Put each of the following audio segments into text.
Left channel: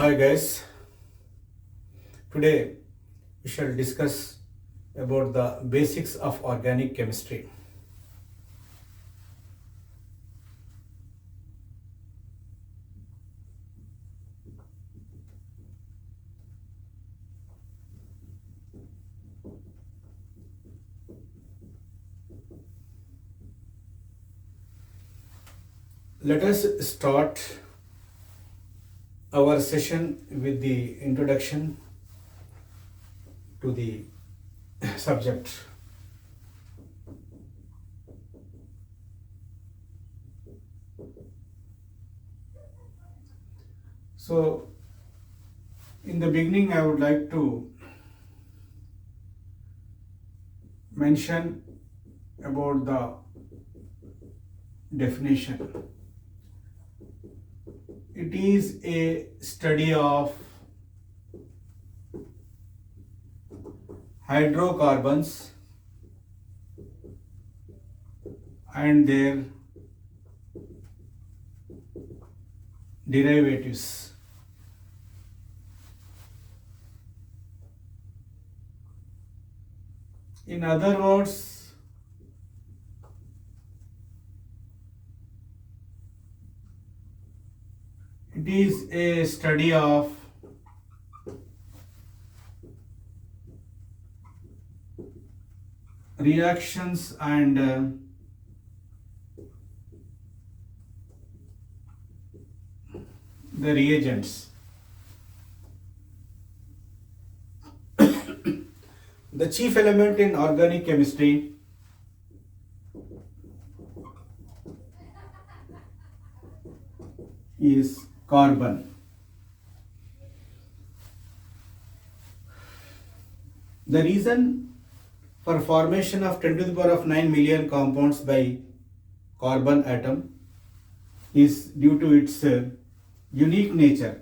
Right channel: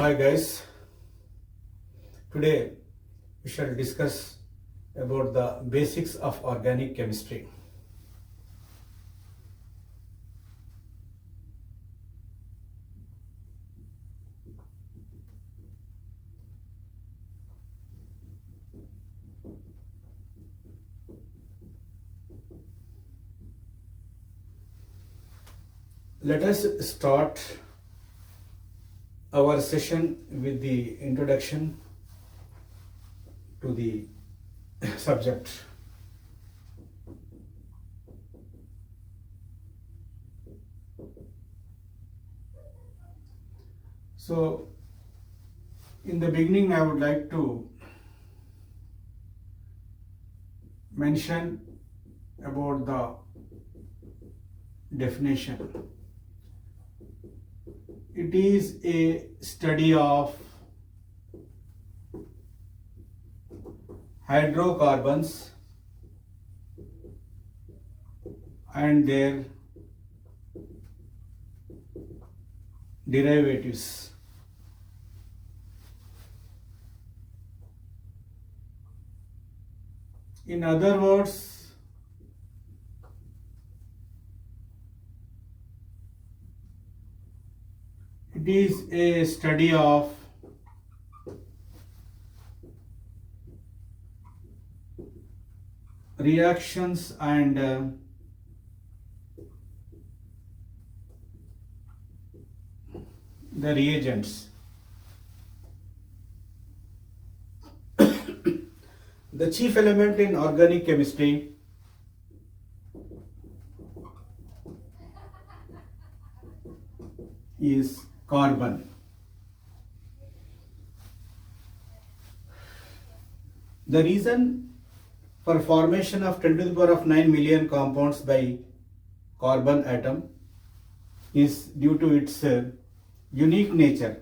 Hi guys, today we shall discuss about the basics of organic chemistry. Let us start our session with the introduction to the subject. So, in the beginning, I would like to mention about the definition. It is a study of hydrocarbons and their derivatives. In other words, it is a study of reactions and the reagents. The chief element in organic chemistry is carbon. The reason for formation of 10 to the power of 9 million compounds by carbon atom is due to its unique nature.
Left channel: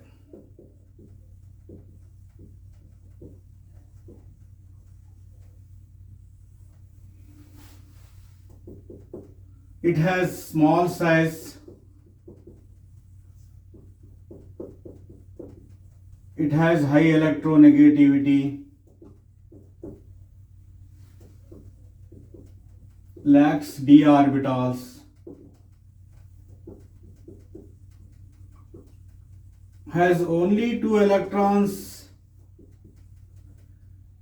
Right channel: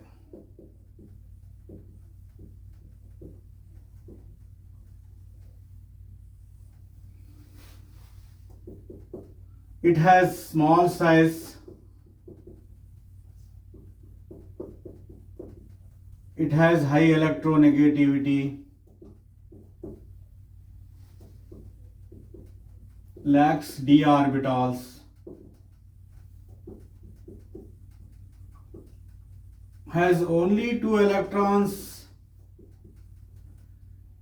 It has small size, it has high electronegativity, lacks d orbitals, has only 2 electrons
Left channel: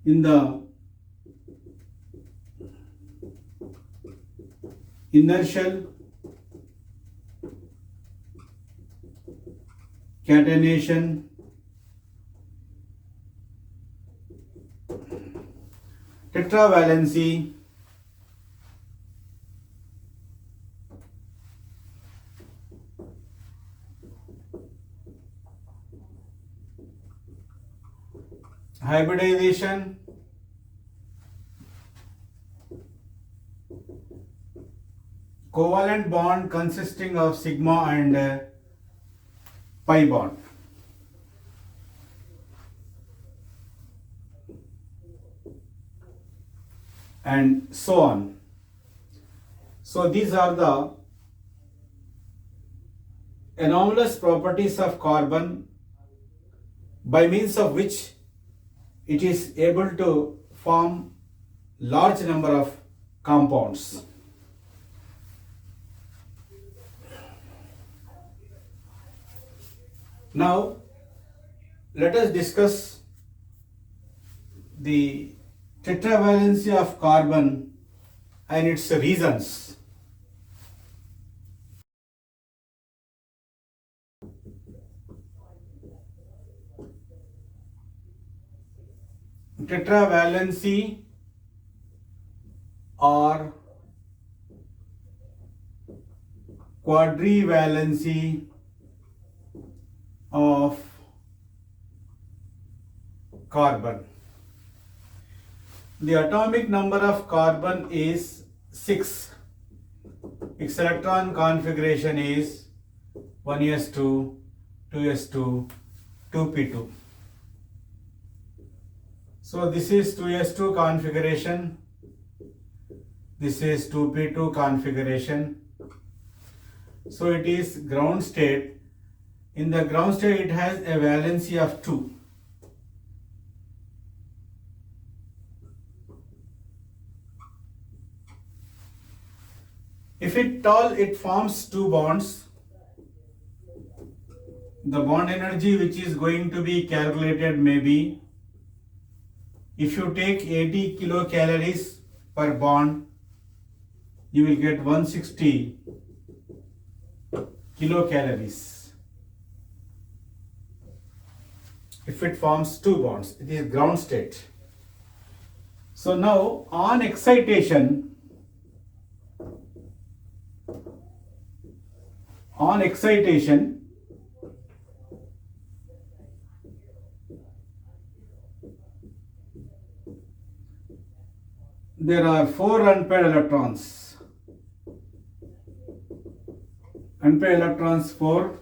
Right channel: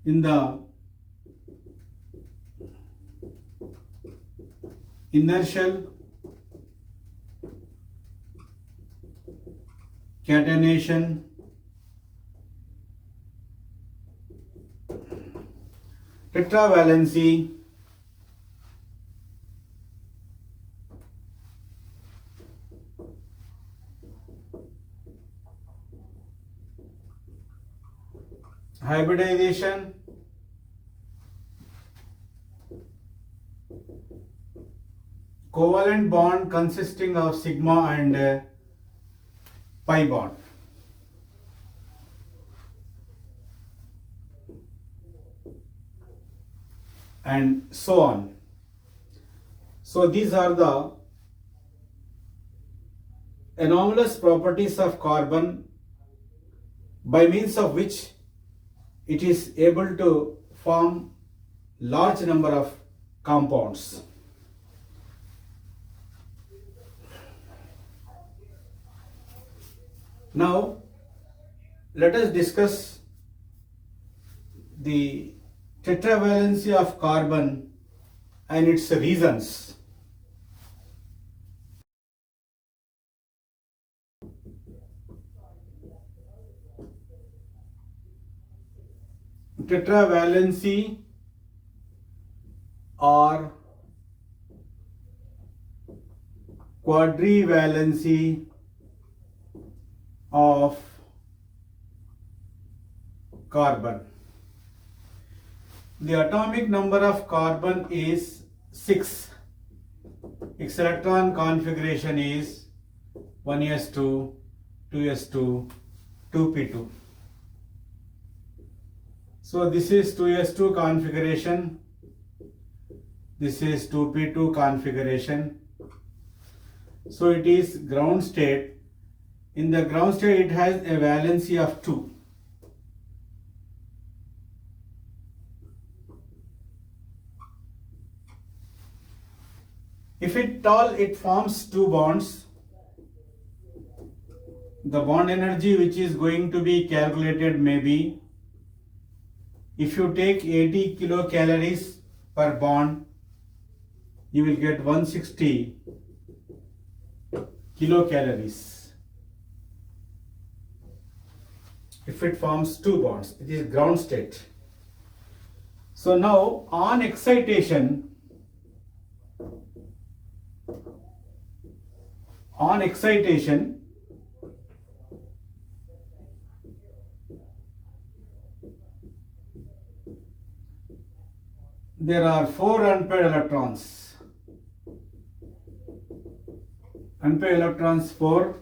in the inner shell, catenation, tetravalency, hybridization, covalent bond consisting of sigma and pi bond. And so on. So these are the anomalous properties of carbon by means of which it is able to form large number of compounds. Now let us discuss the tetravalency of carbon and its reasons. Tetravalency or quadrivalency of carbon. The atomic number of carbon is 6. Its electron configuration is 1s2, 2s2, 2p2. So this is 2s2 configuration, this is 2p2 configuration. So it is ground state In the ground state, it has a valency of 2. If it forms 2 bonds, the bond energy which is going to be calculated may be, if you take 80 kilocalories per bond, you will get 160 kilocalories. If it forms 2 bonds, it is ground state. So now on excitation, there are 4 unpaired electrons. Unpaired electrons 4.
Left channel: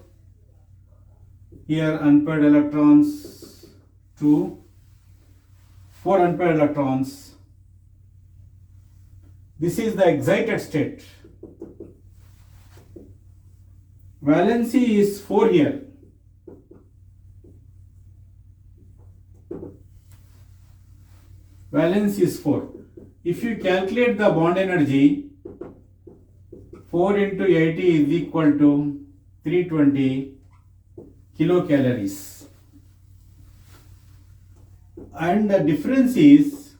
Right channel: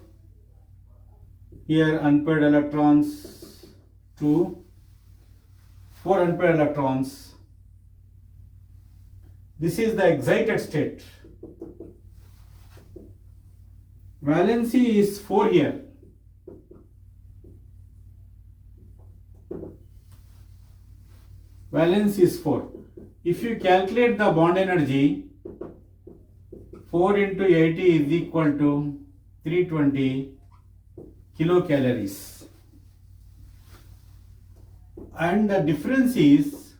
Here unpaired electrons 2. 4 unpaired electrons. This is the excited state. Valency is 4 here. Valence is 4. If you calculate the bond energy, 4 into 80 is equal to 320 kilocalories. And the difference is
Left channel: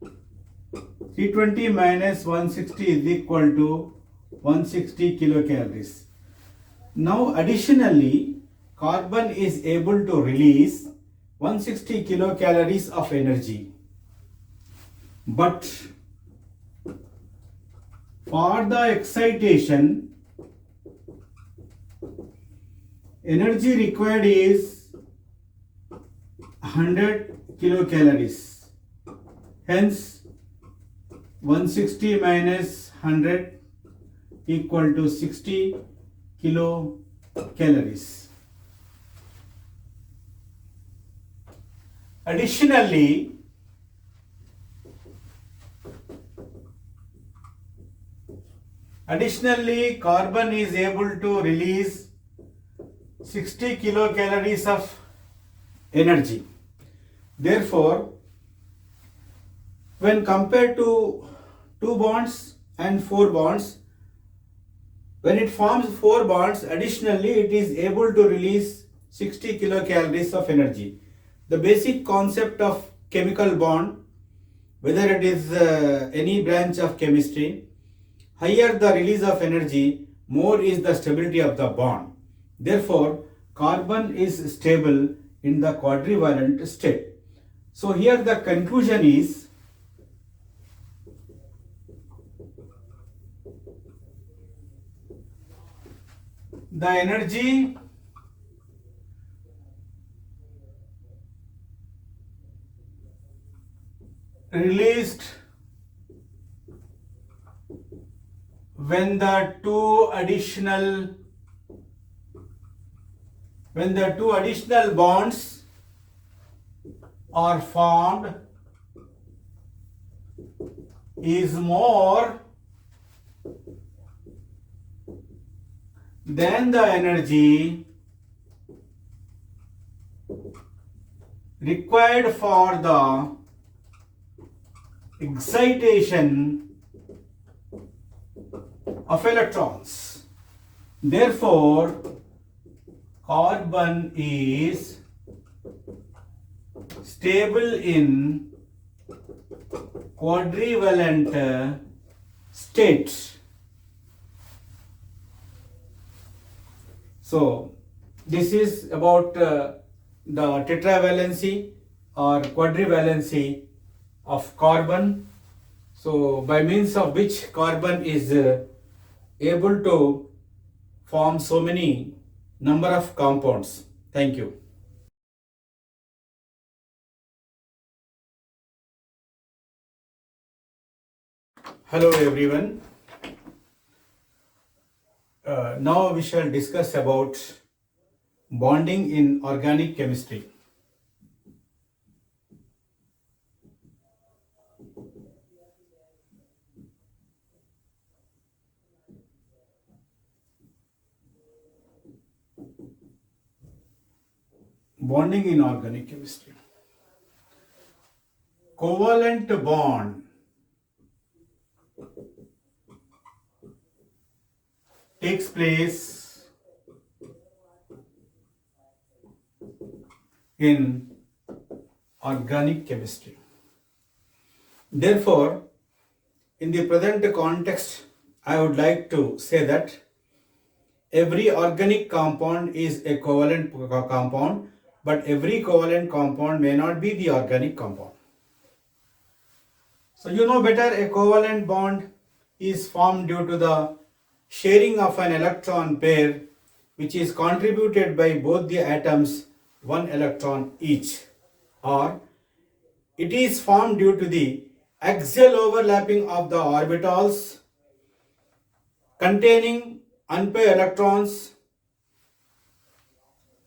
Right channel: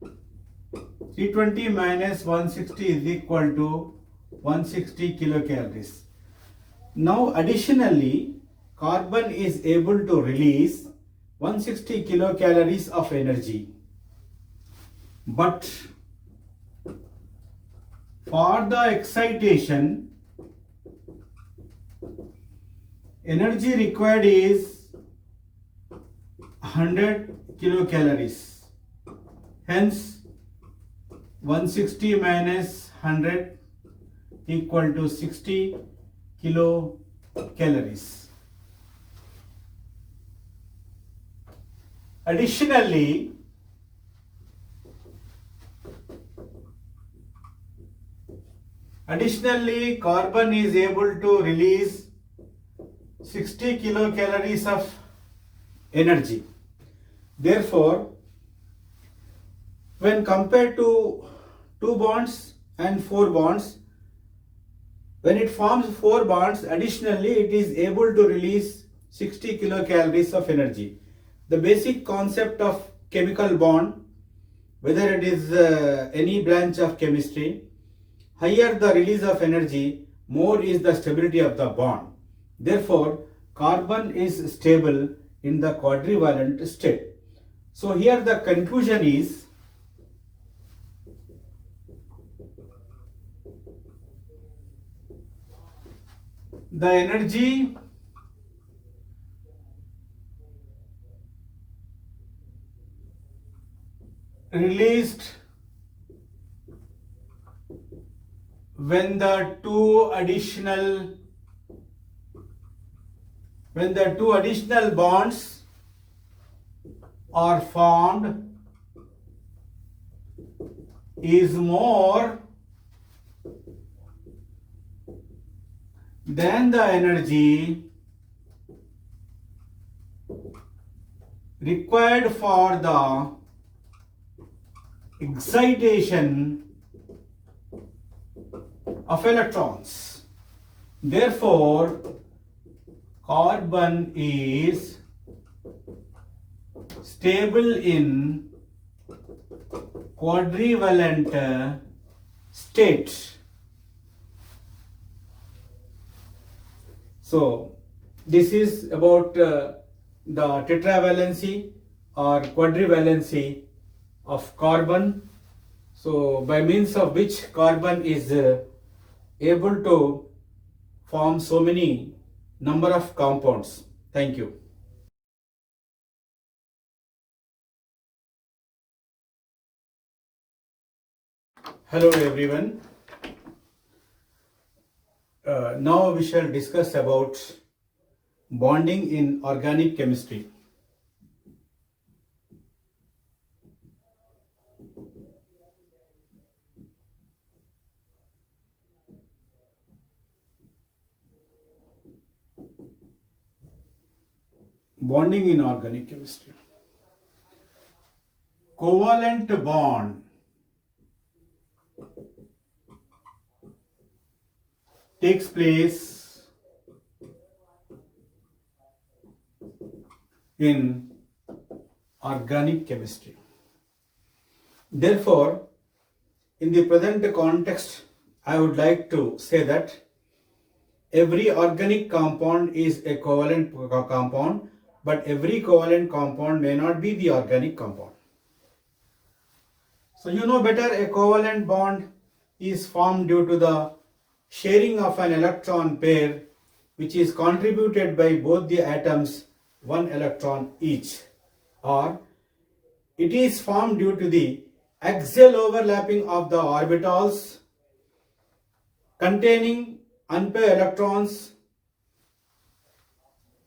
320 minus 160 is equal to 160 kilocalories. Now additionally, carbon is able to release 160 kilocalories of energy. But for the excitation, energy required is 100 kilocalories. Hence, 160 minus 100 equal to 60 kilocalories. Additionally, carbon is able to release 60 kilocalories of energy. Therefore, when compared to 2 bonds and 4 bonds, when it forms 4 bonds, additionally it is able to release 60 kilocalories of energy. The basic concept of chemical bond, whether it is any branch of chemistry, higher the release of energy, more is the stability of the bond. Therefore, carbon is stable in the quadrivalent state. So here the conclusion is, the energy released when the two additional bonds are formed is more than the energy required for the excitation of electrons. Therefore, carbon is stable in quadrivalent state. So, this is about the tetravalency or quadrivalency of carbon. So, by means of which carbon is able to form so many number of compounds. Thank you. Hello everyone. Now we shall discuss about bonding in organic chemistry. bonding in organic chemistry. Covalent bond takes place in organic chemistry. Therefore, in the present context, I would like to say that every organic compound is a covalent compound, but every covalent compound may not be the organic compound. So you know better, a covalent bond is formed due to the sharing of an electron pair which is contributed by both the atoms one electron each, or it is formed due to the axial overlapping of the orbitals containing unpaired electrons,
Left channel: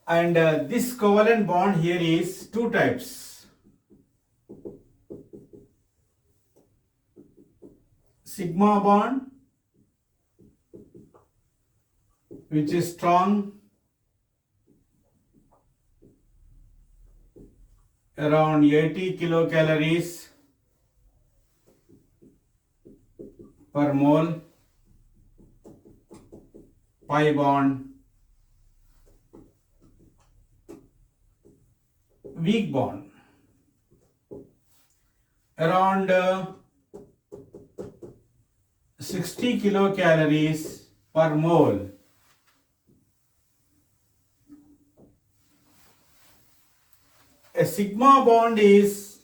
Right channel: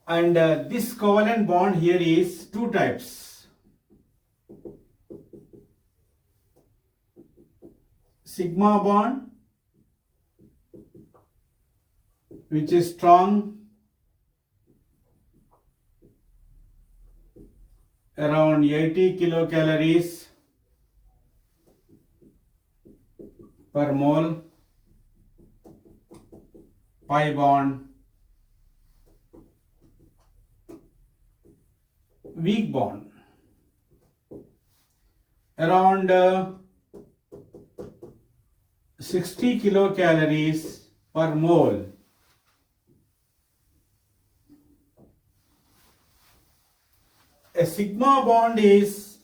and this covalent bond here is two types: sigma bond, which is strong around 80 kilocalories per mole, pi bond, weak bond around 60 kilocalories per mole. A sigma bond is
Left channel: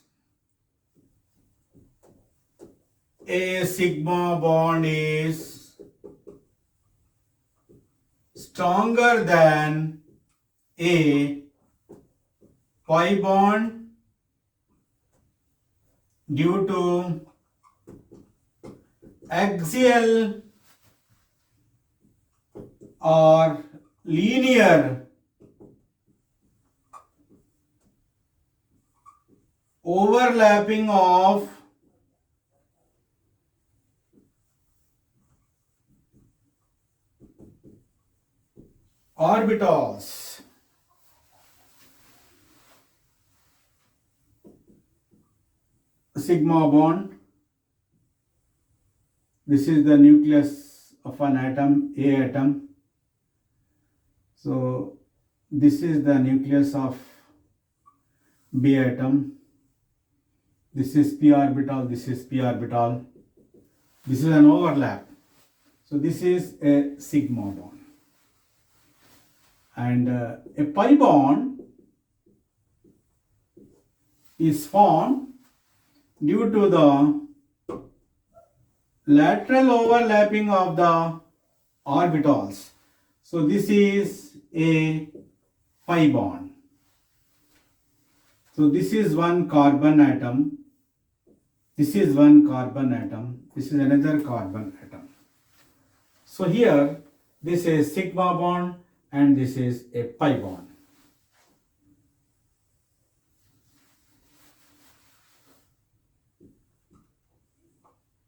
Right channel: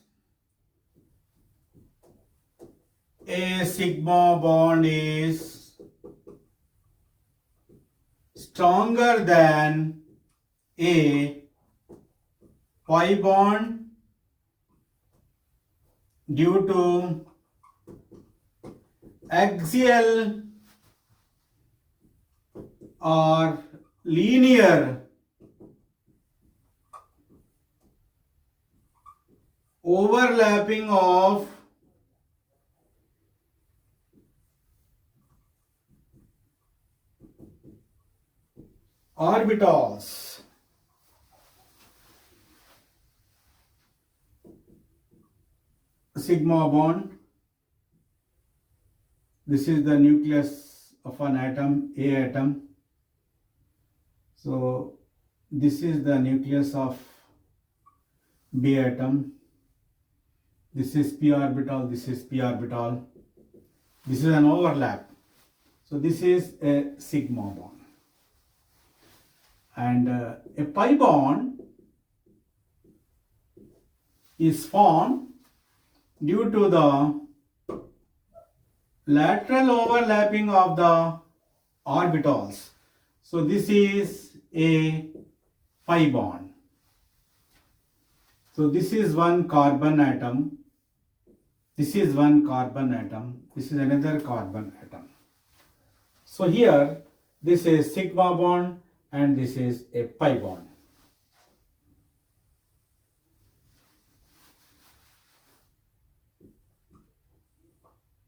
stronger than a pi bond due to axial or linear overlapping of orbitals. Sigma bond, this is the nucleus of an atom, A atom. So this is the nucleus of B atom. This is p orbital, this is p orbital. This is an overlap. So this is a sigma bond. And a pi bond is formed due to the lateral overlapping of the orbitals. So this is a pi bond. So this is one carbon atom. This is one carbon atom. This is another carbon atom. So here this is sigma bond and this is a pi bond.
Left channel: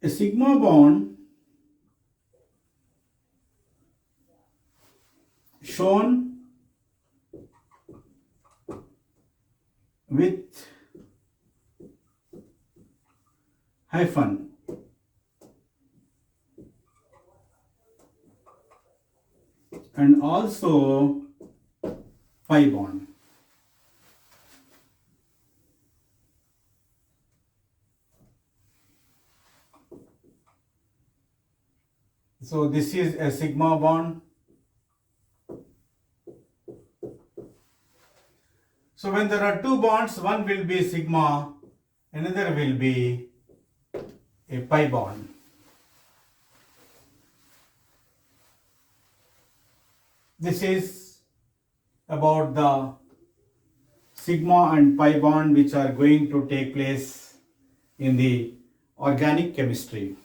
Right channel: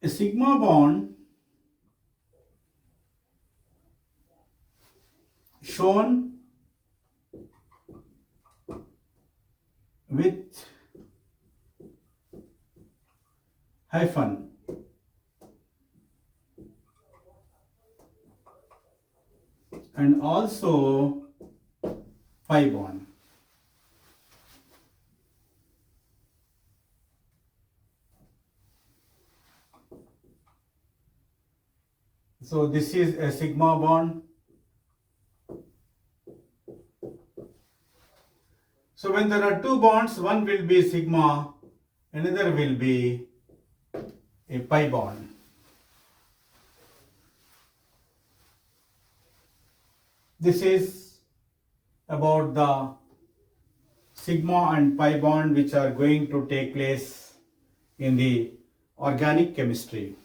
A sigma bond shown with hyphen and also pi bond. So this is a sigma bond. So when there are two bonds, one will be sigma, another will be a pi bond. This is about the sigma and pi bond which are going to take place in the organic chemistry.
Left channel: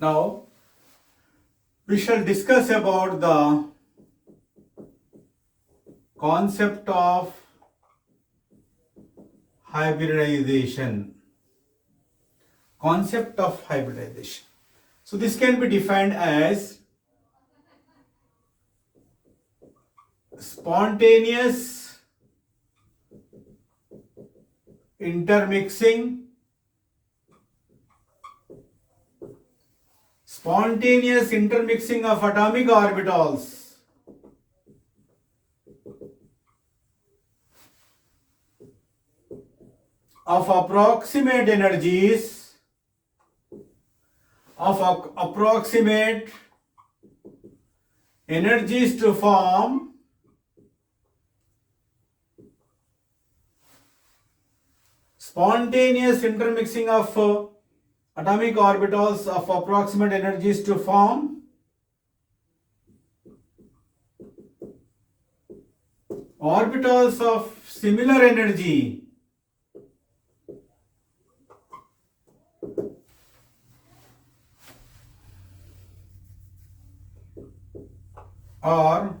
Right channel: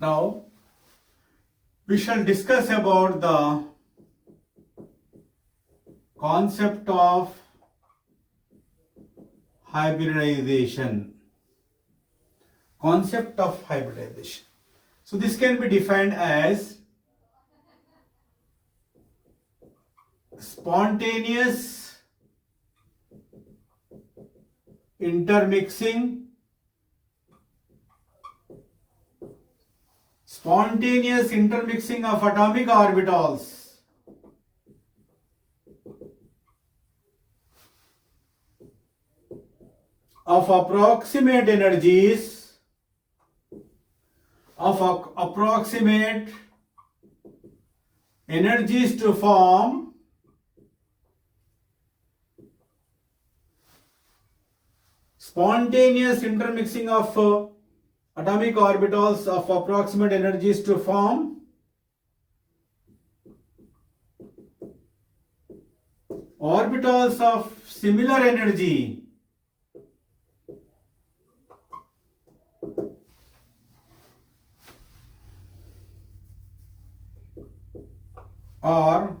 Now, We shall discuss about the concept of hybridization. Concept of hybridization. So this can be defined as spontaneous intermixing of atomic orbitals of approximate energies to form spontaneous intermixing of atomic orbitals of approximate energies to form orbitals of similar energy or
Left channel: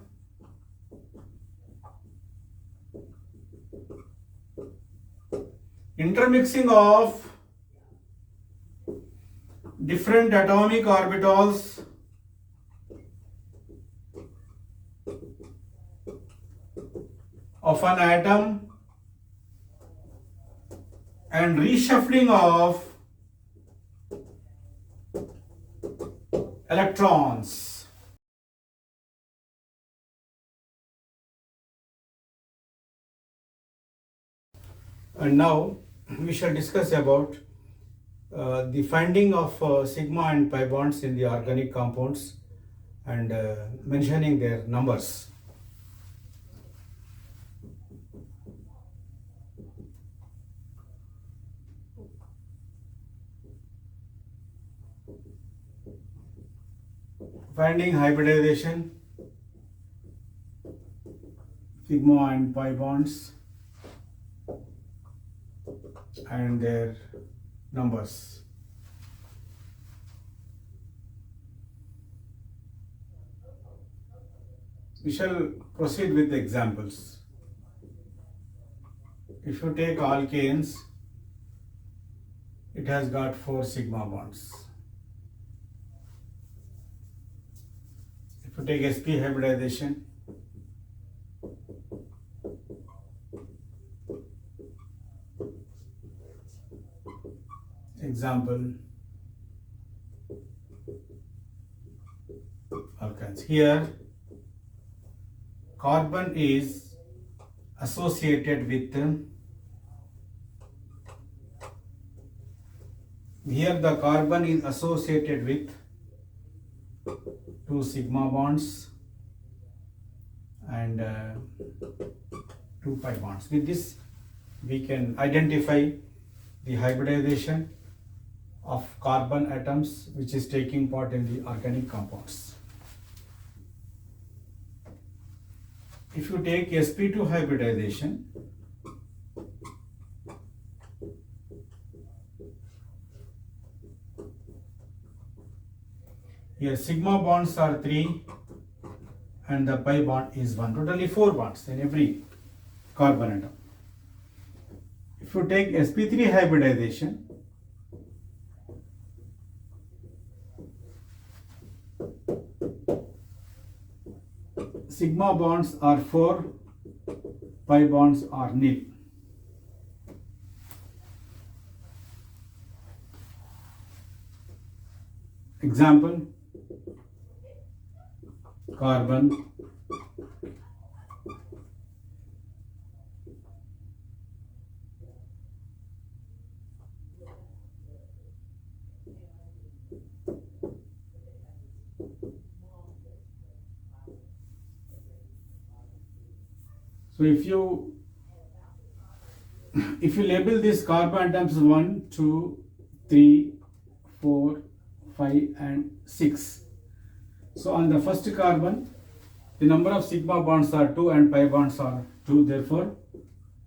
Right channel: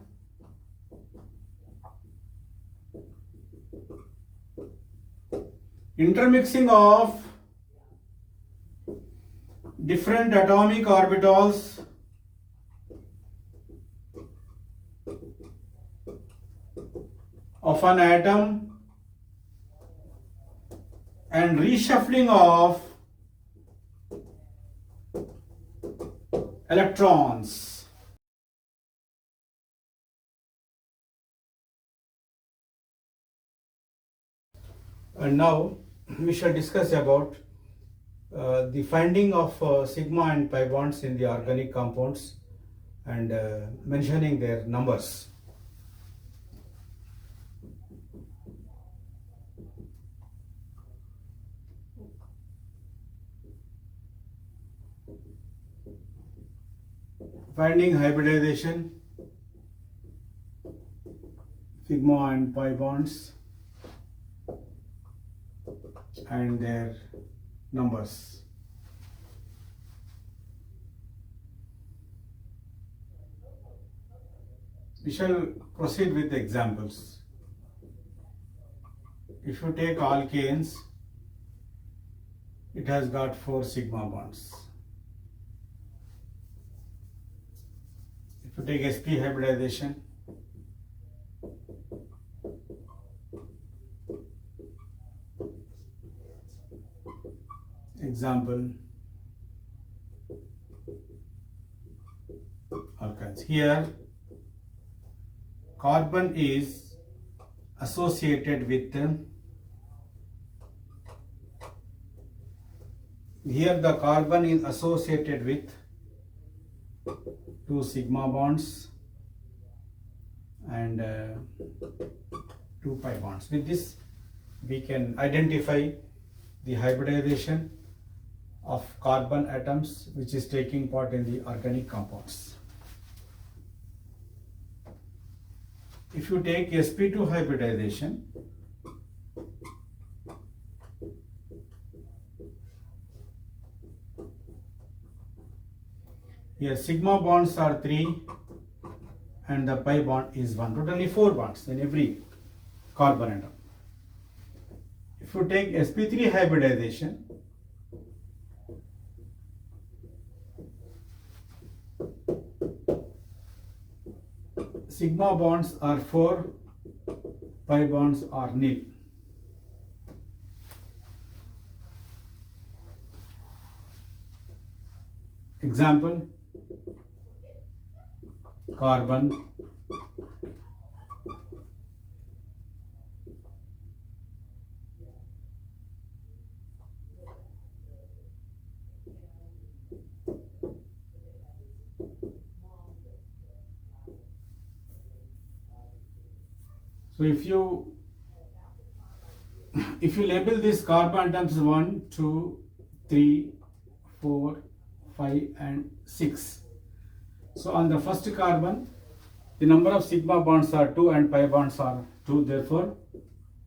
intermixing of different atomic orbitals of an atom and reshuffling of electrons. And now we shall discuss about the finding of sigma and pi bonds in the organic compounds and mentioning their numbers. Finding hybridization, sigma and pi bonds and their numbers. We shall proceed with the examples. If you take alkanes, it has got 4 sigma bonds. If you take sp hybridization, example alkanes. Here carbon is associated with two sigma bonds and 2 pi bonds. With this we can identify the hybridization of carbon atoms which is taking part in the organic compounds. If you take sp2 hybridization, here sigma bonds are 3 and the pi bond is 1. Totally 4 bonds in every carbon atom. If you take sp3 hybridization, sigma bonds are 4, pi bonds are nil. Example, carbon, so if you label these carbon atoms 1, 2, 3, 4, 5 and 6. So on the first carbon, the number of sigma bonds are 2 and pi bonds are 2, therefore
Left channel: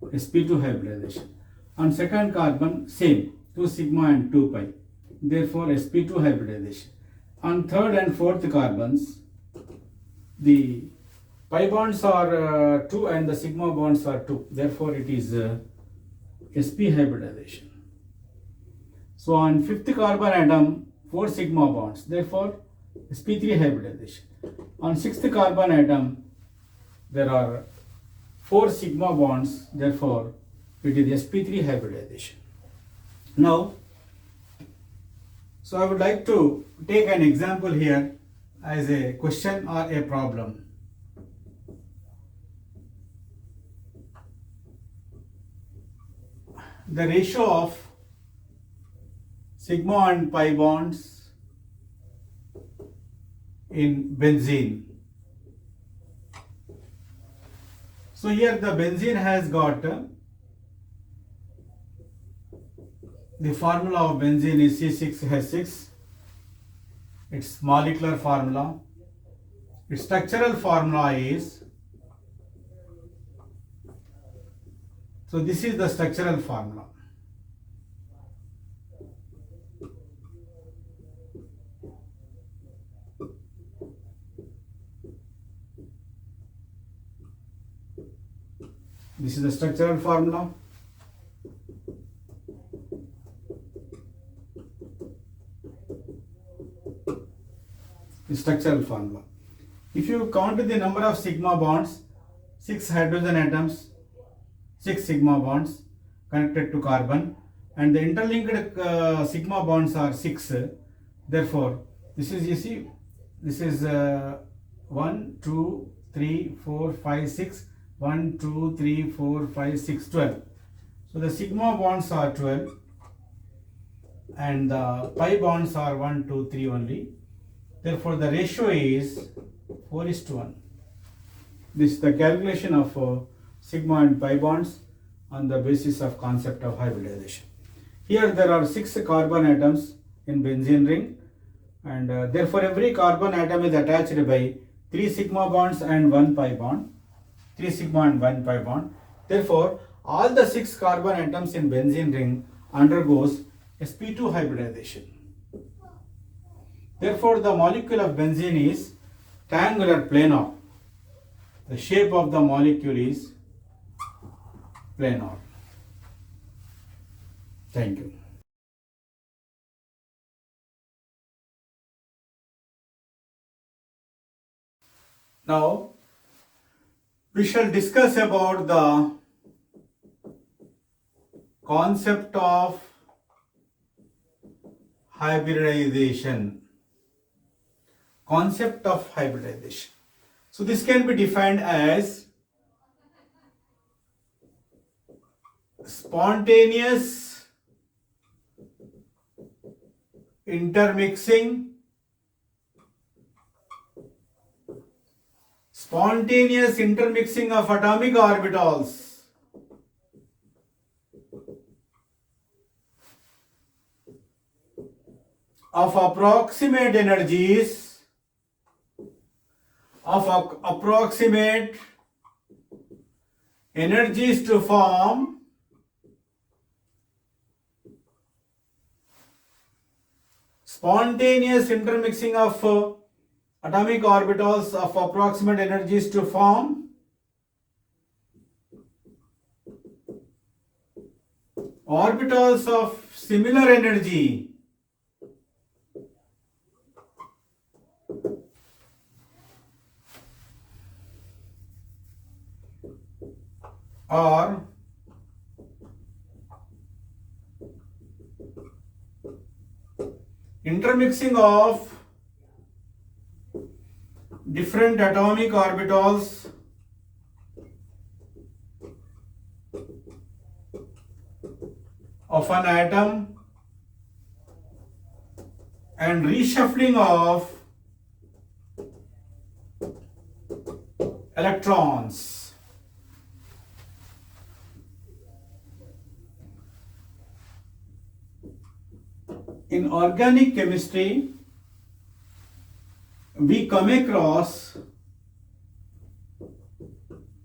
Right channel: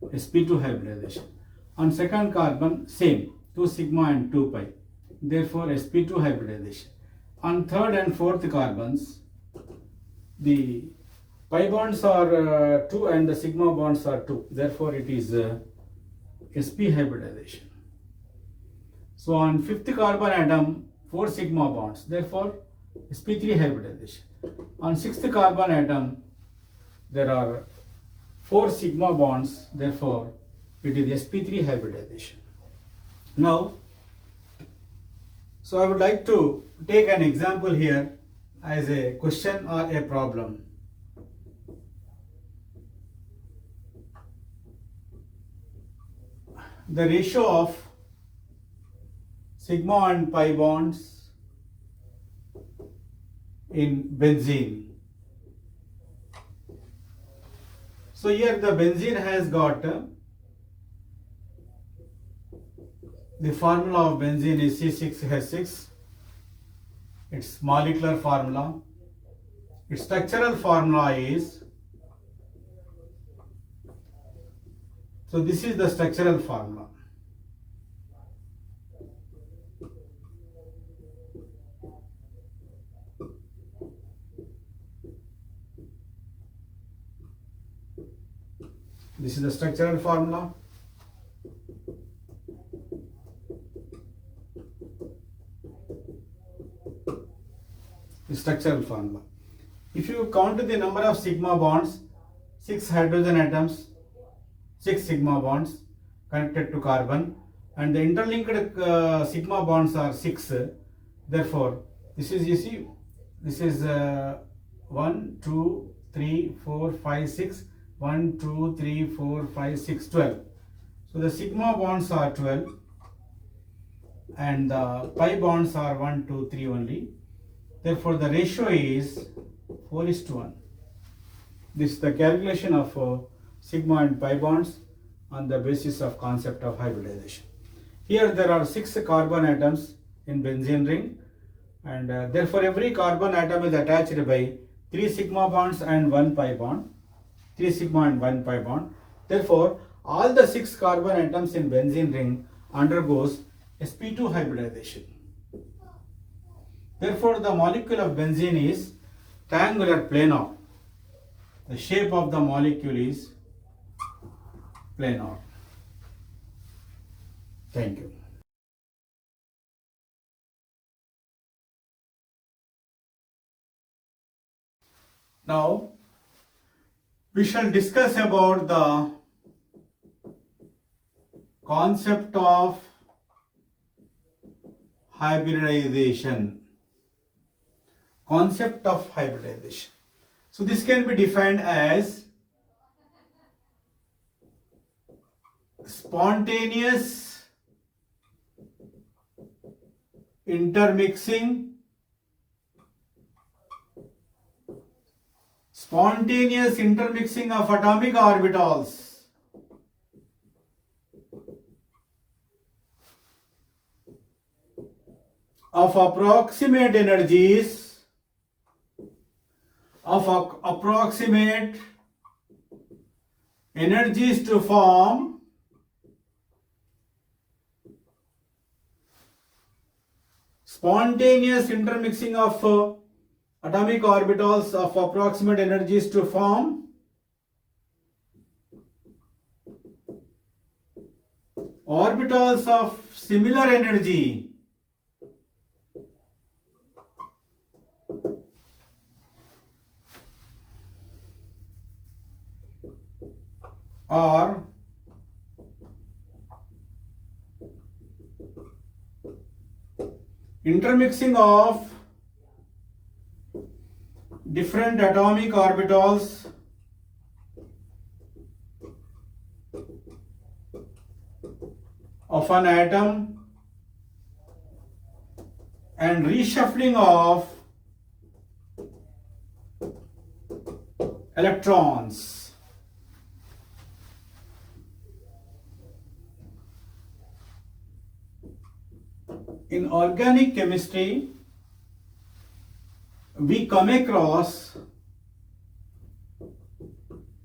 sp2 hybridization. On second carbon, same, 2 sigma and 2 pi, therefore sp2 hybridization. on third and fourth carbons, the pi bonds are 2 and the sigma bonds are 2. Therefore, it is sp hybridization. So on fifth carbon atom, 4 sigma bonds. Therefore, sp3 hybridization. On sixth carbon atom, there are 4 sigma bonds. Therefore, it is sp3 hybridization. Now, so I would like to take an example here as a question or a problem. The ratio of sigma and pi bonds in benzene. So here the benzene has got the formula of benzene is C6H6. Its molecular formula. Its structural formula is, so this is the structural formula. This is the structural formula. The structural formula. If you count the number of sigma bonds, 6 hydrogen atoms, 6 sigma bonds connected to carbon, and the interlinked sigma bonds are 6. Therefore, this is, you see, this is 1, 2, 3, 4, 5, 6. 1, 2, 3, 4, 5, 6, 12. So the sigma bonds are 12 and the pi bonds are 1, 2, 3 only. Therefore, the ratio is 4:1. This is the calculation of sigma and pi bonds on the basis of concept of hybridization. Here there are 6 carbon atoms in benzene ring, and therefore every carbon atom is attached by 3 sigma bonds and 1 pi bond. 3 sigma and 1 pi bond. Therefore, all the 6 carbon atoms in benzene ring undergoes sp2 hybridization. Therefore, the molecule of benzene is triangular planar. The shape of the molecule is planar. Thank you. Now, we shall discuss about the concept of hybridization. Concept of hybridization. So this can be defined as spontaneous intermixing of atomic orbitals of approximate energies to form spontaneous intermixing of atomic orbitals of approximate energies to form orbitals of similar energy or intermixing of different atomic orbitals of an atom and reshuffling of electrons. In organic chemistry, we come across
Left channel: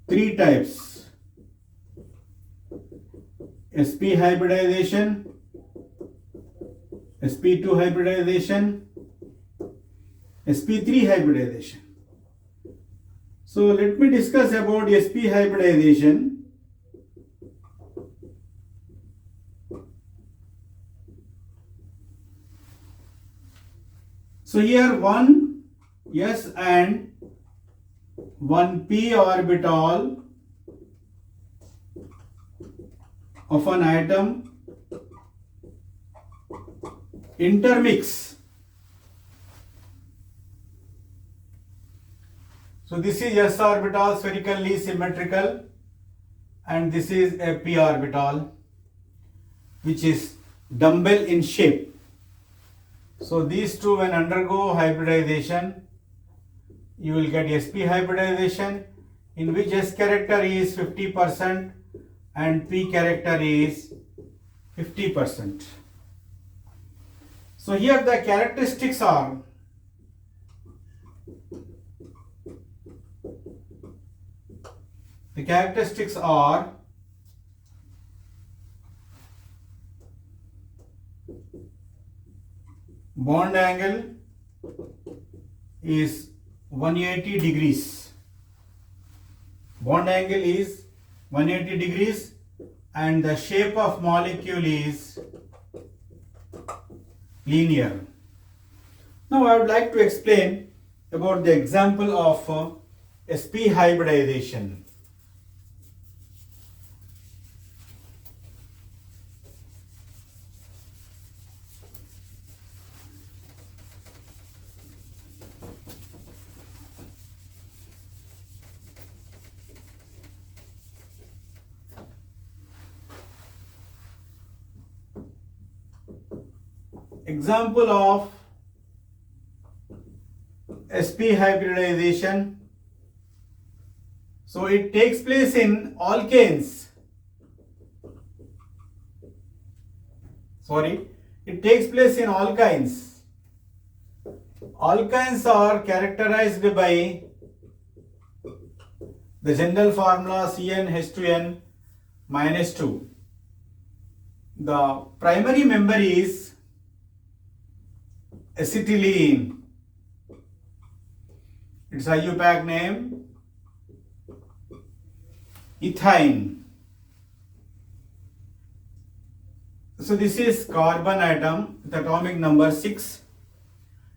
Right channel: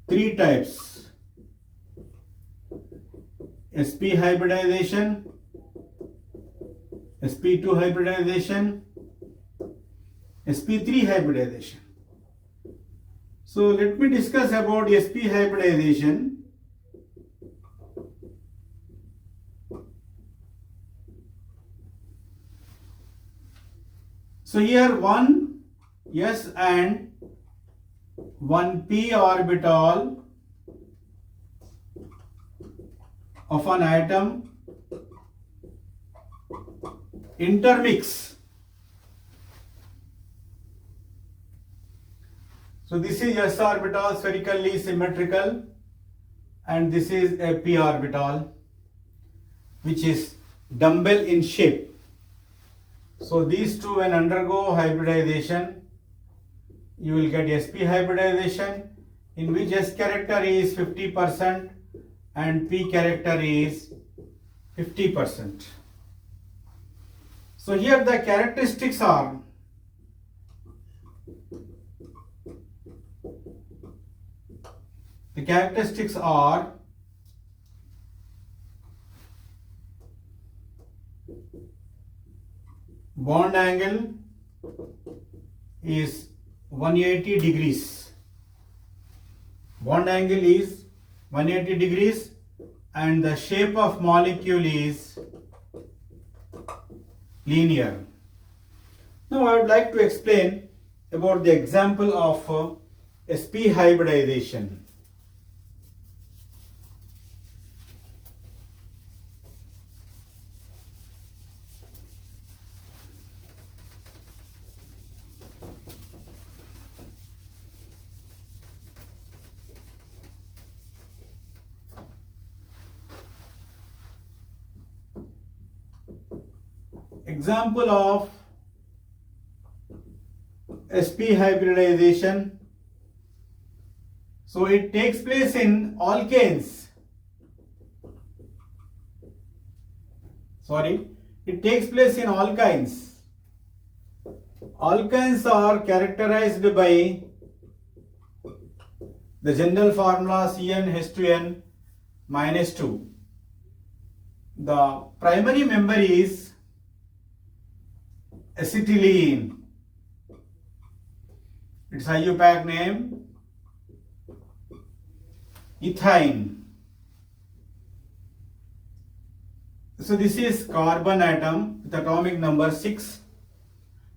3 types: sp hybridization, sp2 hybridization, sp3 hybridization. So let me discuss about sp hybridization. So here one s and one p orbital of an atom intermix. So this is s orbital, spherically symmetrical, and this is a p orbital which is dumbbell in shape. So these two when undergo hybridization, you will get sp hybridization, in which s character is 50% and p character is 50%. So here the characteristics are bond angle is 180 degrees. Bond angle is 180 degrees and the shape of molecule is linear. Now I would like to explain about the example of sp hybridization. Example of sp hybridization. So it takes place in alkanes. It takes place in alkynes. Alkynes are characterized by the general formula CnH2n minus 2. The primary member is acetylene. Its IUPAC name ethine. So this is carbon atom with atomic number 6.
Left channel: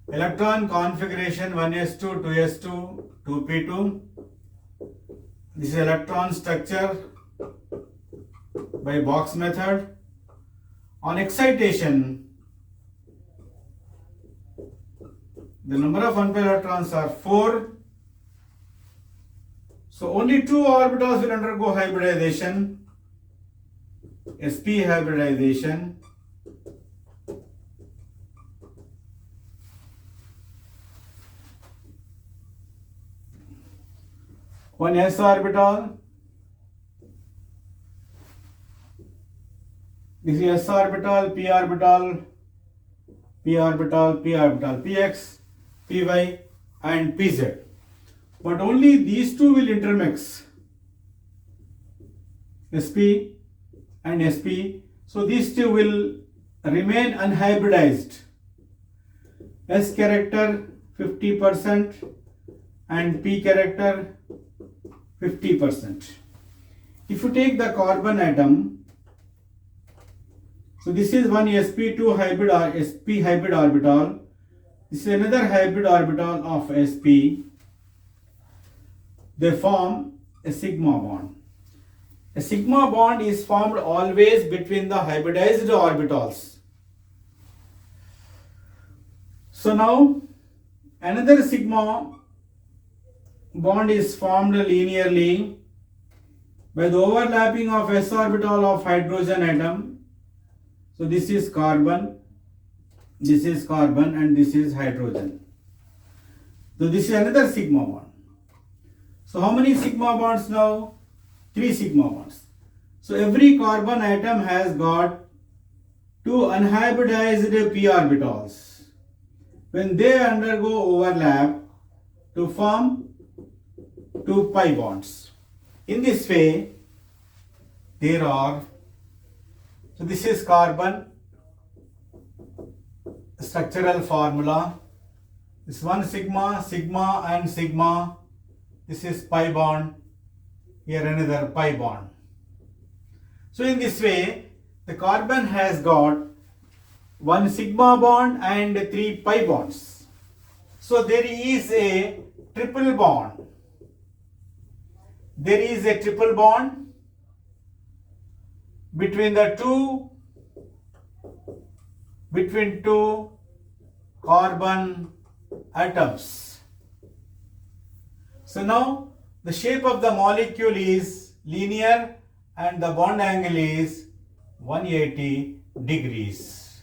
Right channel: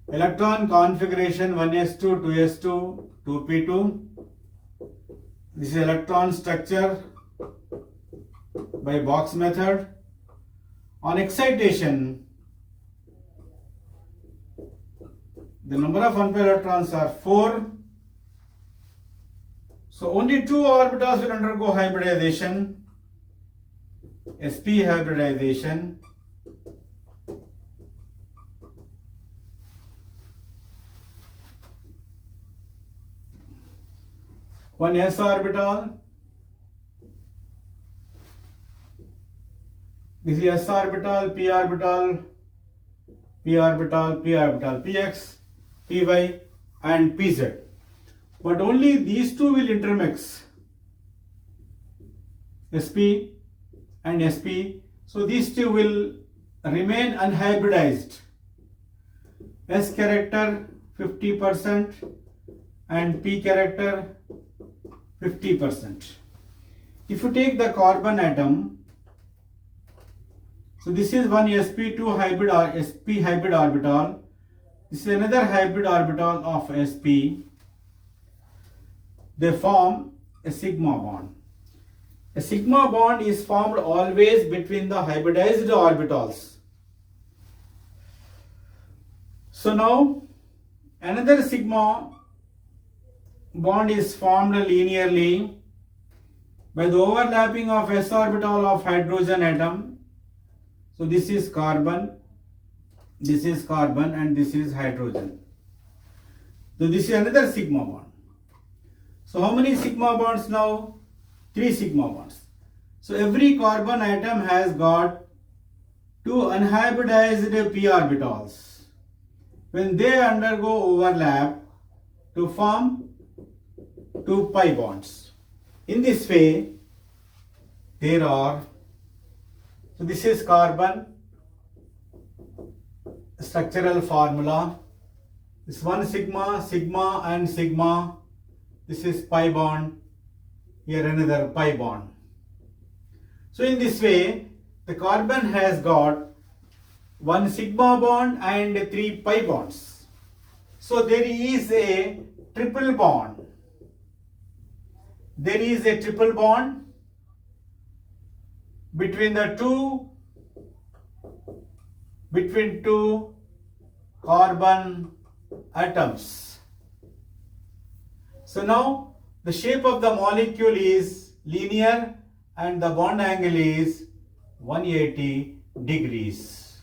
Electron configuration 1s2, 2s2, 2p2. This is electron structure by Box method. On excitation, the number of unpaired electrons are 4. So only 2 orbitals will undergo hybridization, sp hybridization. One s orbital. This is s orbital, p orbital, p orbital, p orbital, px, py and pz. But only these two will intermix, sp and sp. So these two will remain unhybridized. S character 50% and p character 50%. If you take the carbon atom, so this is one sp2 hybrid or sp hybrid orbital. This is another hybrid orbital of sp. They form a sigma bond. A sigma bond is formed always between the hybridized orbitals. So now another sigma bond is formed linearly by the overlapping of s orbital of hydrogen atom. So this is carbon, and this is hydrogen. So this is another sigma bond. So how many sigma bonds now? 3 sigma bonds. So every carbon atom has got 2 unhybridized p orbitals. When they undergo overlap to form 2 pi bonds. In this way, there are, so this is carbon structural formula. This one sigma, sigma and sigma. This is pi bond. Here another pi bond. So in this way, the carbon has got one sigma bond and three pi bonds. So there is a triple bond. There is a triple bond between two carbon atoms. So now the shape of the molecule is linear and the bond angle is 180 degrees.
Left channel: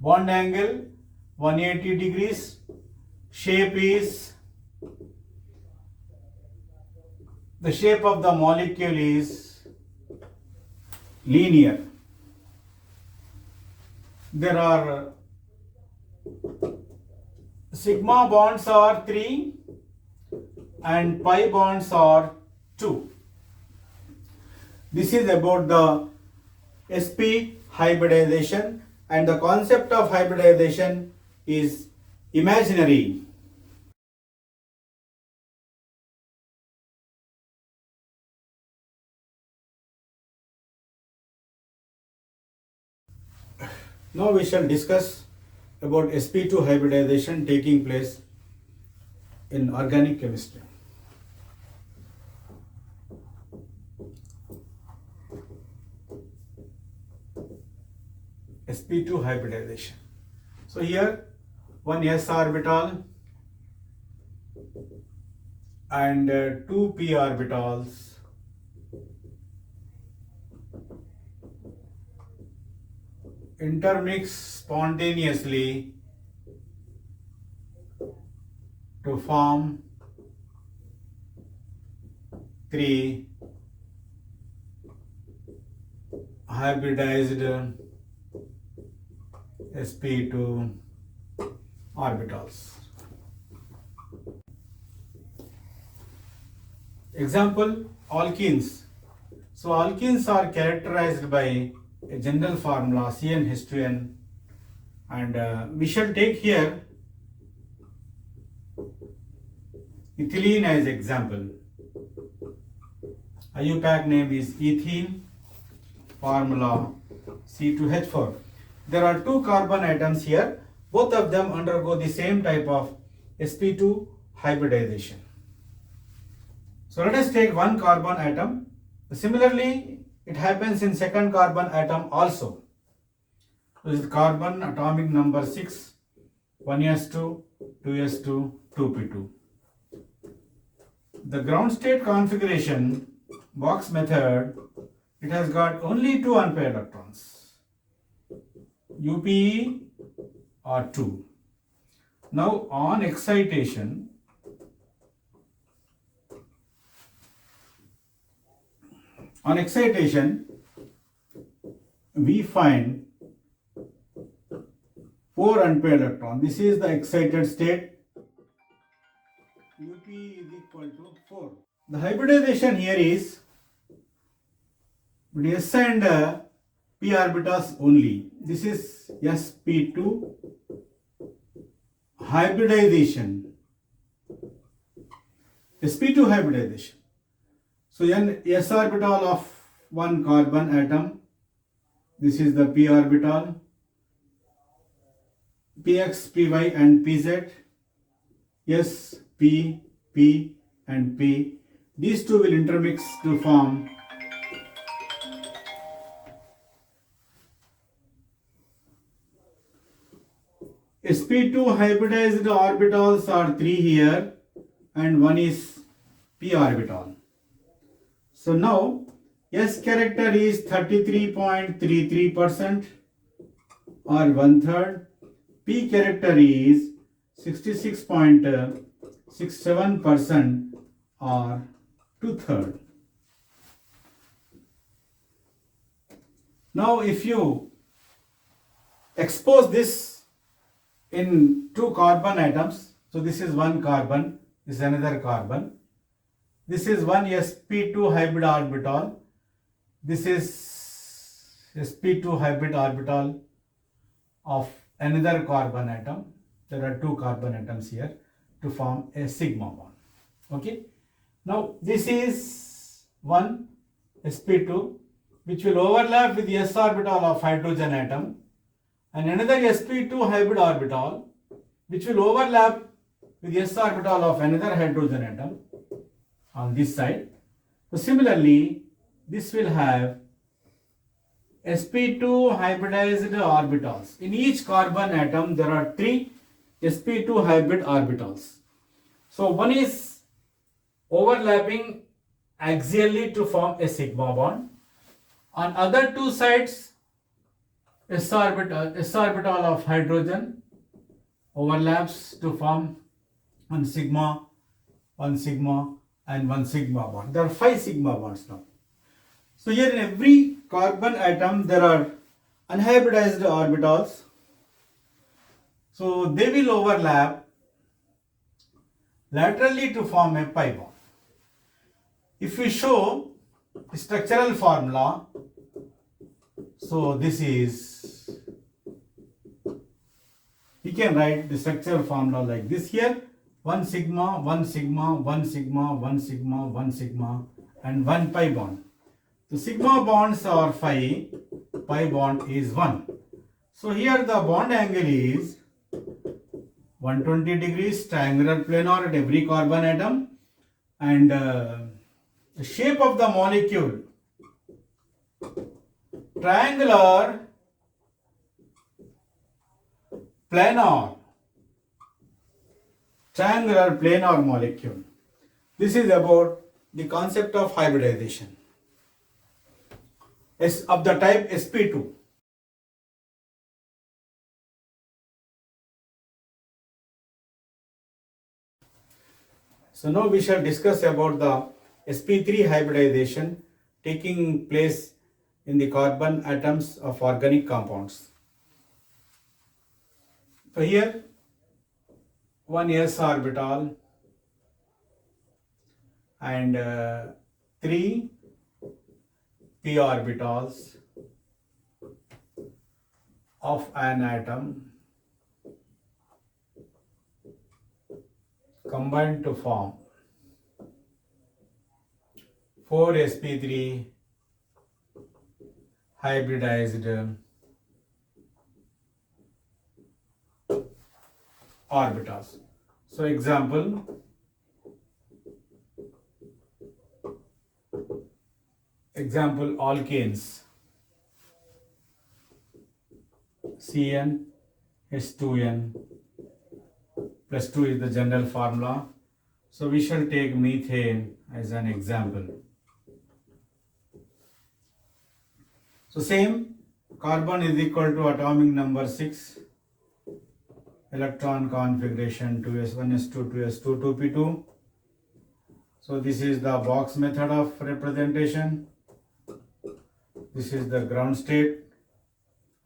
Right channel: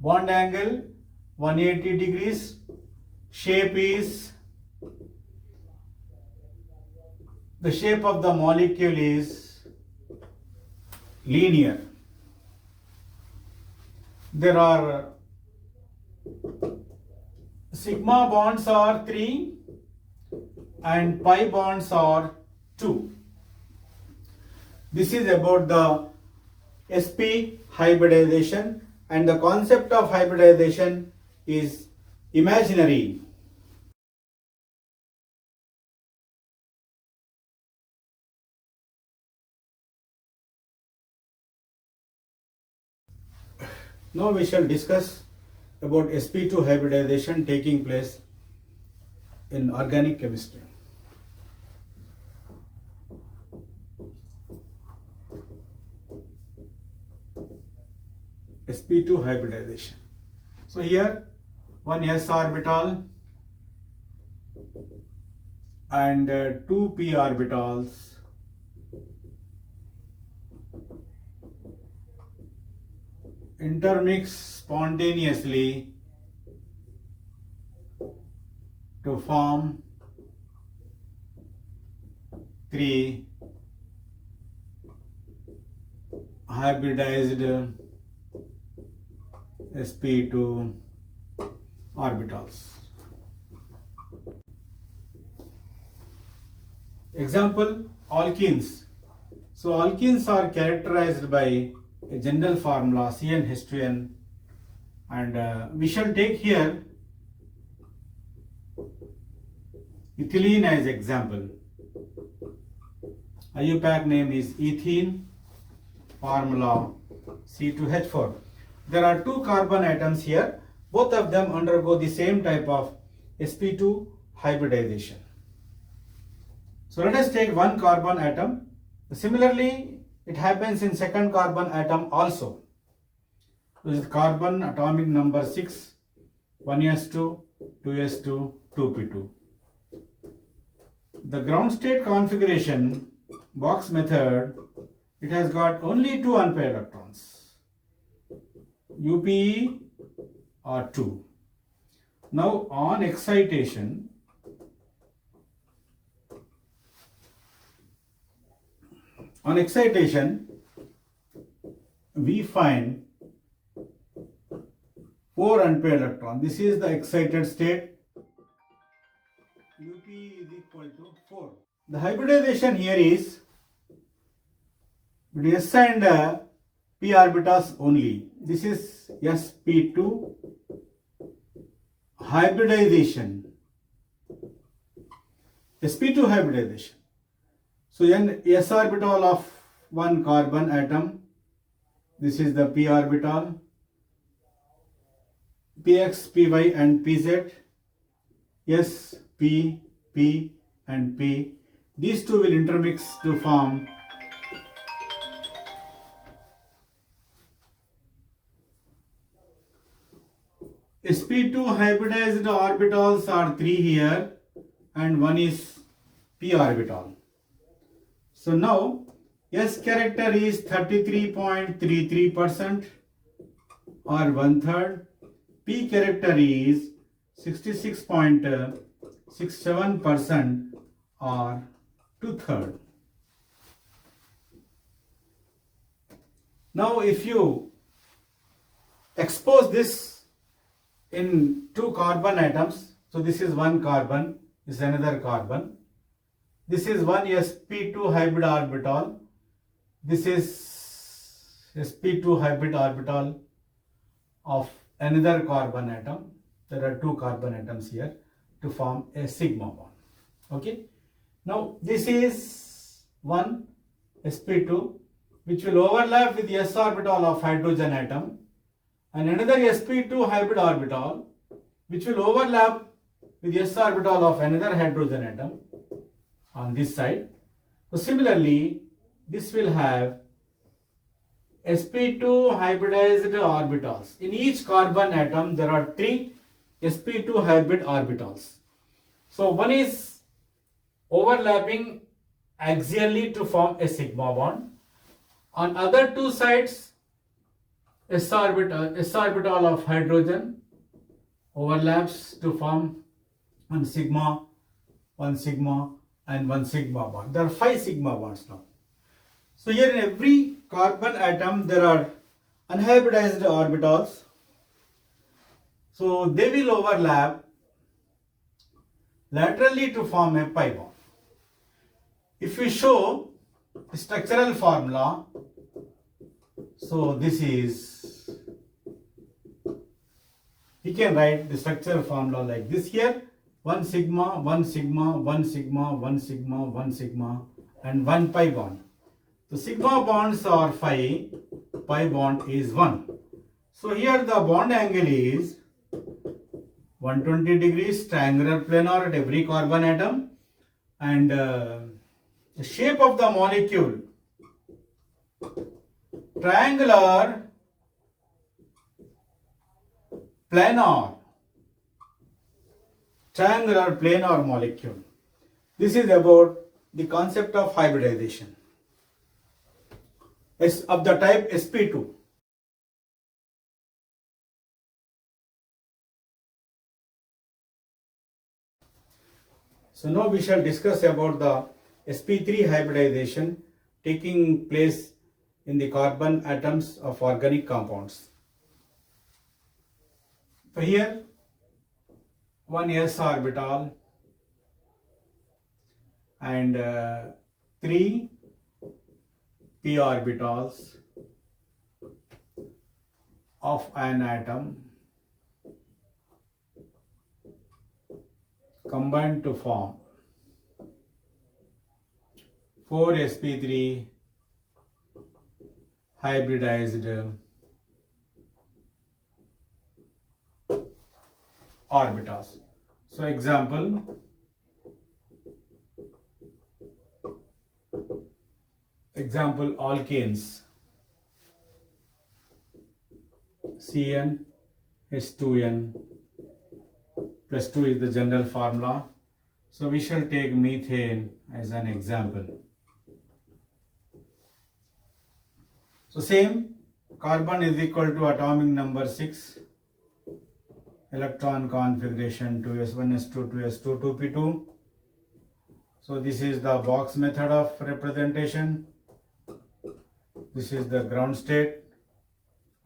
Bond angle 180 degrees. Shape is, the shape of the molecule is linear. There are sigma bonds are 3 and pi bonds are 2. This is about the sp hybridization, and the concept of hybridization is imaginary. Now we shall discuss about sp2 hybridization taking place in organic chemistry. sp2 hybridization. So here one s orbital and two p orbitals intermix spontaneously to form three hybridized sp2 orbitals. Example, alkenes. So alkenes are characterized by a general formula CnH2n, and we shall take here ethylene as example. IUPAC name is ethene, formula C2H4. There are two carbon atoms here. Both of them undergo the same type of sp2 hybridization. So let us take one carbon atom. Similarly, it happens in second carbon atom also. This is carbon atomic number 6, 1s2, 2s2, 2p2. The ground state configuration, box method, it has got only two unpaired electrons, UPE or 2. Now on excitation, we find 4 unpaired electrons. This is the excited state. UP is equal to 4. The hybridization here is s and p orbitals only. This is sp2 hybridization. sp2 hybridization. So then s orbital of one carbon atom. This is the p orbital. Px, Py and Pz. S, P, P and P. These two will intermix to form sp2 hybridized orbitals are 3 here and one is p orbital. So now S character is 33.33% or 1/3. P character is 66.67% or 2/3. Now if you expose this in two carbon atoms, so this is one carbon, this is another carbon, this is one sp2 hybrid orbital, this is sp2 hybrid orbital of another carbon atom, there are 2 carbon atoms here to form a sigma bond. Okay. Now this is one sp2 which will overlap with the s orbital of hydrogen atom, and another sp2 hybrid orbital which will overlap with the s orbital of another hydrogen atom on this side. So similarly, this will have sp2 hybridized orbitals. In each carbon atom there are 3 sp2 hybrid orbitals. So one is overlapping axially to form a sigma bond. On other 2 sides, s orbital of hydrogen overlaps to form one sigma, and one sigma bond. There are 5 sigma bonds now. So here in every carbon atom there are unhybridized orbitals. So they will overlap laterally to form a pi bond. If we show the structural formula, so this is, we can write the structural formula like this here: 1 sigma, 1 sigma, 1 sigma, 1 sigma, 1 sigma, and 1 pi bond. The sigma bonds are 5, pi bond is 1. So here the bond angle is 120 degrees, triangular planar at every carbon atom, and the shape of the molecule, triangular planar molecule. This is about the concept of hybridization of the type sp2. So now we shall discuss about the sp3 hybridization taking place in the carbon atoms of organic compounds. So here one s orbital and 3 p orbitals of an atom combined to form 4 sp3 hybridized orbitals. So example, alkanes, Cn H2n plus 2 is the general formula. So we shall take methane as an example. So same, carbon is equal to atomic number 6, electron configuration 2s1s2 2s2 2p2. So this is the box method of representation. This is the ground state.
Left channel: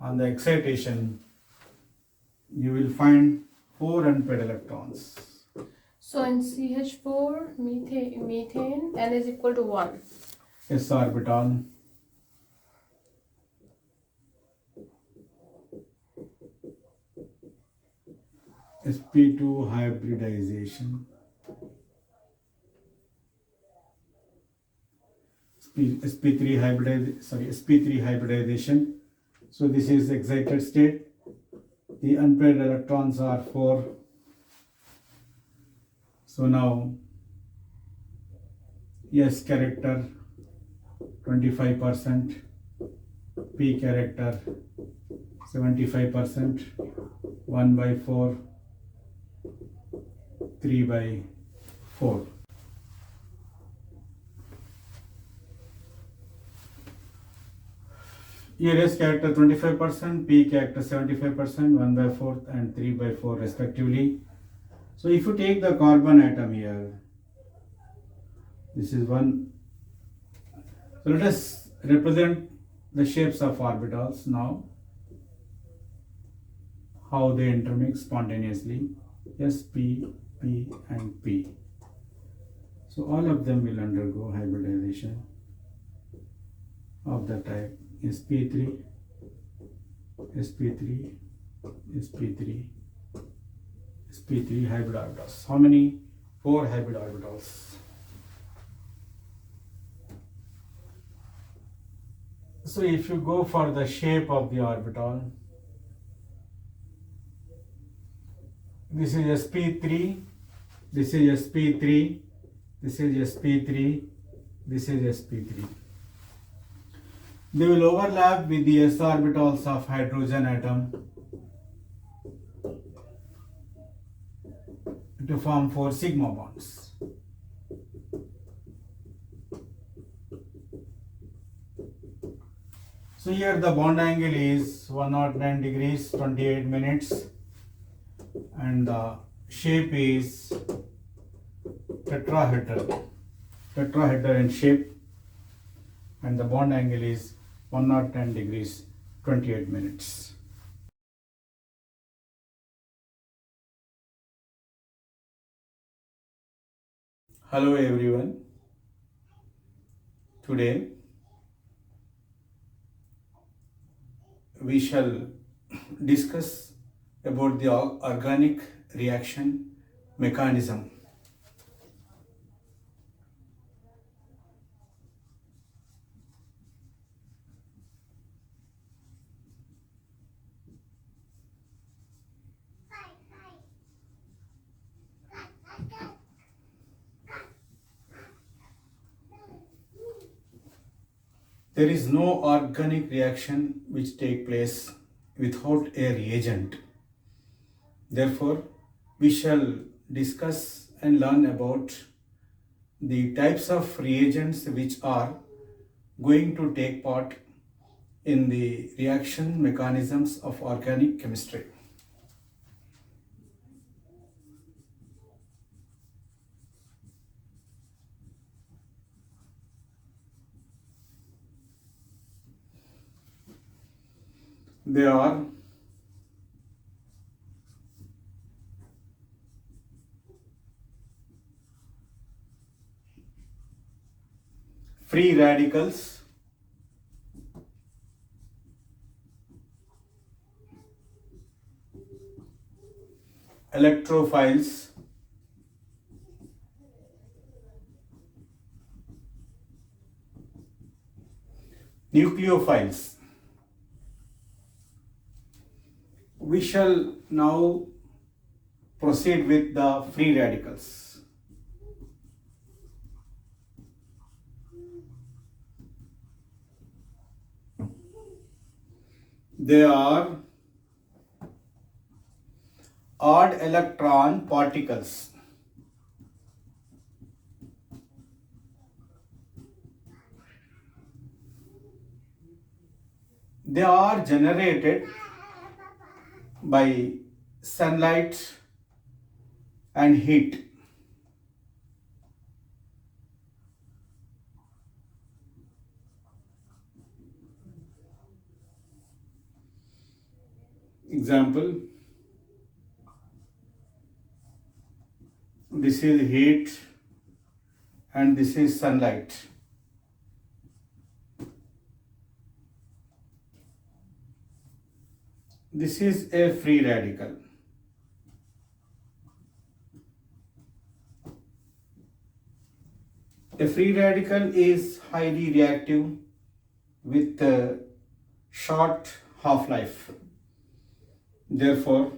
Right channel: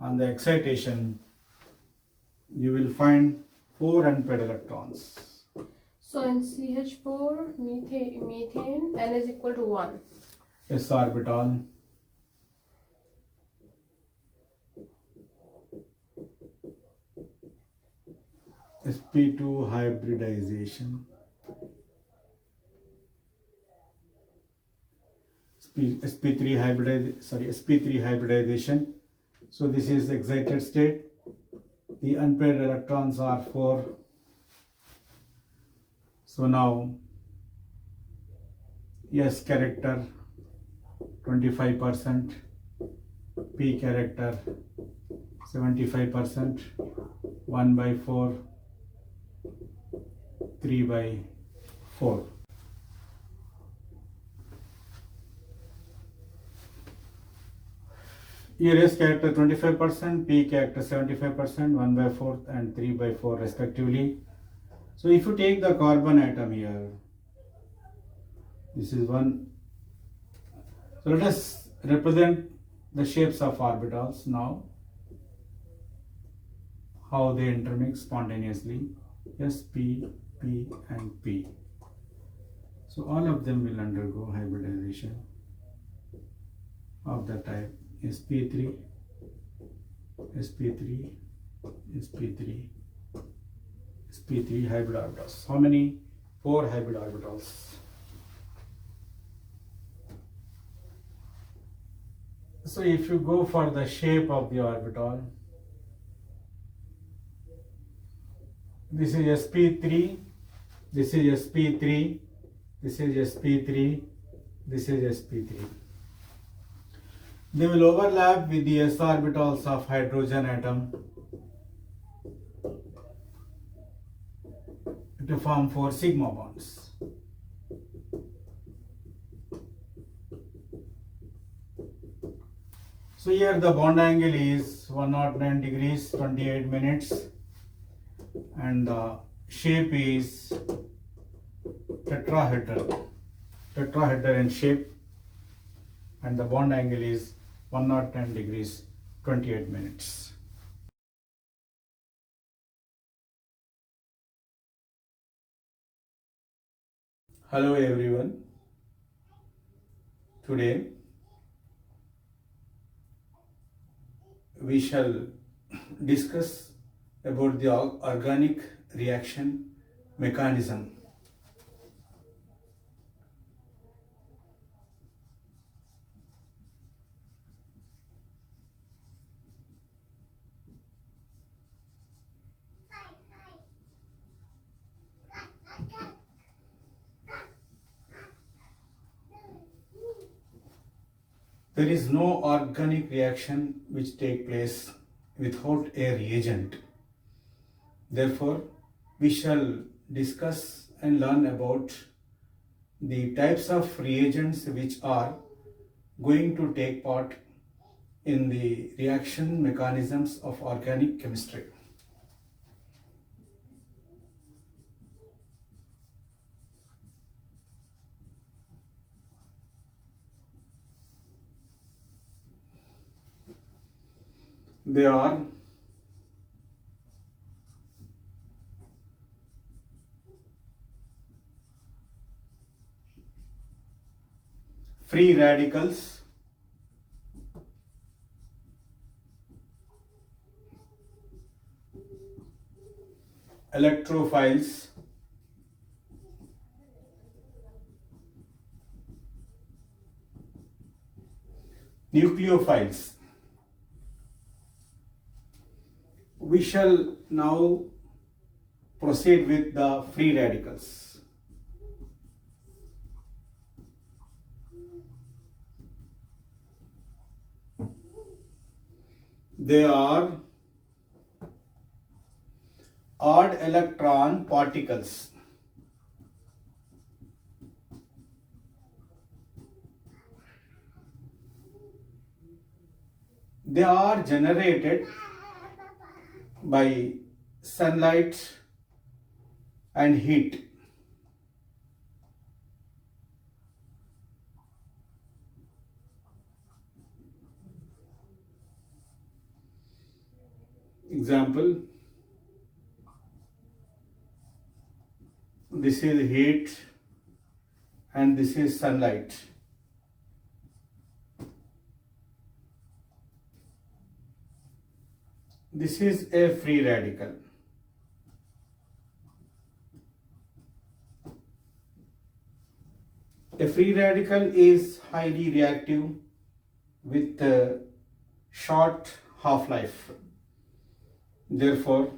On the excitation, you will find 4 unpaired electrons. So in CH4, methane, N is equal to 1. S orbital. sp2 hybridization. sp3 hybridization. So this is excited state. The unpaired electrons are 4. So now S character 25%, P character 75%, 1 by 4, 3 by 4. Here S character 25%, P character 75%, 1 by 4 and 3 by 4 respectively. So if you take the carbon atom here, this is one. So let us represent the shapes of orbitals now, how they intermix spontaneously, S, P, P and P. So all of them will undergo hybridization of the type sp3, sp3, sp3, sp3 hybrid orbitals. How many? 4 hybrid orbitals. So if you go for the shape of the orbital, this is sp3, this is sp3, this is sp3, this is sp3. They will overlap with the s orbitals of hydrogen atom to form 4 sigma bonds. So here the bond angle is 109 degrees 28 minutes and the shape is tetrahedral in shape and the bond angle is 110 degrees 28 minutes. Hello everyone. Today we shall discuss about the organic reaction mechanism. There is no organic reaction which take place without a reagent. Therefore, we shall discuss and learn about the types of reagents which are going to take part in the reaction mechanisms of organic chemistry. They are free radicals, electrophiles, nucleophiles. We shall now proceed with the free radicals. They are odd electron particles. They are generated by sunlight and heat. Example, this is heat and this is sunlight. This is a free radical. A free radical is highly reactive with a short half-life. Therefore,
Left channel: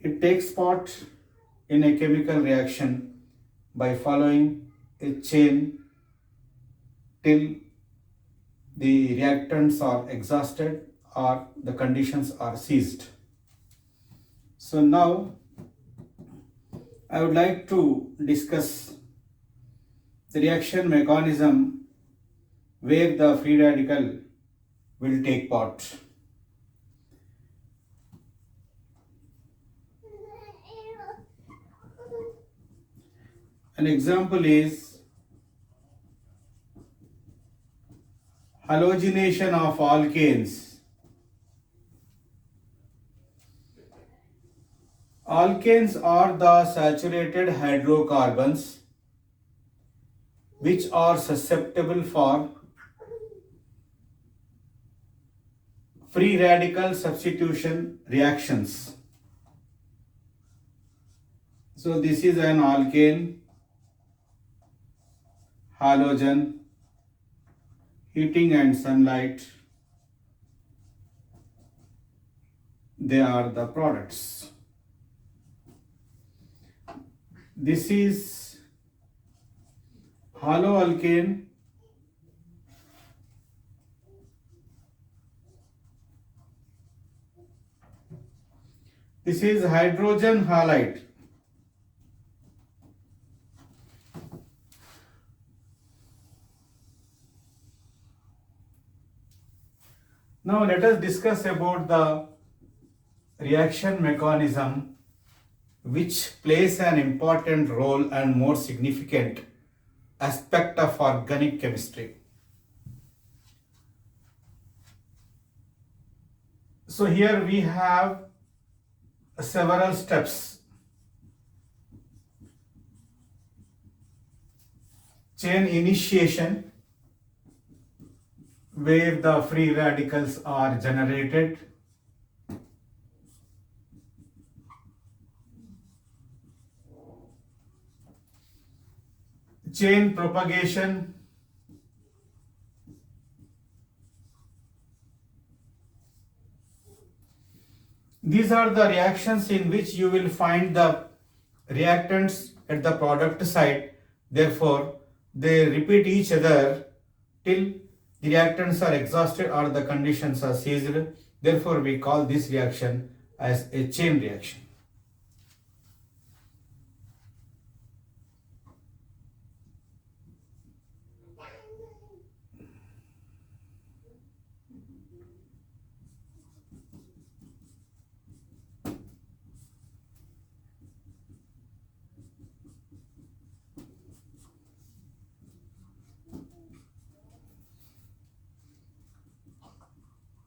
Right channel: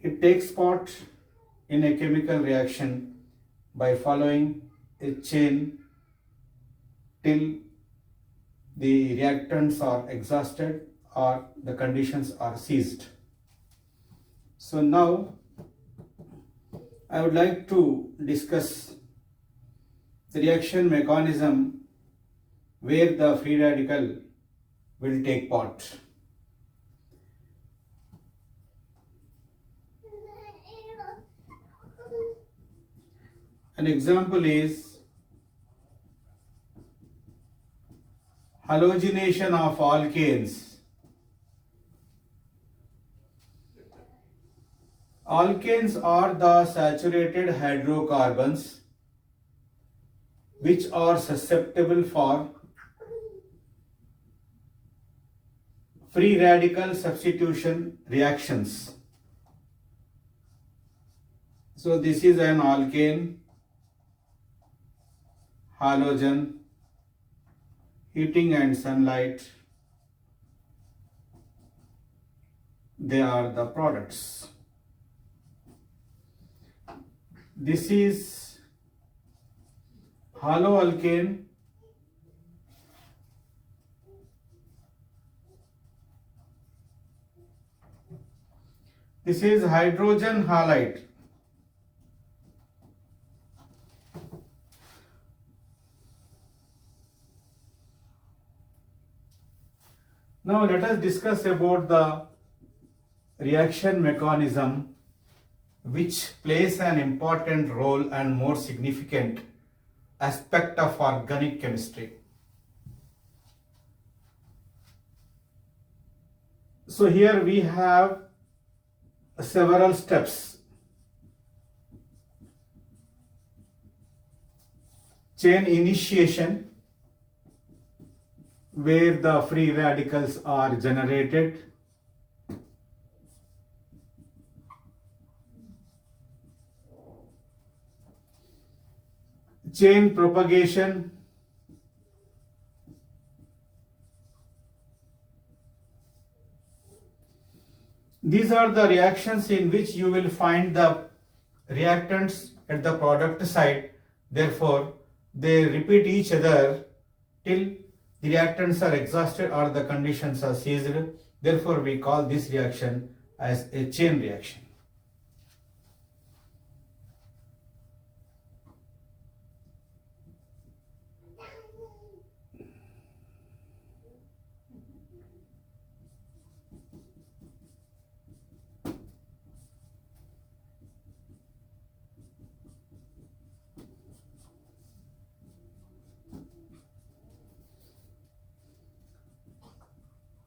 it takes part in a chemical reaction by following a chain till the reactants are exhausted or the conditions are ceased. So now I would like to discuss the reaction mechanism where the free radical will take part. An example is halogenation of alkanes. Alkanes are the saturated hydrocarbons which are susceptible for free radical substitution reactions. So this is an alkane, halogen, heating and sunlight, they are the products. This is haloalkane, this is hydrogen halide. Now let us discuss about the reaction mechanism which plays an important role and more significant aspect of organic chemistry. So here we have several steps. Chain initiation, where the free radicals are generated. Chain propagation, these are the reactions in which you will find the reactants at the product side. Therefore, they repeat each other till the reactants are exhausted or the conditions are ceased. Therefore, we call this reaction as a chain reaction.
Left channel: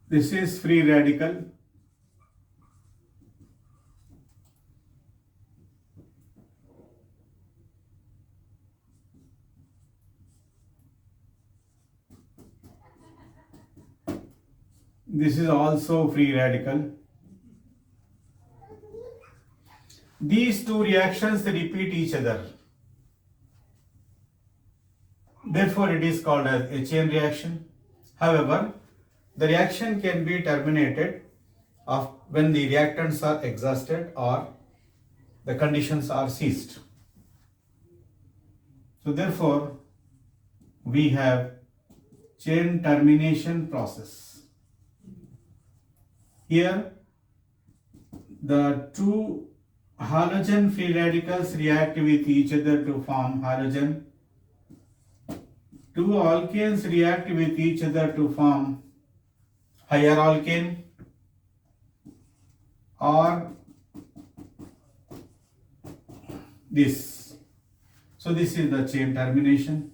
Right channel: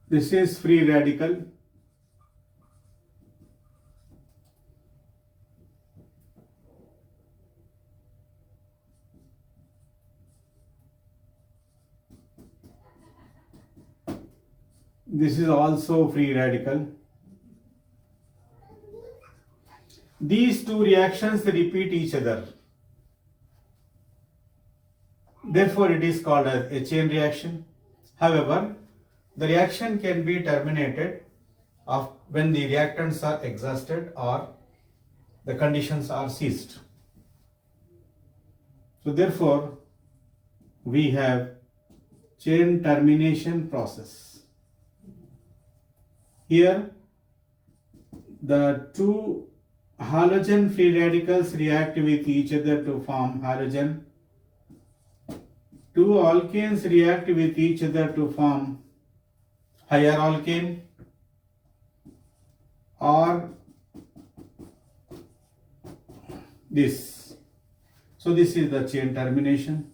This is free radical. This is also free radical. These two reactions repeat each other. Therefore, it is called as a chain reaction. However, the reaction can be terminated when the reactants are exhausted or the conditions are ceased. So therefore, we have chain termination process. Here, the two halogen free radicals react with each other to form halogen. Two alkanes react with each other to form higher alkane, or this. So this is the chain termination.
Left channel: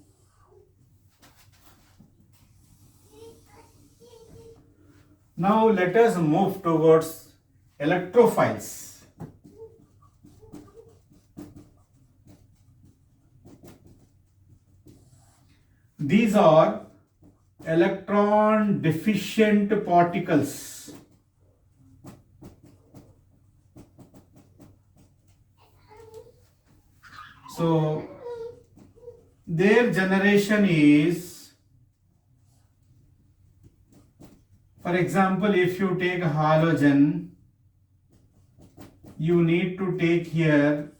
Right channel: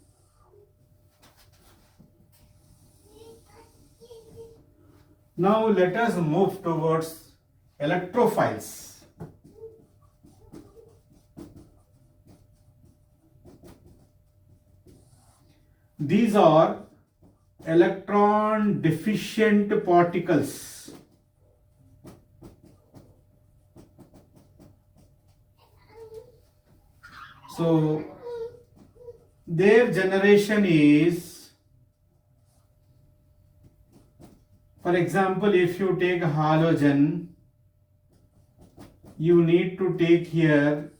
Now let us move towards electrophiles. These are electron deficient particles. So their generation is, for example, if you take halogen, you need to take here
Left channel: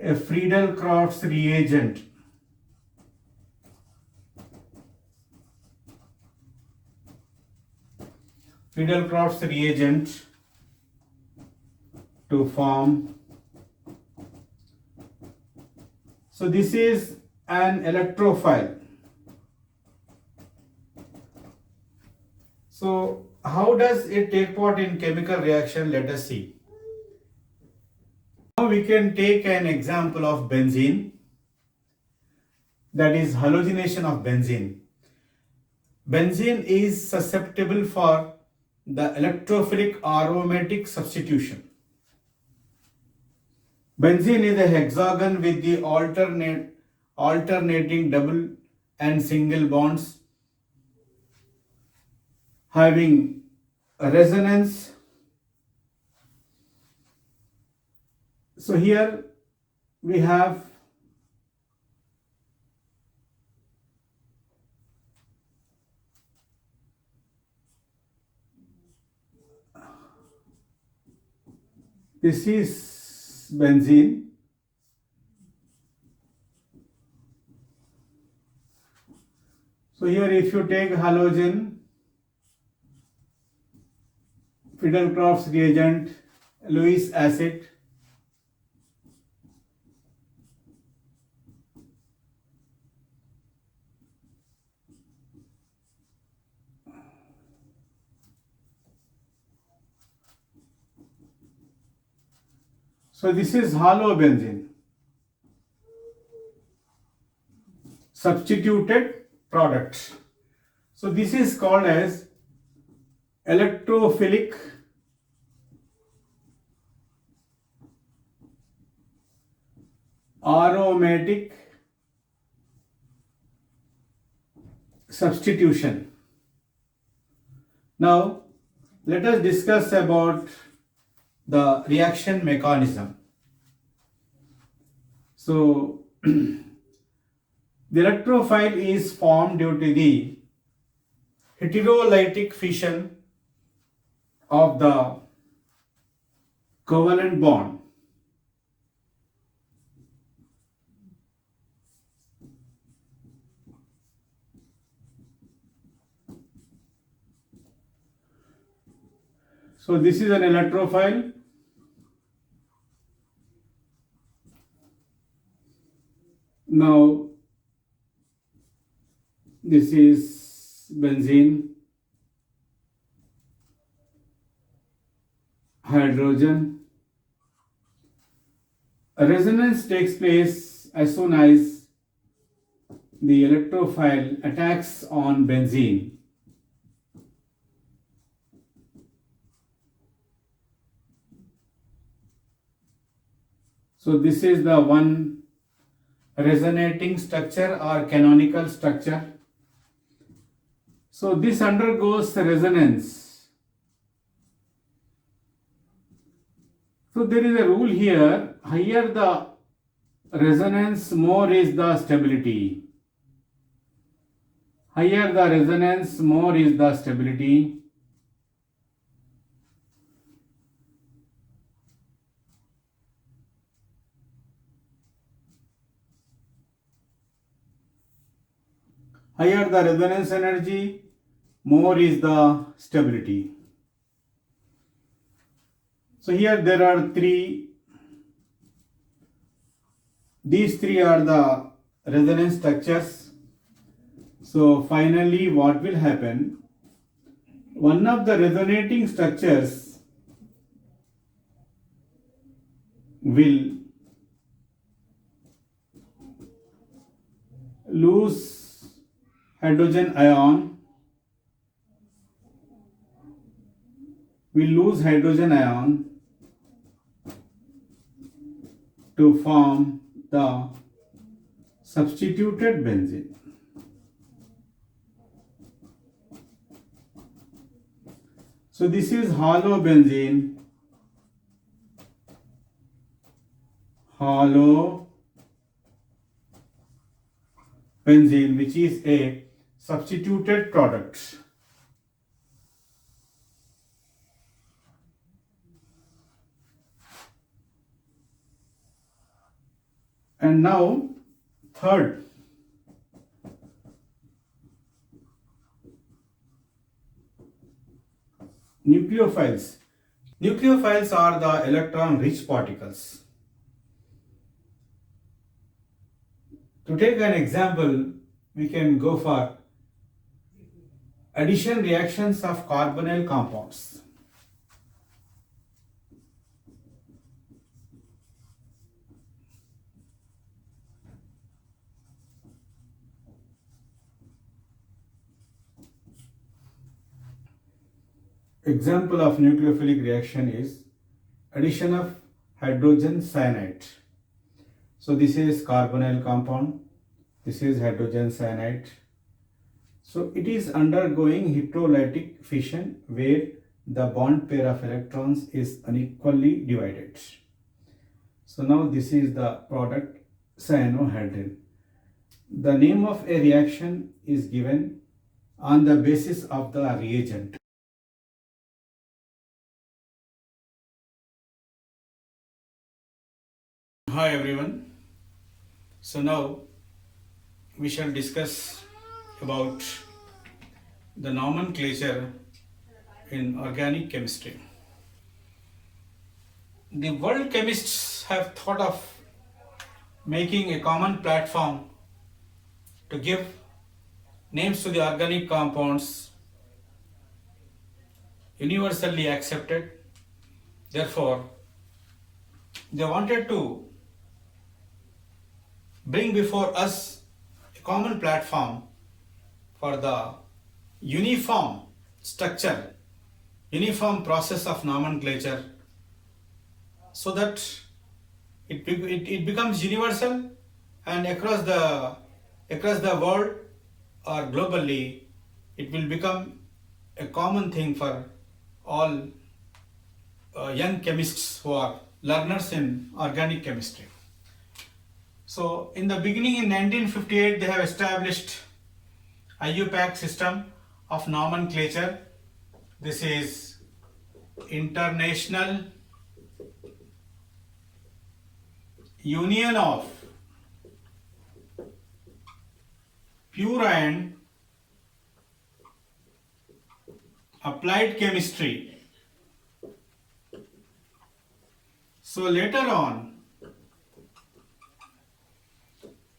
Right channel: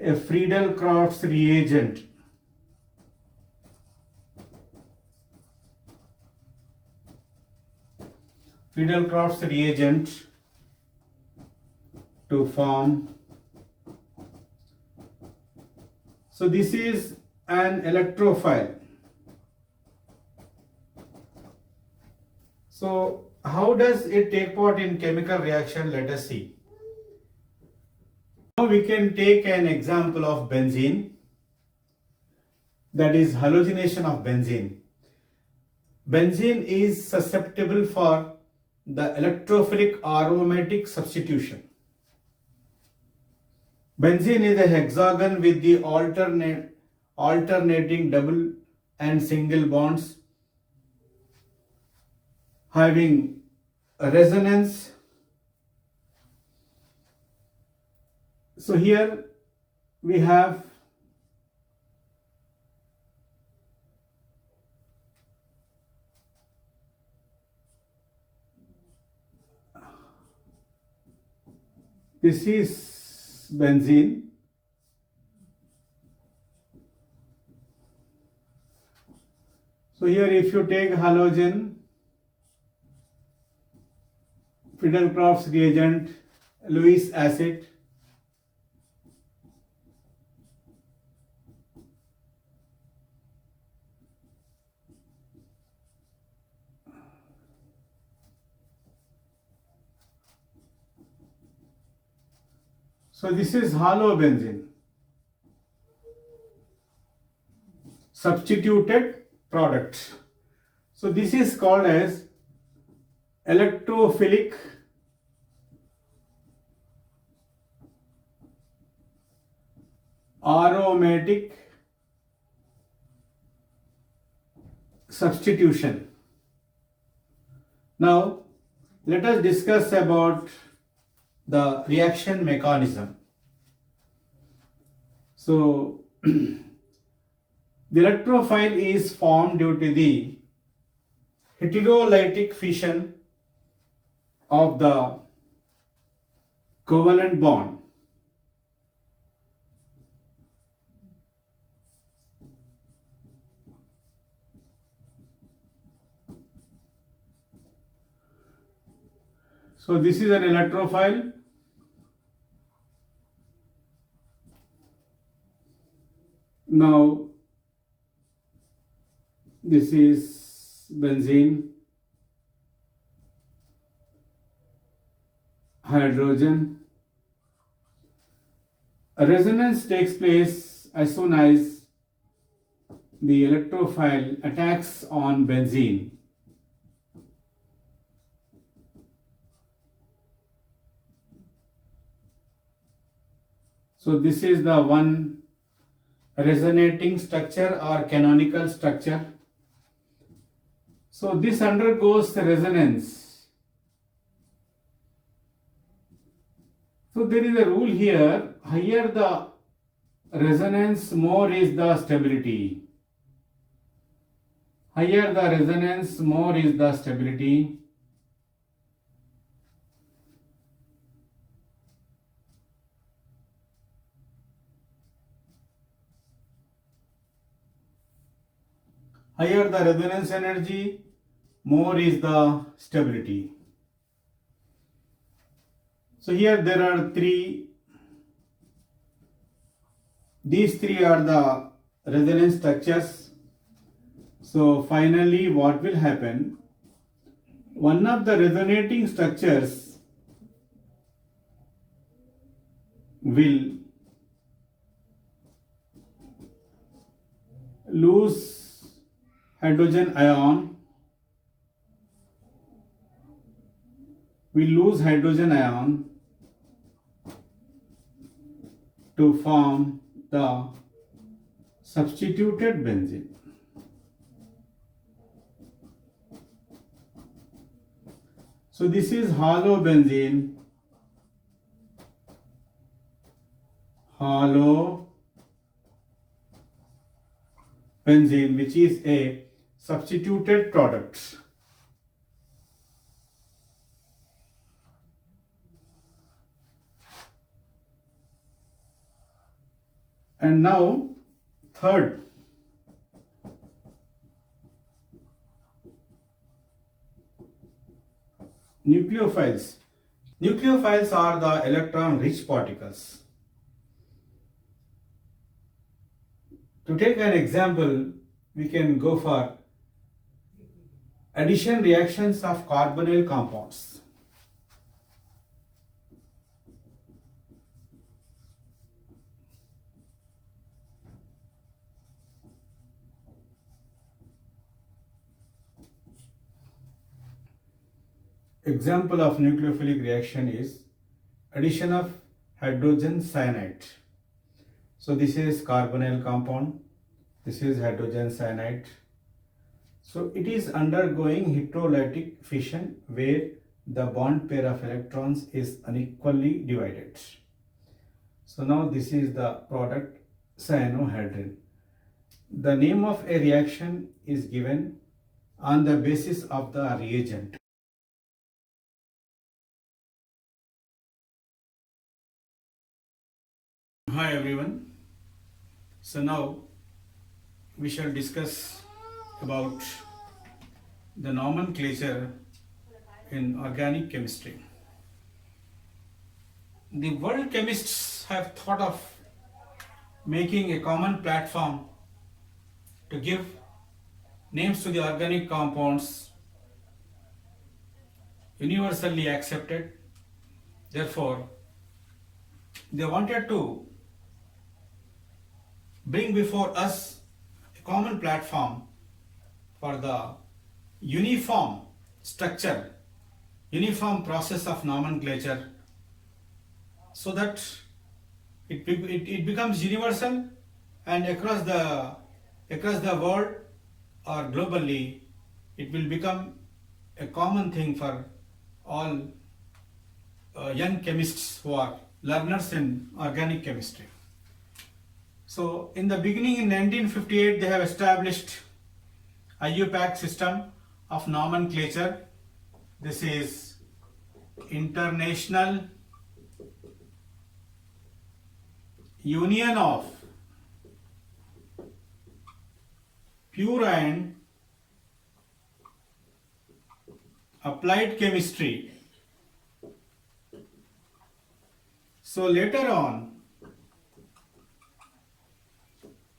a Friedel-Crafts reagent. Friedel-Crafts reagent to form. So this is an electrophile. So how does it take part in chemical reaction? Let us see. Now we can take an example of benzene, that is halogenation of benzene. Benzene is susceptible for the electrophilic aromatic substitution. Benzene is a hexagon with the alternating double and single bonds having a resonance. So here we have this is benzene. So here if you take halogen, Friedel-Crafts reagent, Lewis acid, so this is halobenzene, substituted product. So this is called as electrophilic aromatic substitution. Now let us discuss about the reaction mechanism. So the electrophile is formed due to the heterolytic fission of the covalent bond. So this is an electrophile. Now this is benzene, hydrogen. A resonance takes place as soon as the electrophile attacks on benzene. So this is the one resonating structure or canonical structure. So this undergoes resonance. So there is a rule here, higher the resonance, more is the stability. Higher the resonance, more is the stability. Higher the resonance energy, more is the stability. So here there are these three are the resonance structures. So finally what will happen? One of the resonating structures will lose hydrogen ion, to form the substituted benzene. So this is halobenzene, which is a substituted product. And now third, nucleophiles. Nucleophiles are the electron rich particles. To take an example, we can go for addition reactions of carbonyl compounds. Example of nucleophilic reaction is addition of hydrogen cyanide. So this is carbonyl compound, this is hydrogen cyanide. So it is undergoing heterolytic fission where the bond pair of electrons is unequally divided. So now this is the product cyanohydrin. The name of a reaction is given on the basis of the reagent. Hi everyone. So now we shall discuss about the nomenclature in organic chemistry. The world chemists have thought of making a common platform to give names to the organic compounds universally accepted. Therefore, they wanted to bring before us a common platform for the uniform structure, uniform process of nomenclature, so that it becomes universal and across the world or globally it will become a common thing for all young chemists who are learners in organic chemistry. So in the beginning in 1958 they have established IUPAC system of nomenclature. This is International Union of Pure and Applied Chemistry. So later on,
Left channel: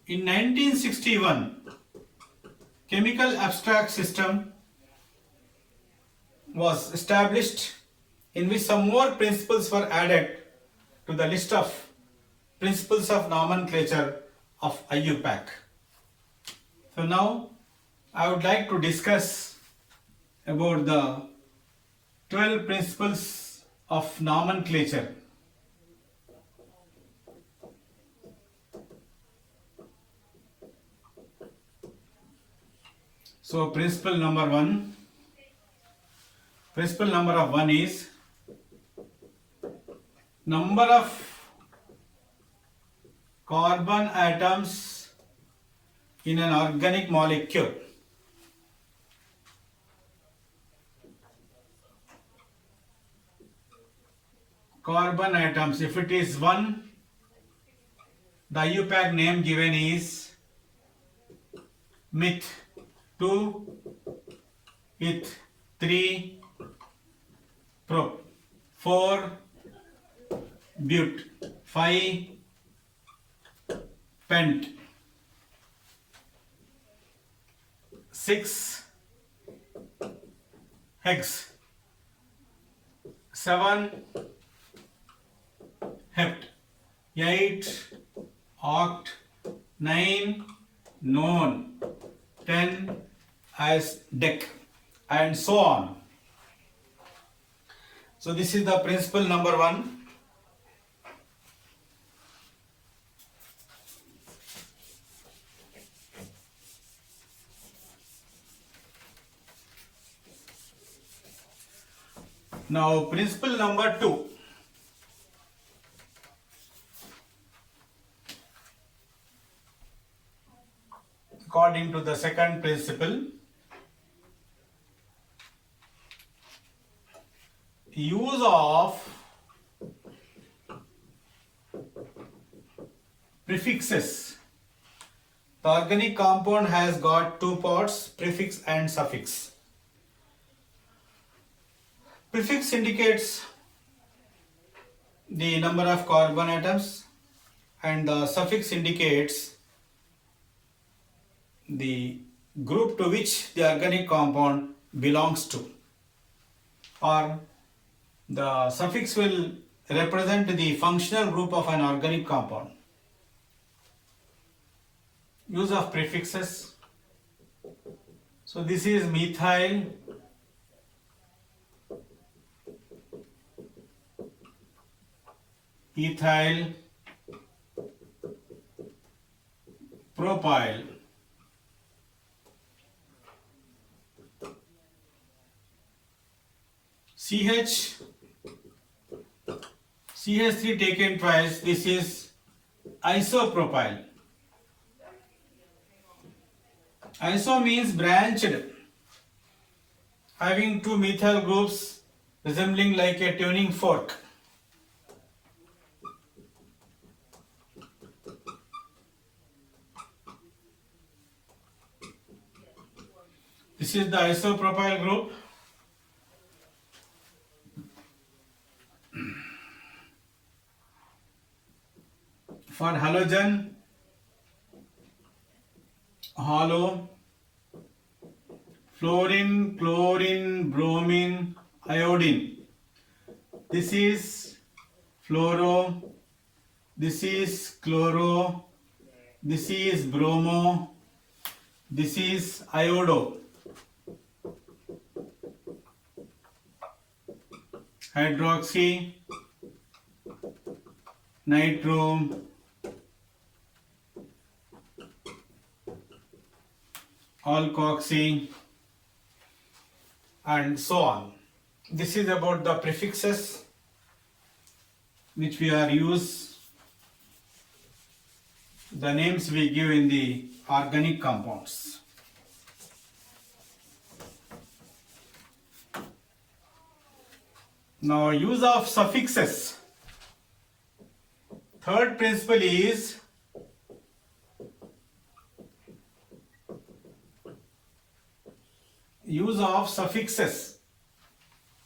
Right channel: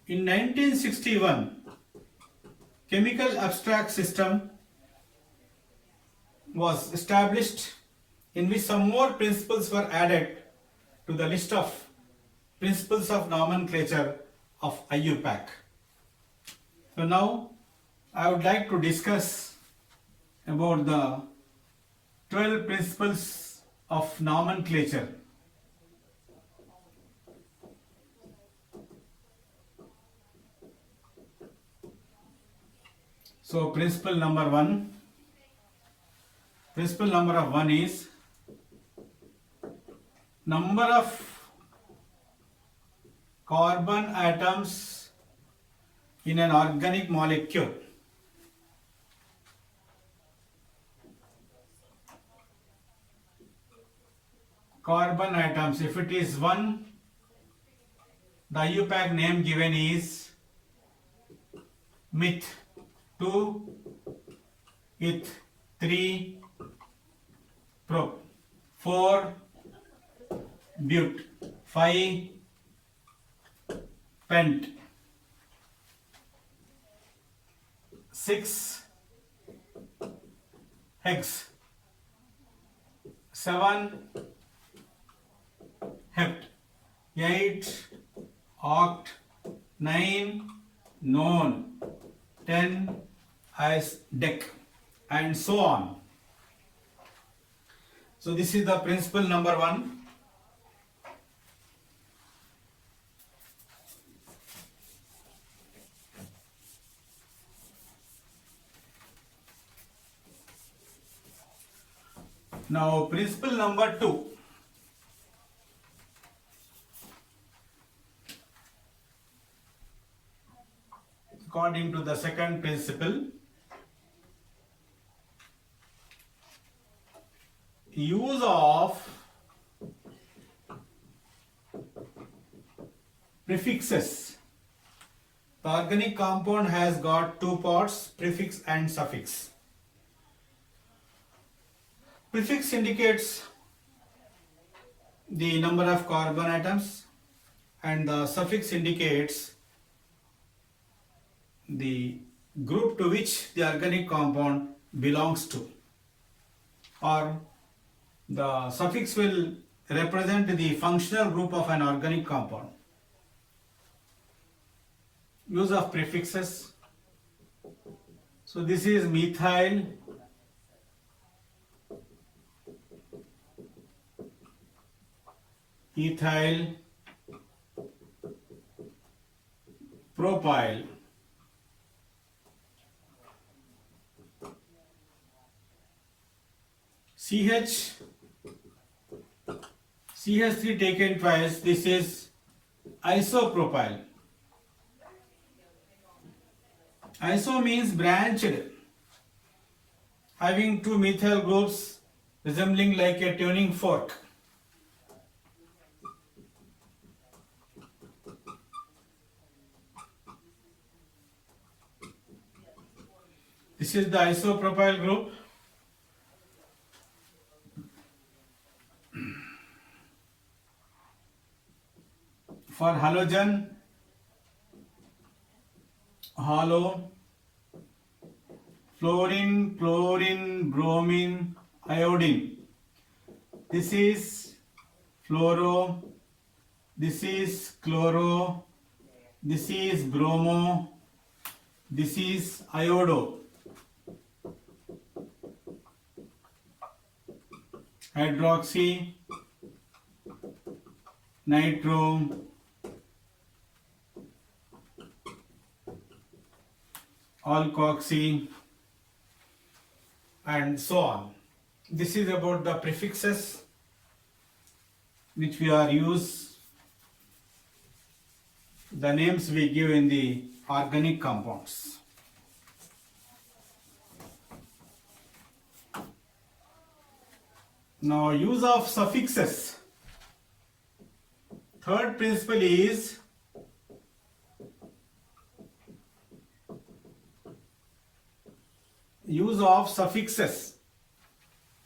in 1961, Chemical Abstract System was established, in which some more principles were added to the list of principles of nomenclature of IUPAC. So now I would like to discuss about the 12 principles of nomenclature. So principle number one is number of carbon atoms in an organic molecule. Carbon atoms, if it is 1, the IUPAC name given is meth. 2, eth. 3, prop. 4, but. 5, pent. 6, hex. 7, hept. 8, oct. 9, non. 10 as dec, and so on. So this is the principle number one. Now principle number two. According to the second principle, use of prefixes. The organic compound has got two parts, prefix and suffix. Prefix indicates the number of carbon atoms and the suffix indicates the group to which the organic compound belongs to, or the suffix will represent the functional group of an organic compound. Use of prefixes. So this is methyl, ethyl, propyl. CH CH3 taken twice, this is isopropyl. Iso means branched, having two methyl groups resembling like a tuning fork. This is the isopropyl group. For halogen, halo, fluorine, chlorine, bromine, iodine. This is fluoro, this is chloro, this is bromo, this is iodo. Hydroxy, nitro, alkoxy, and so on. This is about the prefixes which we are use, the names we give in the organic compounds. Now, use of suffixes. Third principle is use of suffixes.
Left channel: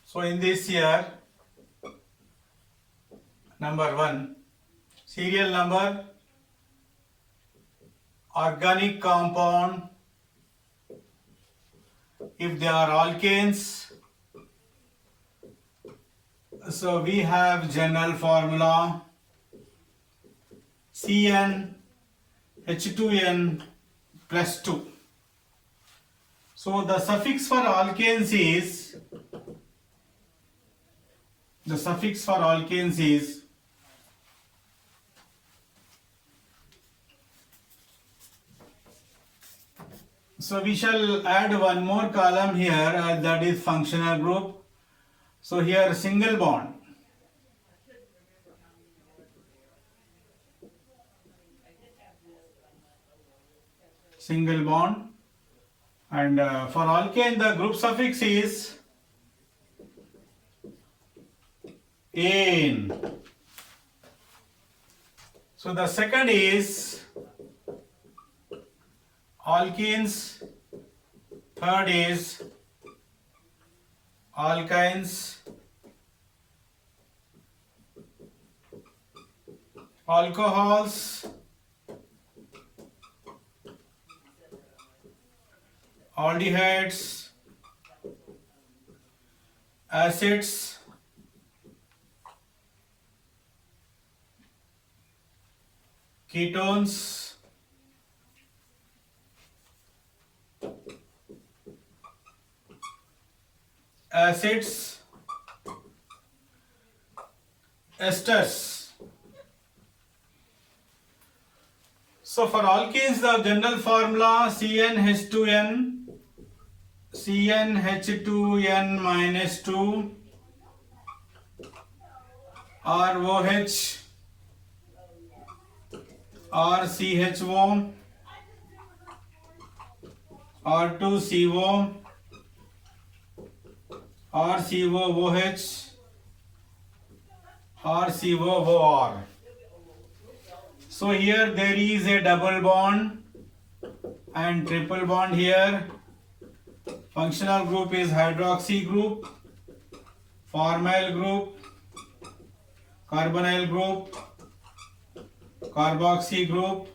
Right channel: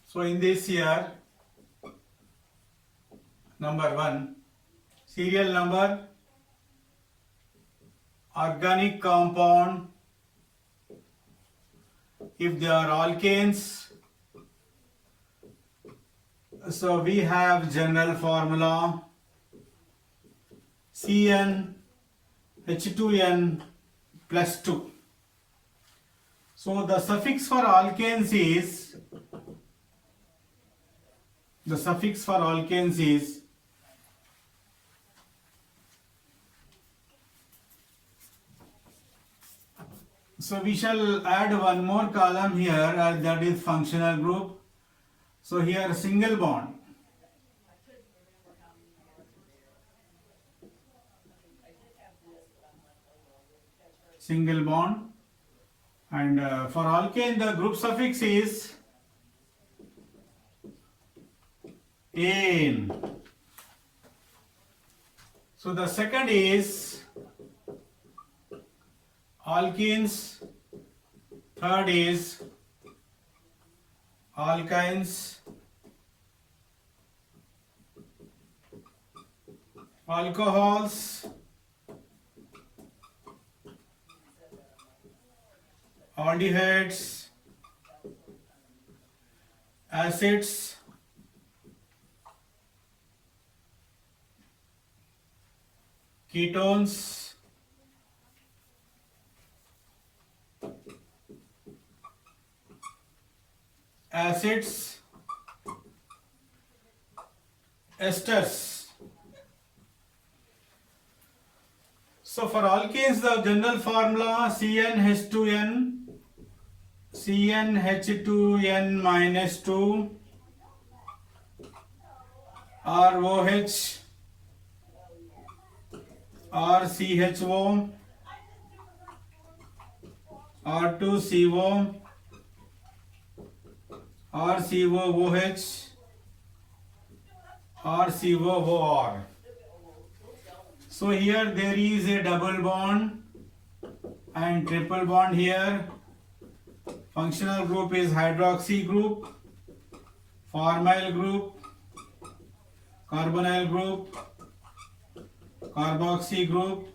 So, in this here, number 1, serial number, organic compound, if they are alkanes, so we have general formula CN H2N plus 2. So the suffix for alkanes is, so we shall add one more column here, that is functional group. So here single bond. Single bond. And for alkane the group suffix is ane. So the second is alkenes, third is alkynes, alcohols, aldehydes, acids, ketones, acids, esters. So for alkenes the general formula CnH2n minus 2 ROH RCHO R2CO RCOOH RCOOR. So here there is a double bond and triple bond here. Functional group is hydroxy group, formyl group, carbonyl group, carboxy group,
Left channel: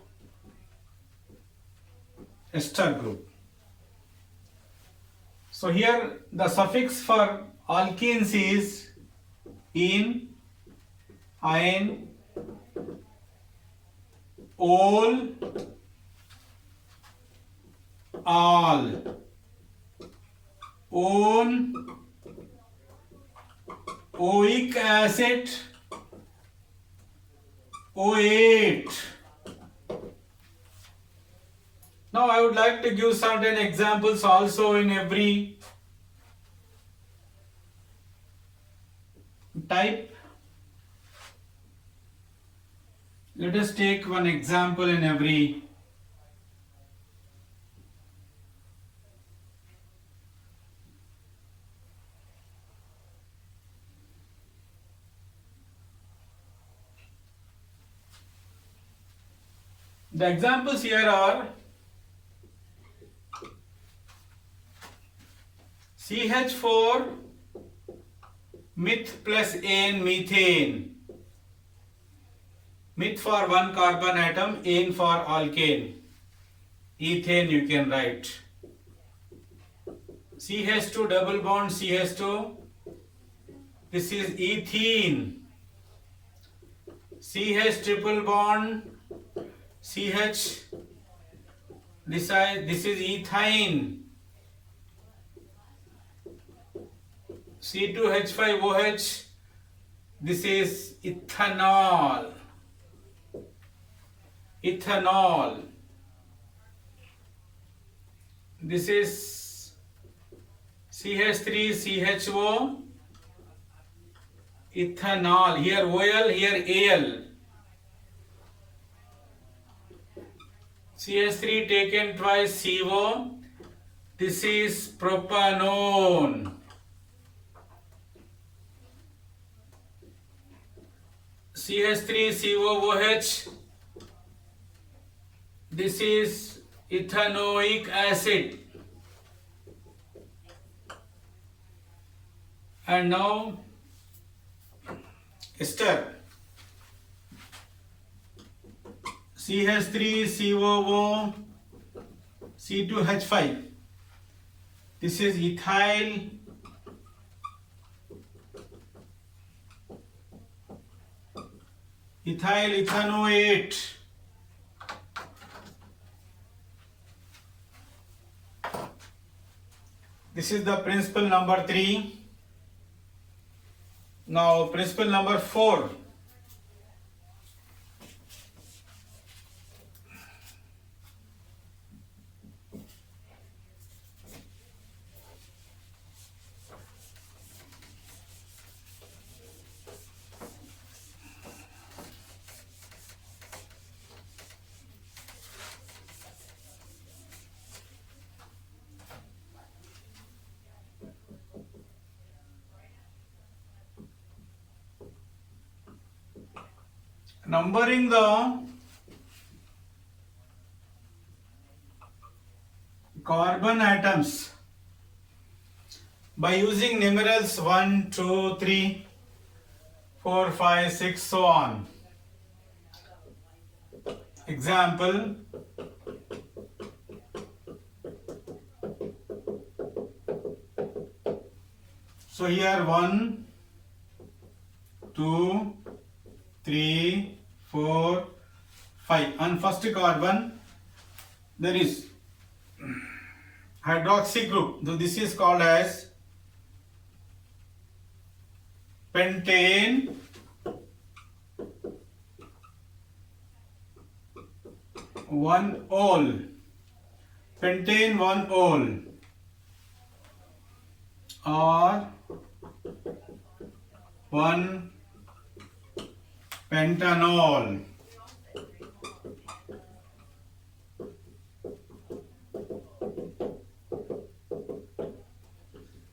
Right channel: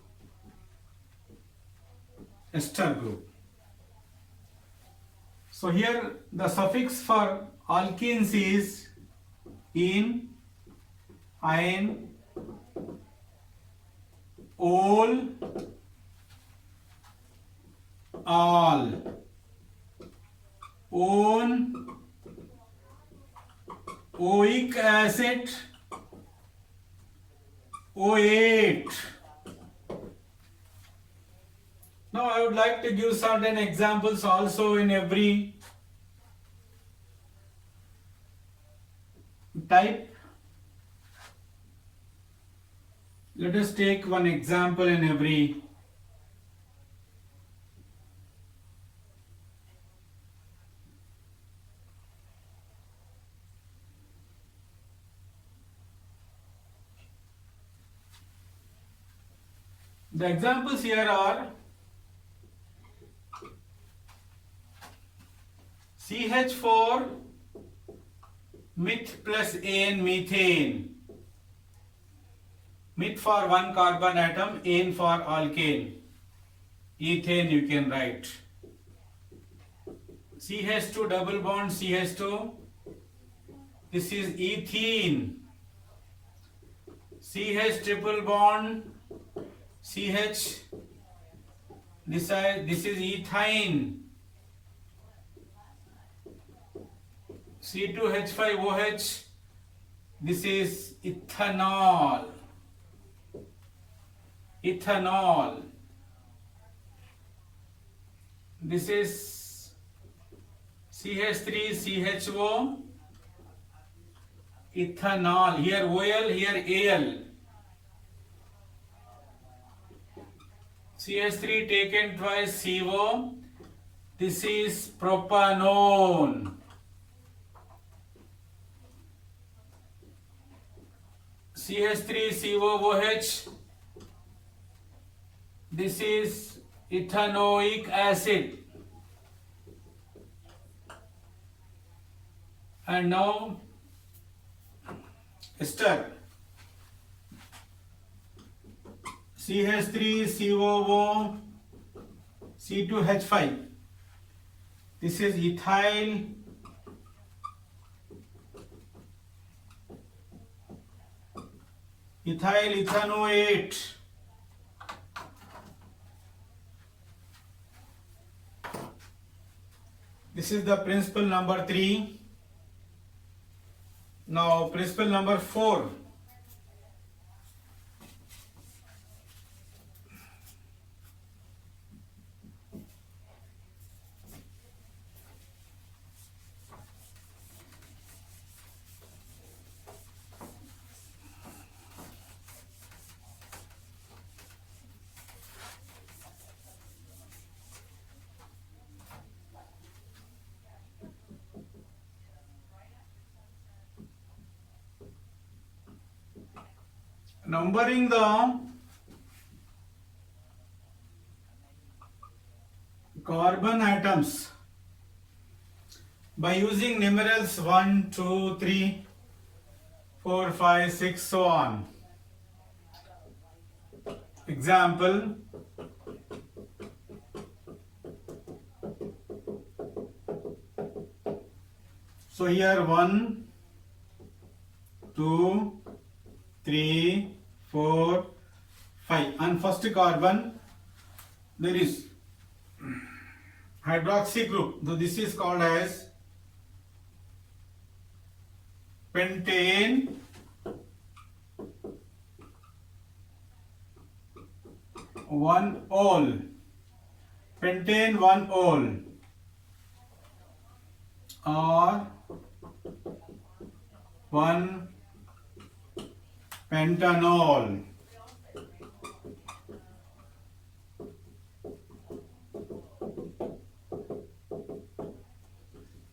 ester group. So here the suffix for alkenes is ene, ine, ol, al, on, oic acid, OH. Now I would like to give certain examples also in every type. Let us take one example in every. The examples here are CH4 meth plus N methane. Meth for one carbon atom, N for alkane. Ethane you can write. CH2 double bond CH2. This is ethene. CH triple bond CH. This is ethine. C2H5OH. This is ethanol. Ethanol. This is CH3CHO. Ethanol. Here OL, here AL. CH3 taken twice CO. This is propanone. CH3COOH. This is ethanoic acid. And now ester. CH3COO C2H5. This is ethyl ethanoate. This is the principle number 3. Now principle number 4. Numbering the carbon atoms by using numerals 1, 2, 3, 4, 5, 6, so on. Example. So here 1, 2, 3, 4, 5. On first carbon there is hydroxy group. So this is called as pentane 1-ol. Pentane 1-ol or 1-pentanol.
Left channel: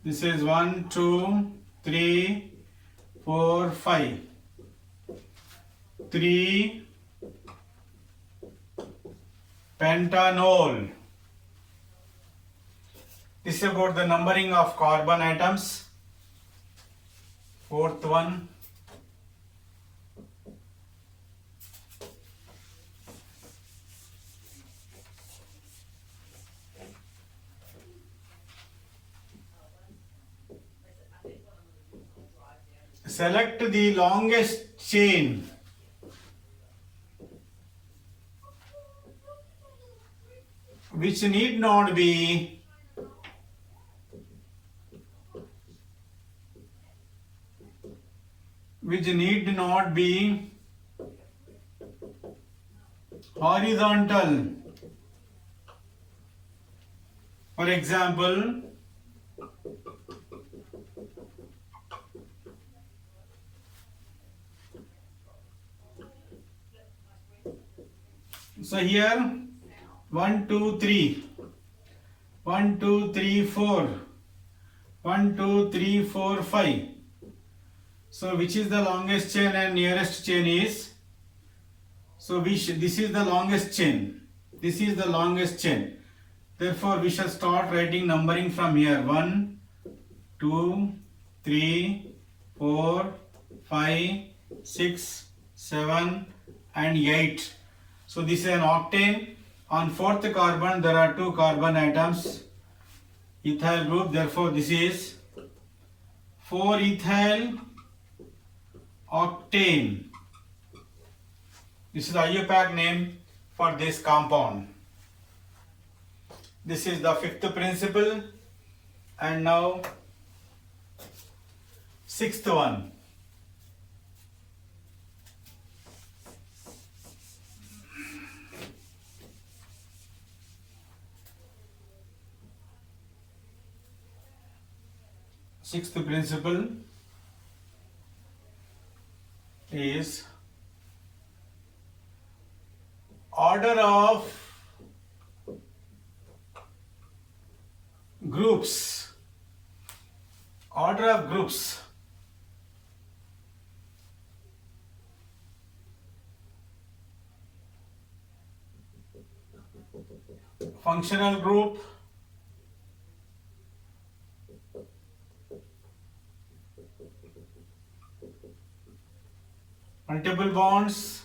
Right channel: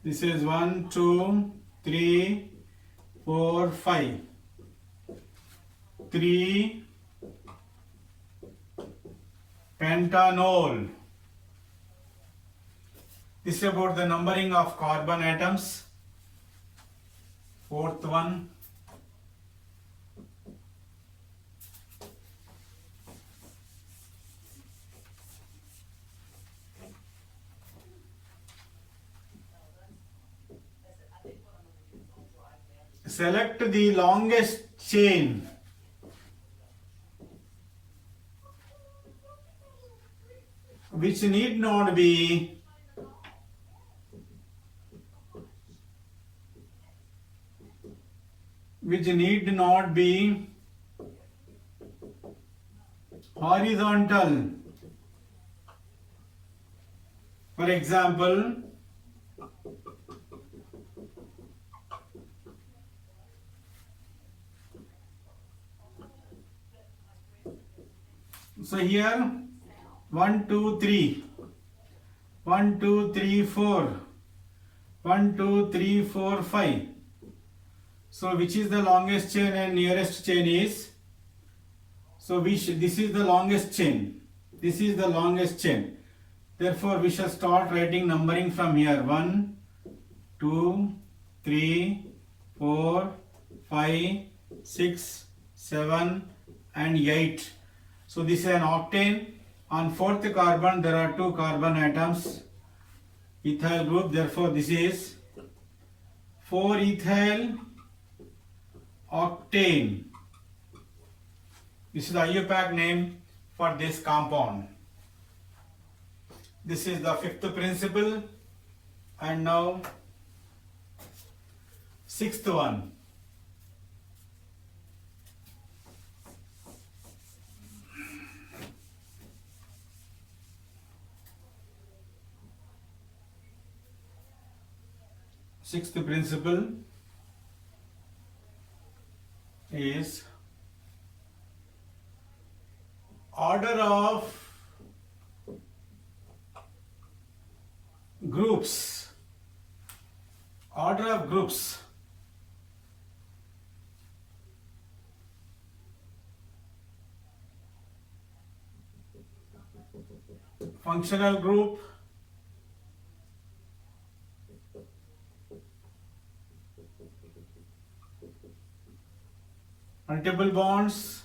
This is 1, 2, 3, 4, 5. 3-pentanol. This is about the numbering of carbon atoms. Fourth one. Select the longest chain. Which need not be horizontal. For example, So here 1, 2, 3, 1, 2, 3, 4, 1, 2, 3, 4, 5. So which is the longest chain and nearest chain is? So this is the longest chain. This is the longest chain. Therefore we shall start writing numbering from here. 1, 2, 3, 4, 5, 6, 7 and 8. So this is an octane. On fourth carbon there are 2 carbon atoms, ethyl group. Therefore this is 4 ethyl octane. This is the IUPAC name for this compound. This is the fifth principle. And now sixth one. Sixth principle is order of groups. Order of groups. Functional group, multiple bonds,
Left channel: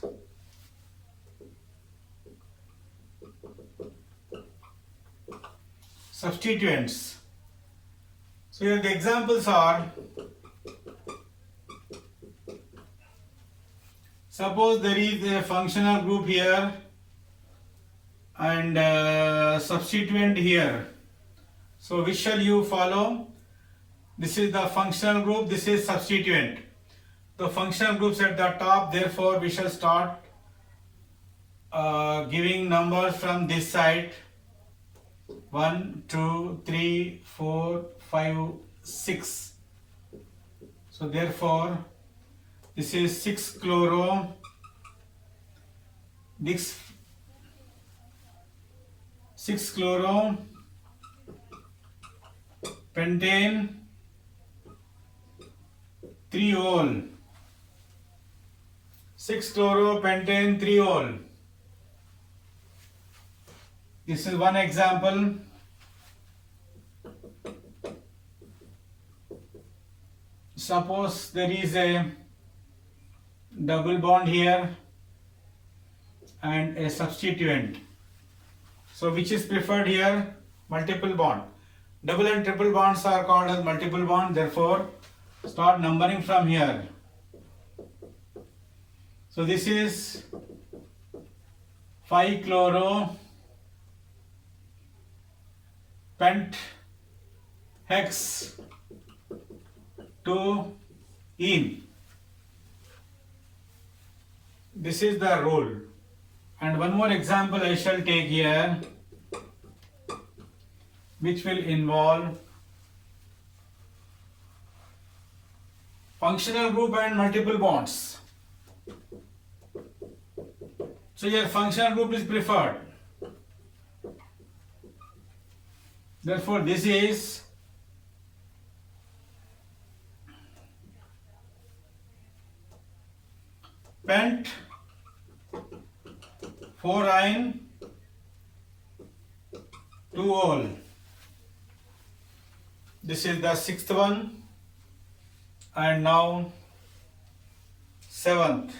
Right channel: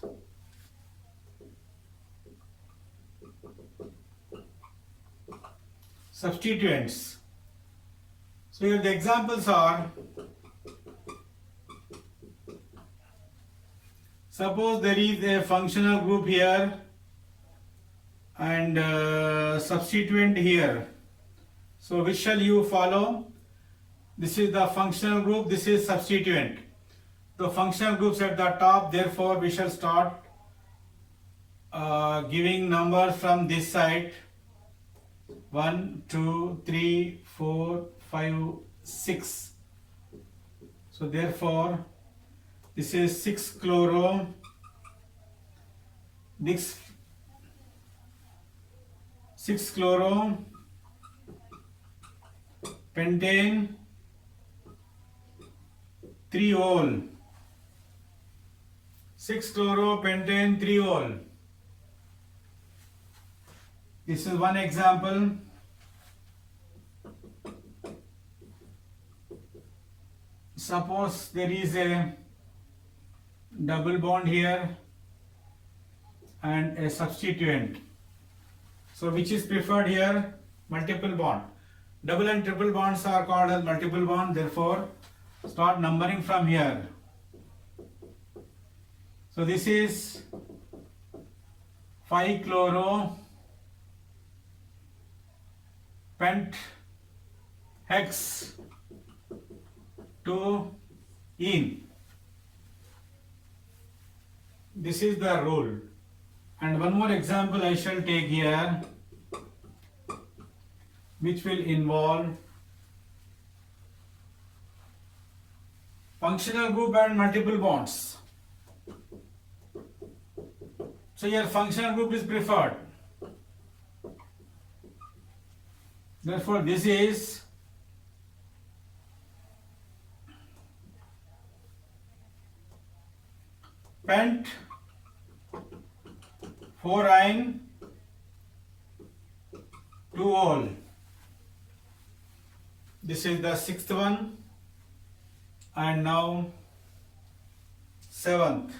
substituents. So here the examples are, suppose there is a functional group here and substituent here. So which shall you follow? This is the functional group, this is substituent. The functional groups at the top, therefore we shall start giving numbers from this side. 1, 2, 3, 4, 5, 6. So therefore this is 6 chloro, this 6 chloro, pentane, 3 ol. 6 chloro, pentane, 3 ol. This is one example. Suppose there is a double bond here and a substituent. So which is preferred here? Multiple bond. Double and triple bonds are called as multiple bond. Therefore, start numbering from here. So this is 5 chloro, pent, hex, 2 ene. This is the rule. And one more example I shall take here, which will involve functional group and multiple bonds. So your functional group is preferred. Therefore this is pent 4-ine 2-ol. This is the sixth one, and now seventh.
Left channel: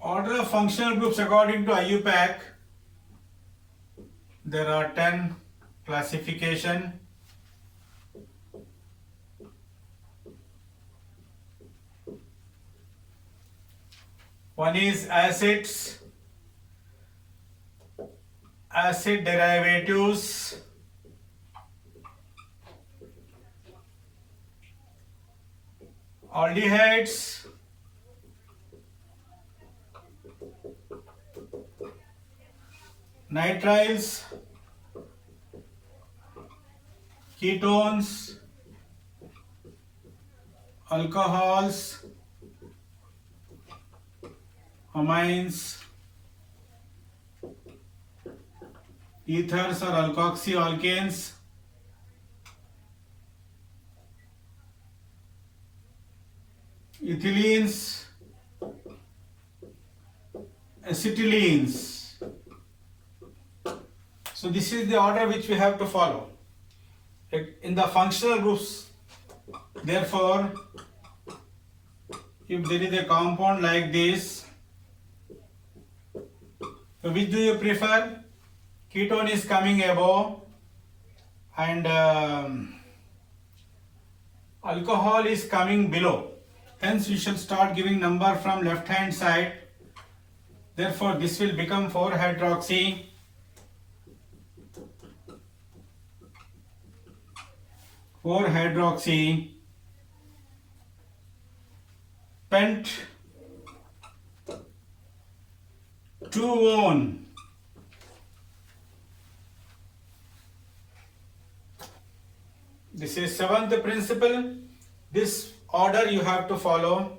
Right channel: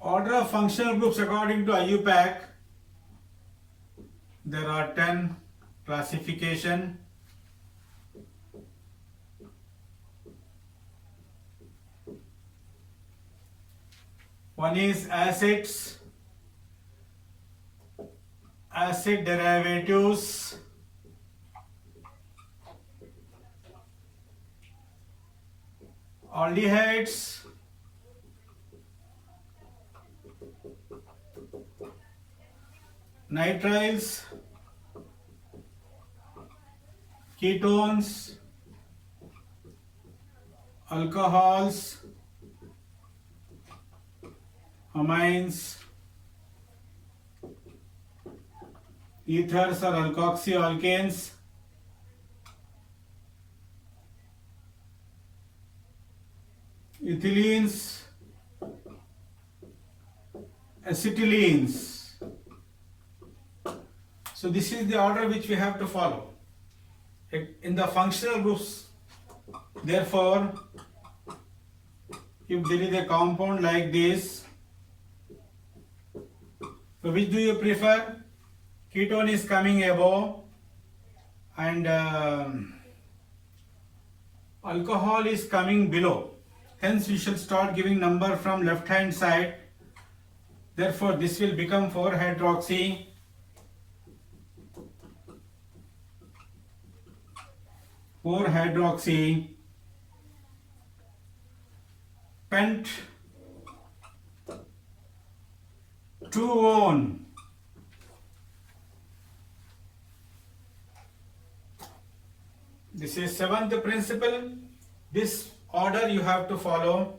Order of functional groups according to IUPAC, there are 10 classification. One is acids, acid derivatives, aldehydes, nitriles, ketones, alcohols, amines, ethers or alkoxyalkanes, ethylenes, acetylenes. So this is the order which we have to follow in the functional groups. Therefore, if there is a compound like this, so which do you prefer? Ketone is coming above and alcohol is coming below. Hence we shall start giving number from left hand side. Therefore this will become 4-hydroxy, pent 2-one. This is seventh principle. This order you have to follow.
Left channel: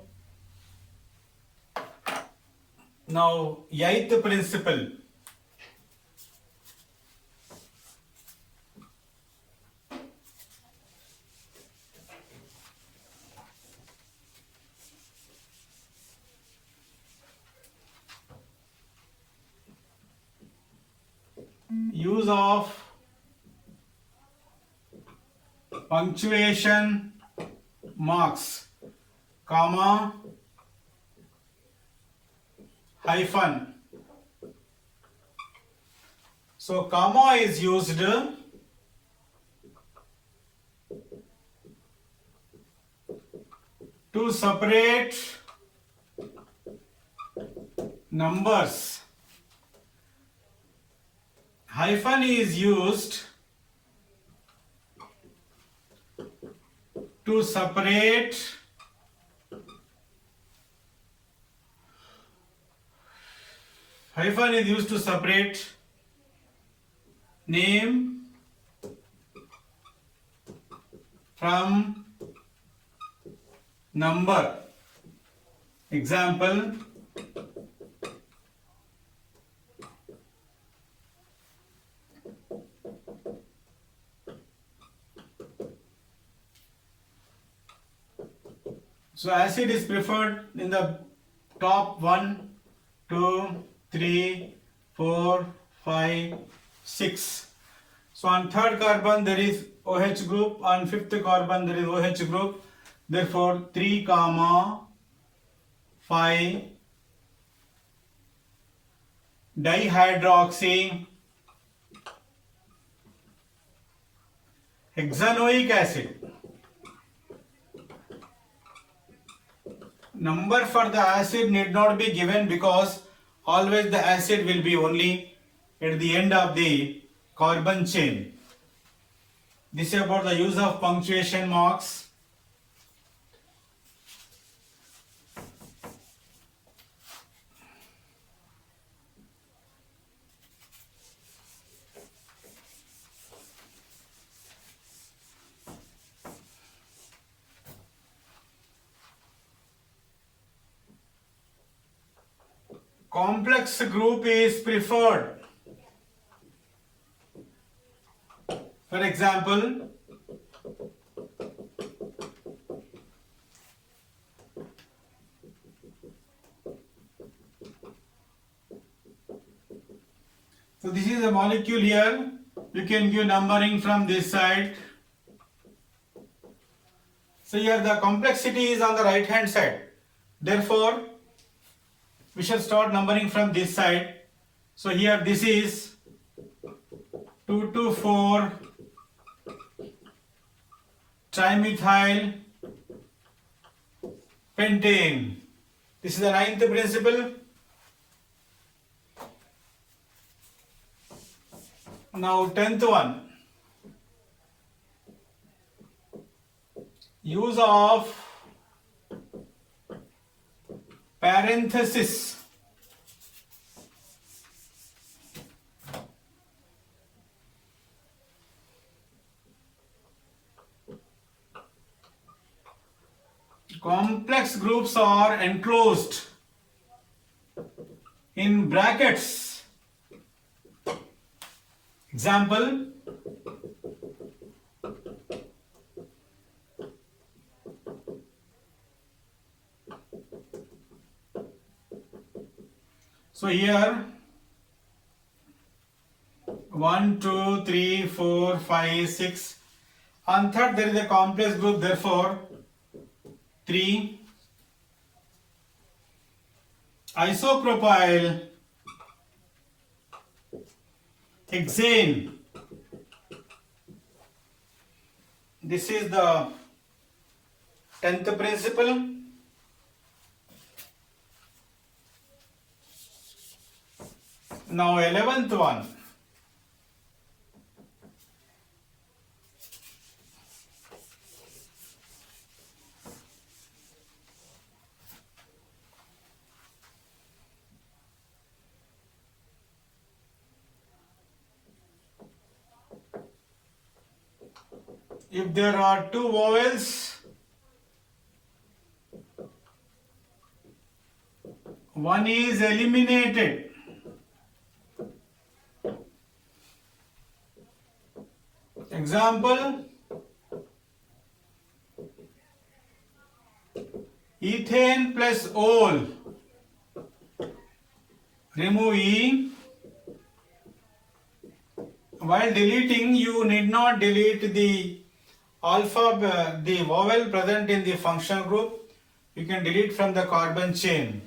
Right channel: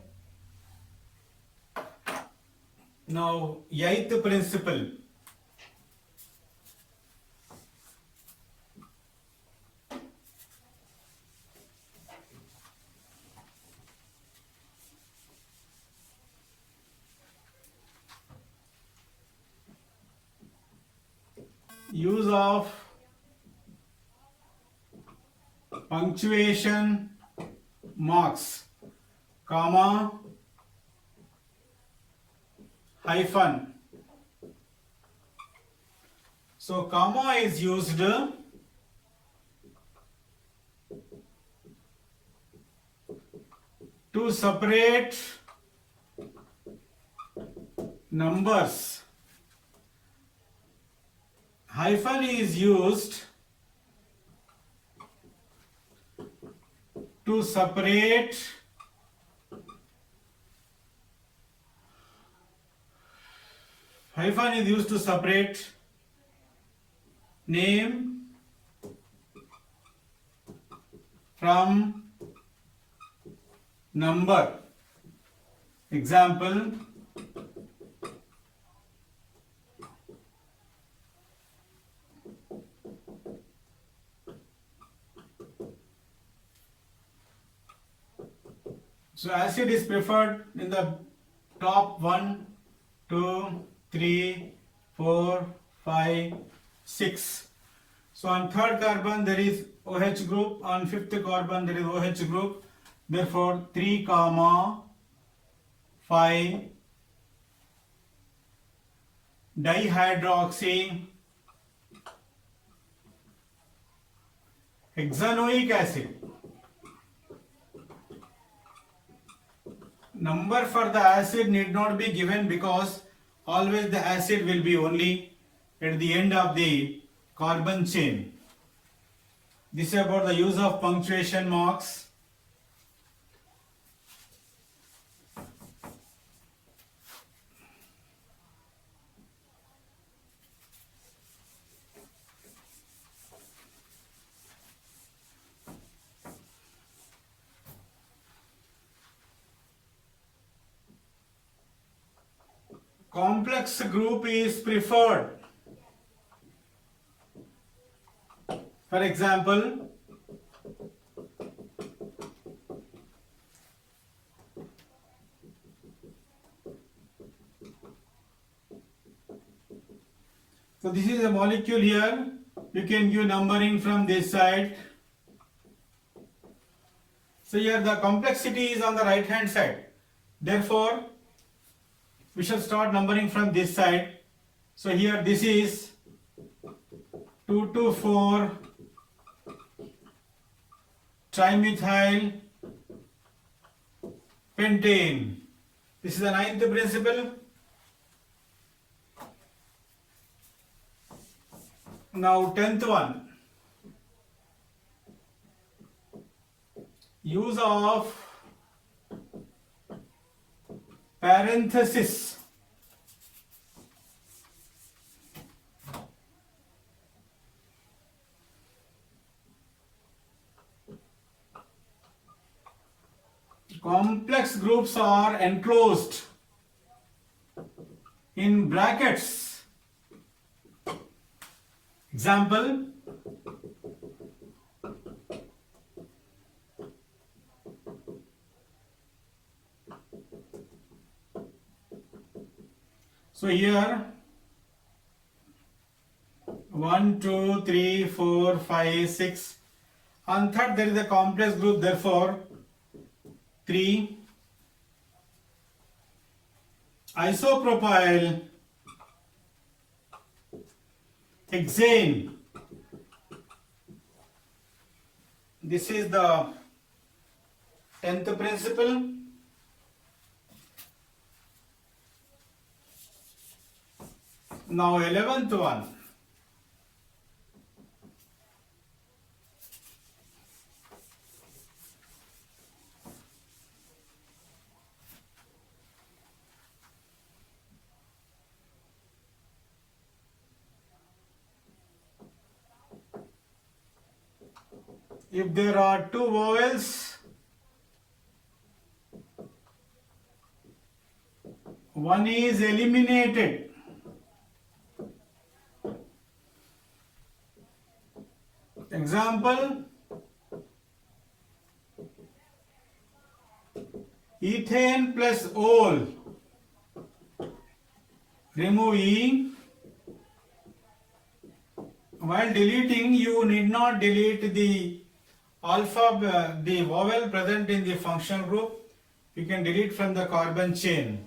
Now, eighth principle. Use of punctuation marks, comma, hyphen. So comma is used to separate numbers. Hyphen is used to separate name from number. Example, so acid is preferred in the top 1, 2, 3, 4, 5, 6. So on third carbon there is OH group, on fifth carbon there is OH group. Therefore 3, 5 dihydroxy hexanoic acid. Number for the acid need not be given because always the acid will be only at the end of the carbon chain. This is about the use of punctuation marks. Complex group is preferred. For example, so this is a molecule here. You can give numbering from this side. So here the complexity is on the right hand side. Therefore, we shall start numbering from this side. So here this is 2,2,4 trimethyl pentane. This is the ninth principle. Now 10th one. Use of parenthesis. Complex groups are enclosed in brackets. Example, so here 1, 2, 3, 4, 5, 6. On third there is a complex group, therefore 3. Isopropyl hexane. This is the 10th principle. Now 11th one. If there are two vowels, one is eliminated. Example, ethane plus ol. Remove E. While deleting, you need not delete the the vowel present in the functional group. You can delete from the carbon chain.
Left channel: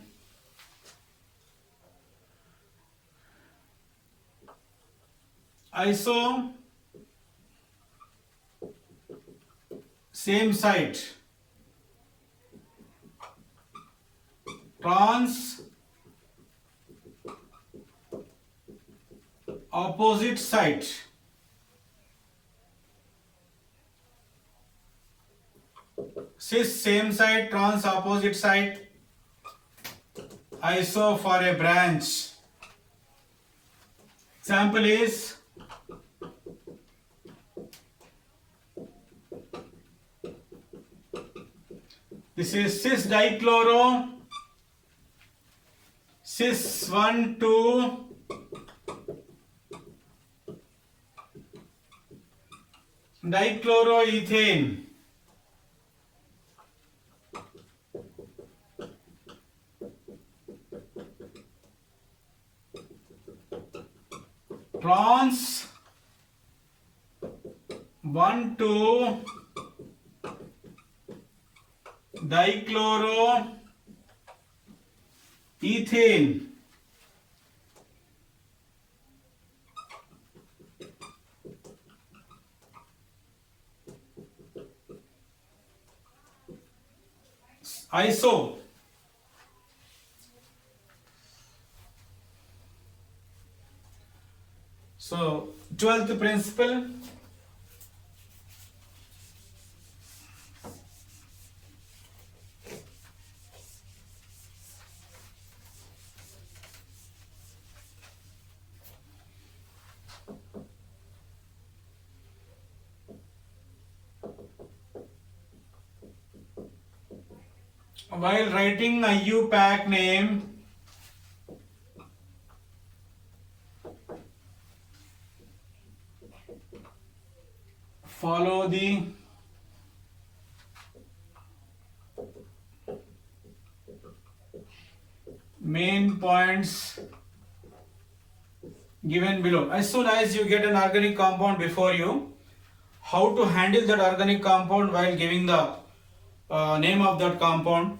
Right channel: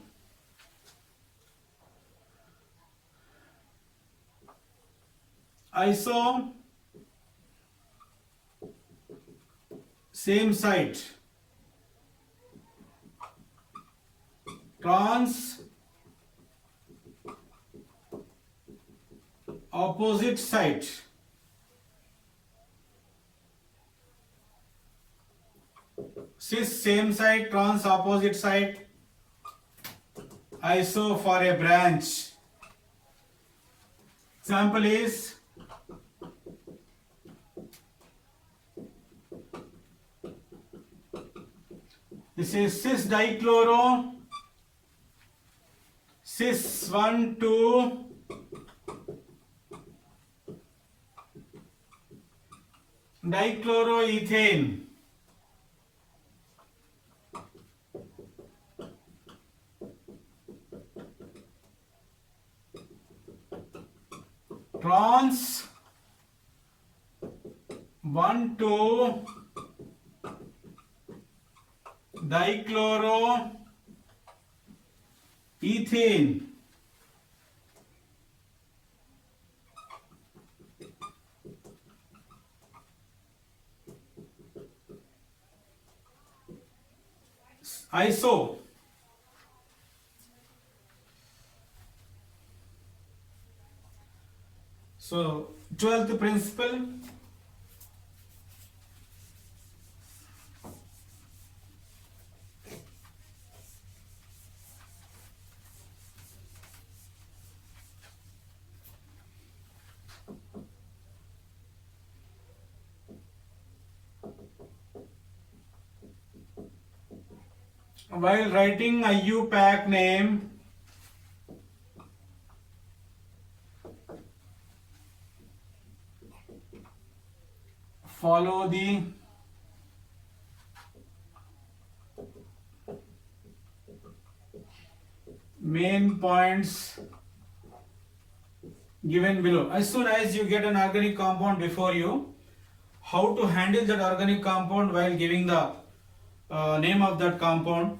Iso, same site. Trans, opposite site. Cis, same side. Trans, opposite side. Iso for a branch. Example is this is cis dichloro, cis 1, 2, dichloroethane. Trans 1, 2, dichloroethane. Iso. So 12th principle. While writing IUPAC name, follow the main points given below. As soon as you get an organic compound before you, how to handle that organic compound while giving the name of that compound.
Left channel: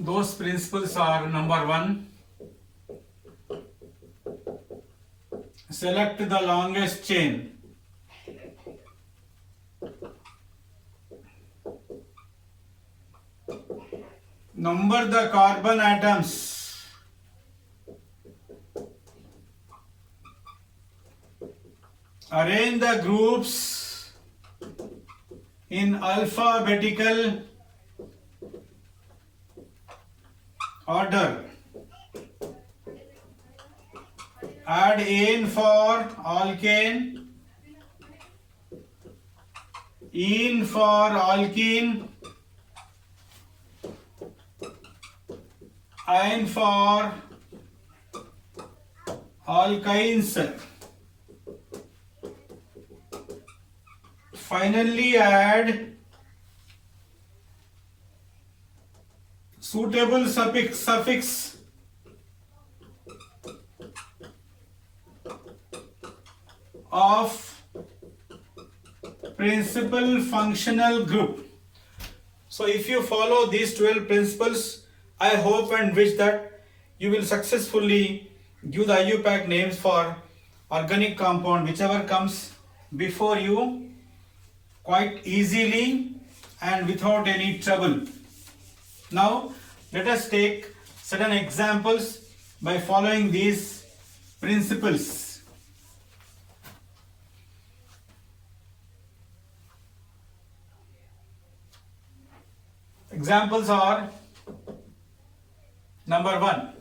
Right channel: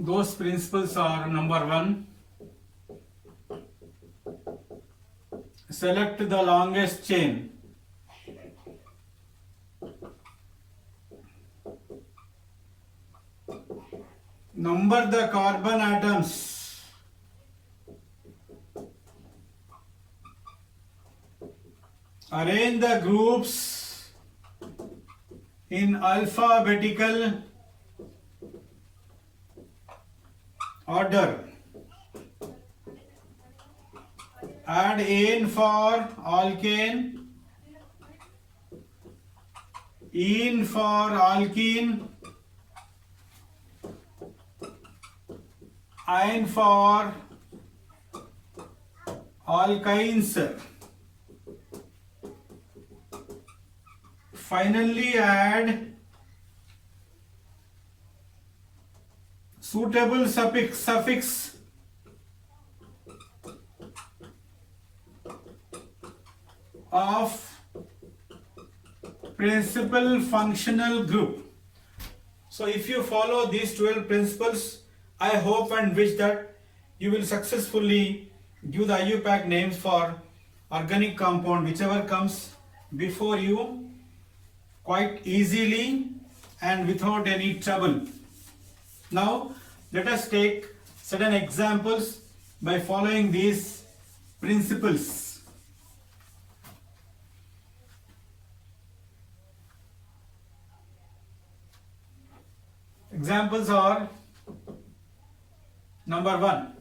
Those principles are: number 1, select the longest chain. Number the carbon atoms. Arrange the groups in alphabetical order. Add ane for alkane, ene for alkene, ine for alkynes. Finally add suitable suffix of principal functional group. So if you follow these 12 principles, I hope and wish that you will successfully give the IUPAC names for organic compound whichever comes before you quite easily and without any trouble. Now let us take certain examples by following these principles. Examples are: number 1,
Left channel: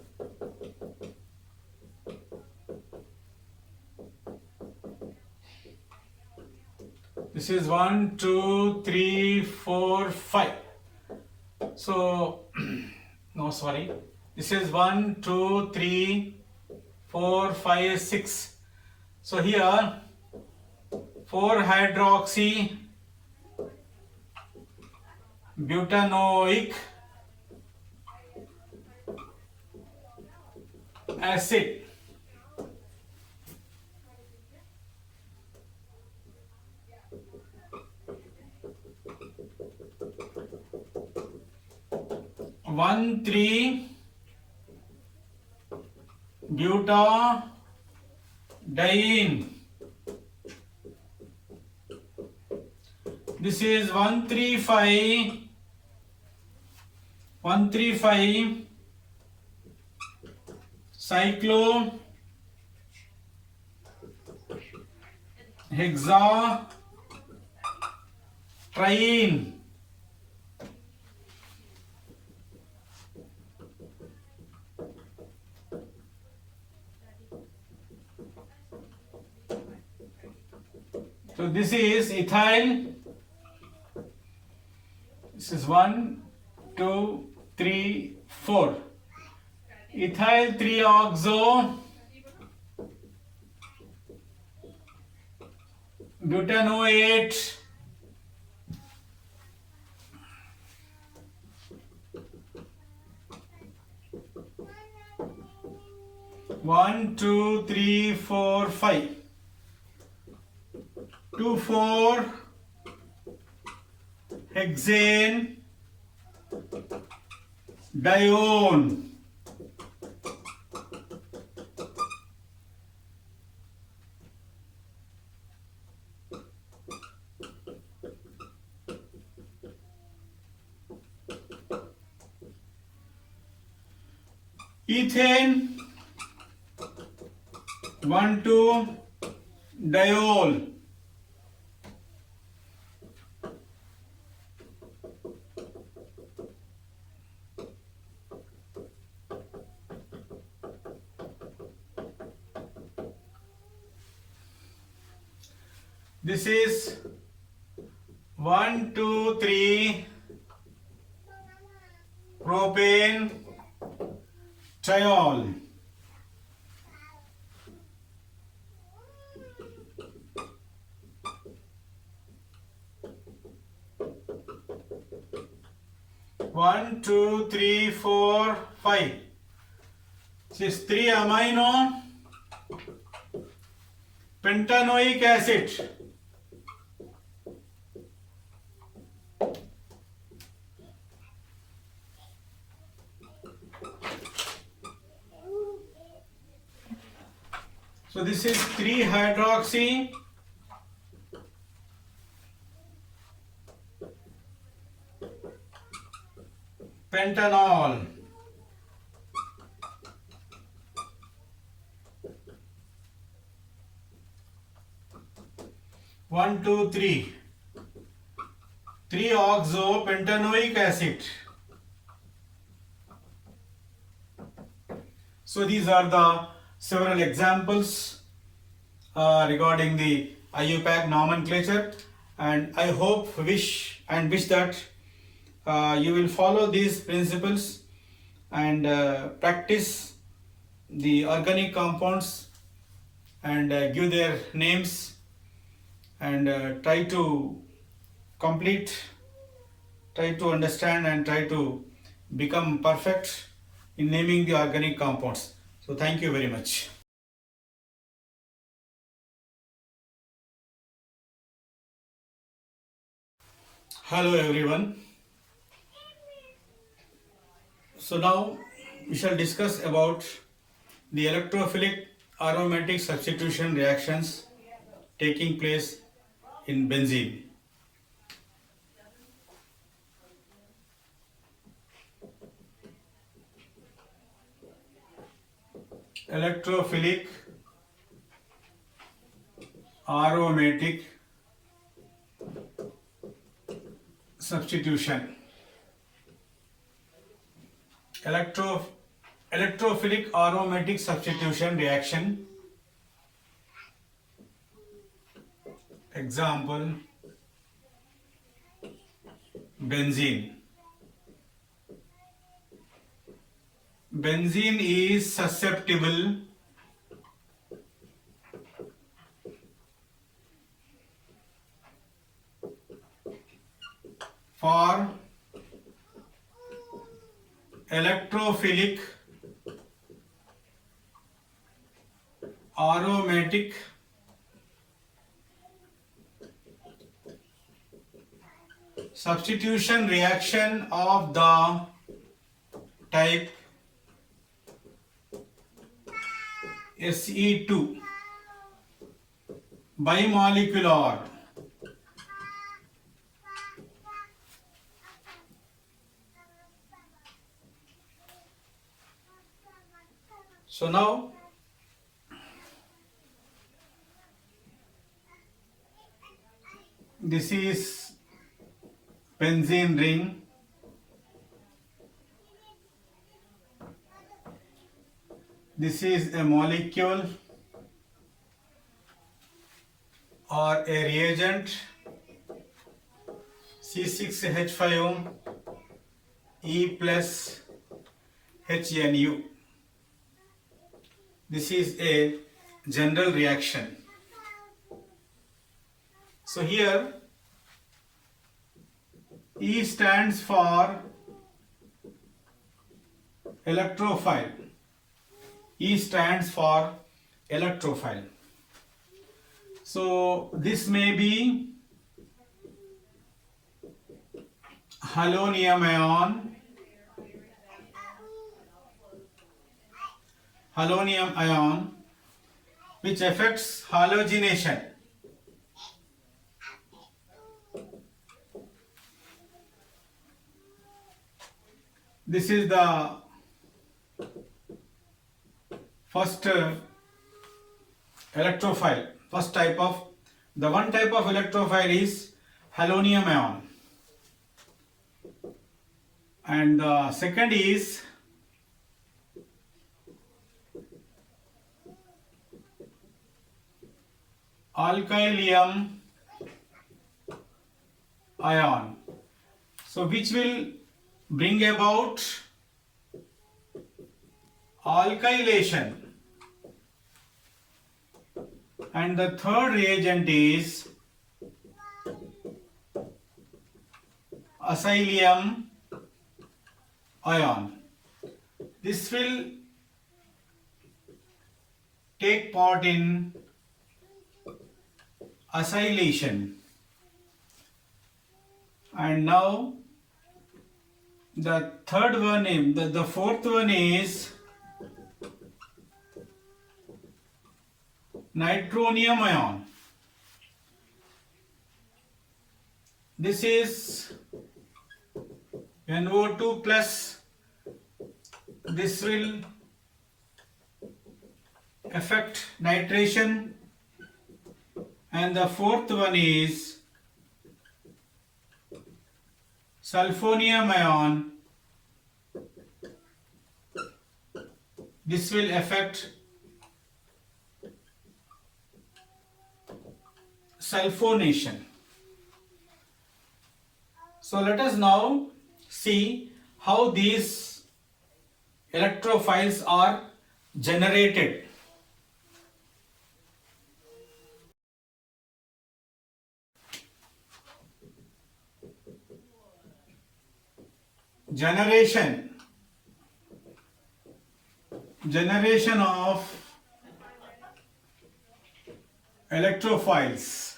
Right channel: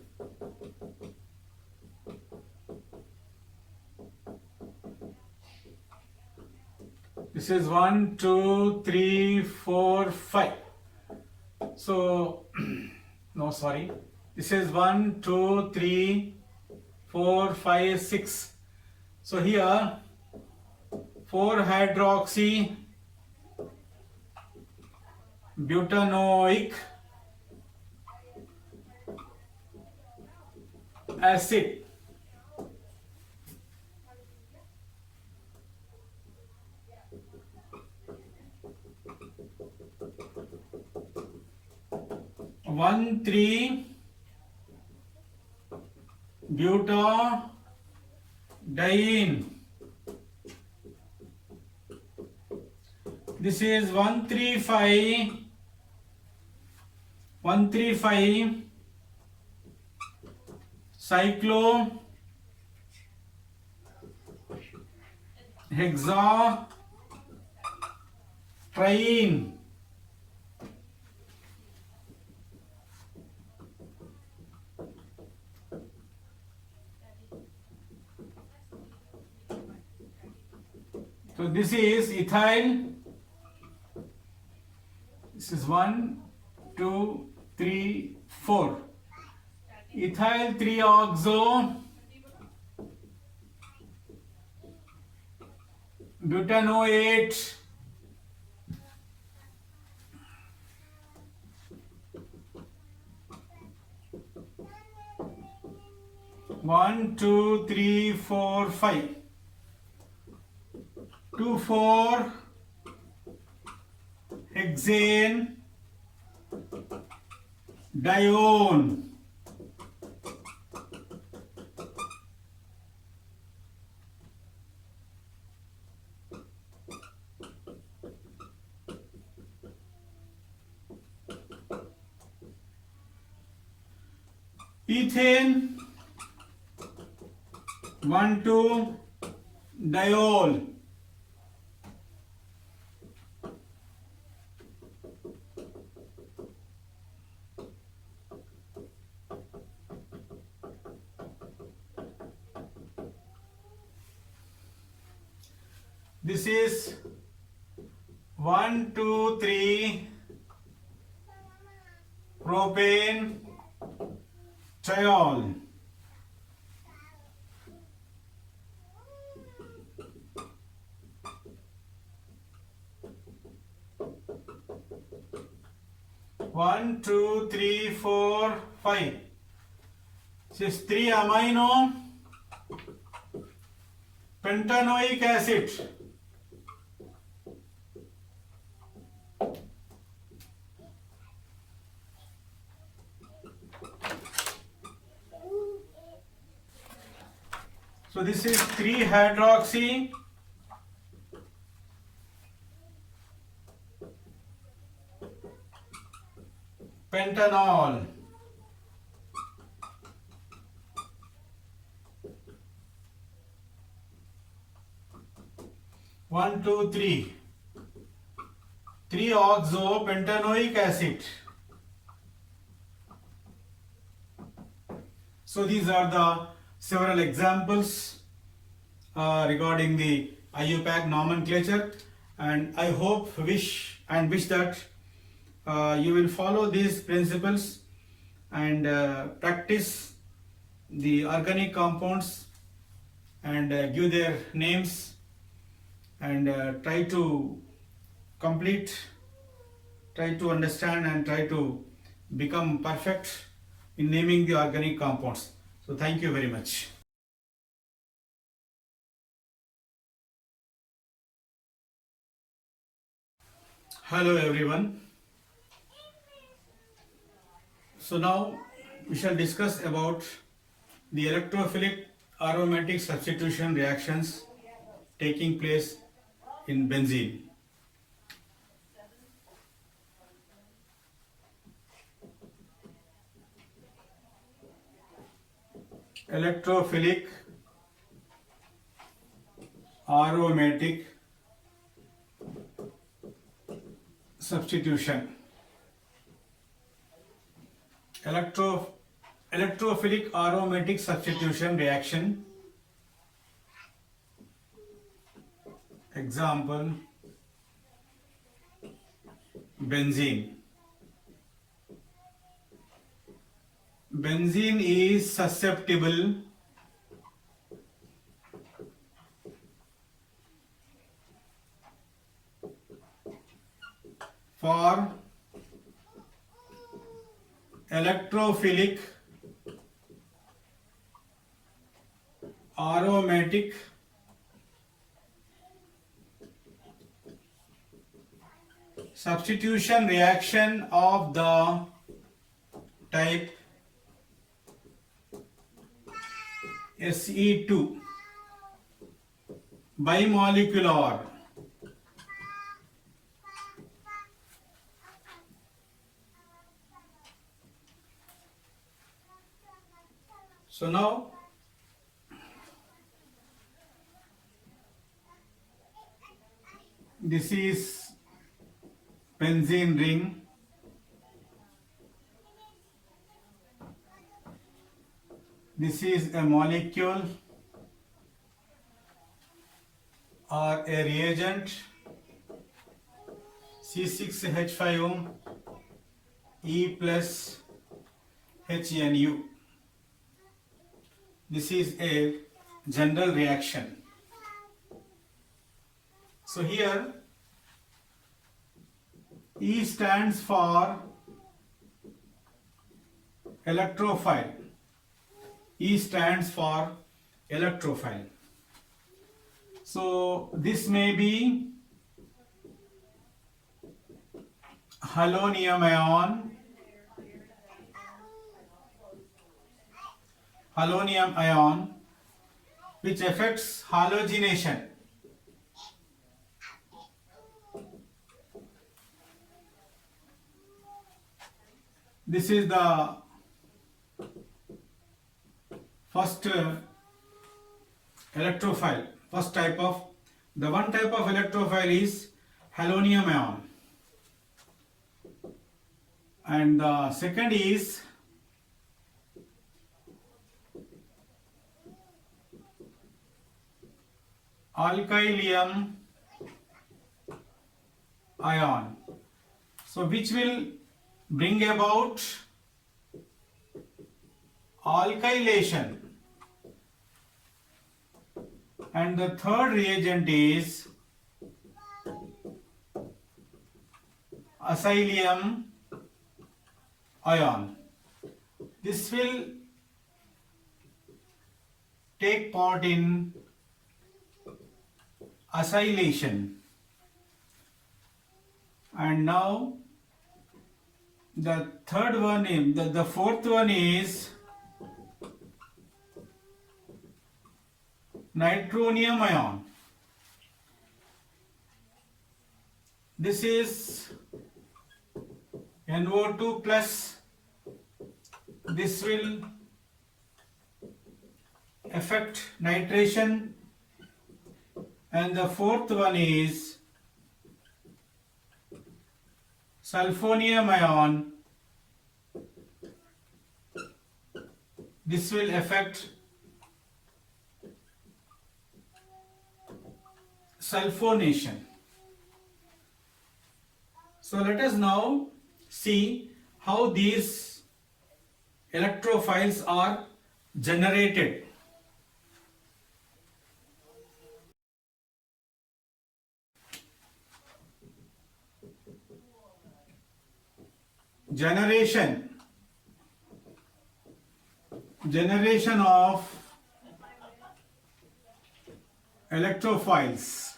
this is 1, 2, 3, 4, 5. So, no, sorry. This is 1, 2, 3, 4, 5, 6. So here 4-hydroxy butanoic acid. One three butadiene. This is 135 cyclohexatriene. So this is ethyl. This is 1, 2, 3, 4. Ethyl 3-oxo butanoate one, 2, 3, 4, 5. 2,4 hexane dione. Ethane 1,2 diol. This is 1, 2, 3 propane triol. One, 2, 3, 4, 5. This is 3 amino pentanoic acid. So this is 3-hydroxy pentanol. 1, 2, 3. 3-oxo pentanoic acid. So these are the several examples regarding the IUPAC nomenclature, and I hope, wish that you will follow these principles and practice the organic compounds and give their names and try to complete, try to understand and try to become perfect in naming the organic compounds. So thank you very much. Hello everyone. So now we shall discuss about the electrophilic aromatic substitution reactions taking place in benzene. Electrophilic aromatic substitution. Electrophilic aromatic substitution reaction. Example, benzene. Benzene is susceptible for electrophilic aromatic substitution reaction of the type Se2 bimolecular. So now this is benzene ring. This is a molecule or a reagent, C6H5 E plus HNU. This is a general reaction. So here E stands for electrophile. E stands for electrophile. So this may be halonium ion which affects halogenation. This is the first electrophile. First type of, the one type of electrophile is halonium ion, and the second is alkylium ion. So which will bring about alkylation. And the third reagent is acylium ion. This will take part in acylation. And now the third one, the fourth one is nitronium ion. This is NO2 plus. This will affect nitration. And the fourth one is sulfonium ion. This will affect sulfonation. So let us now see how these electrophiles are generated. Generation of electrophiles.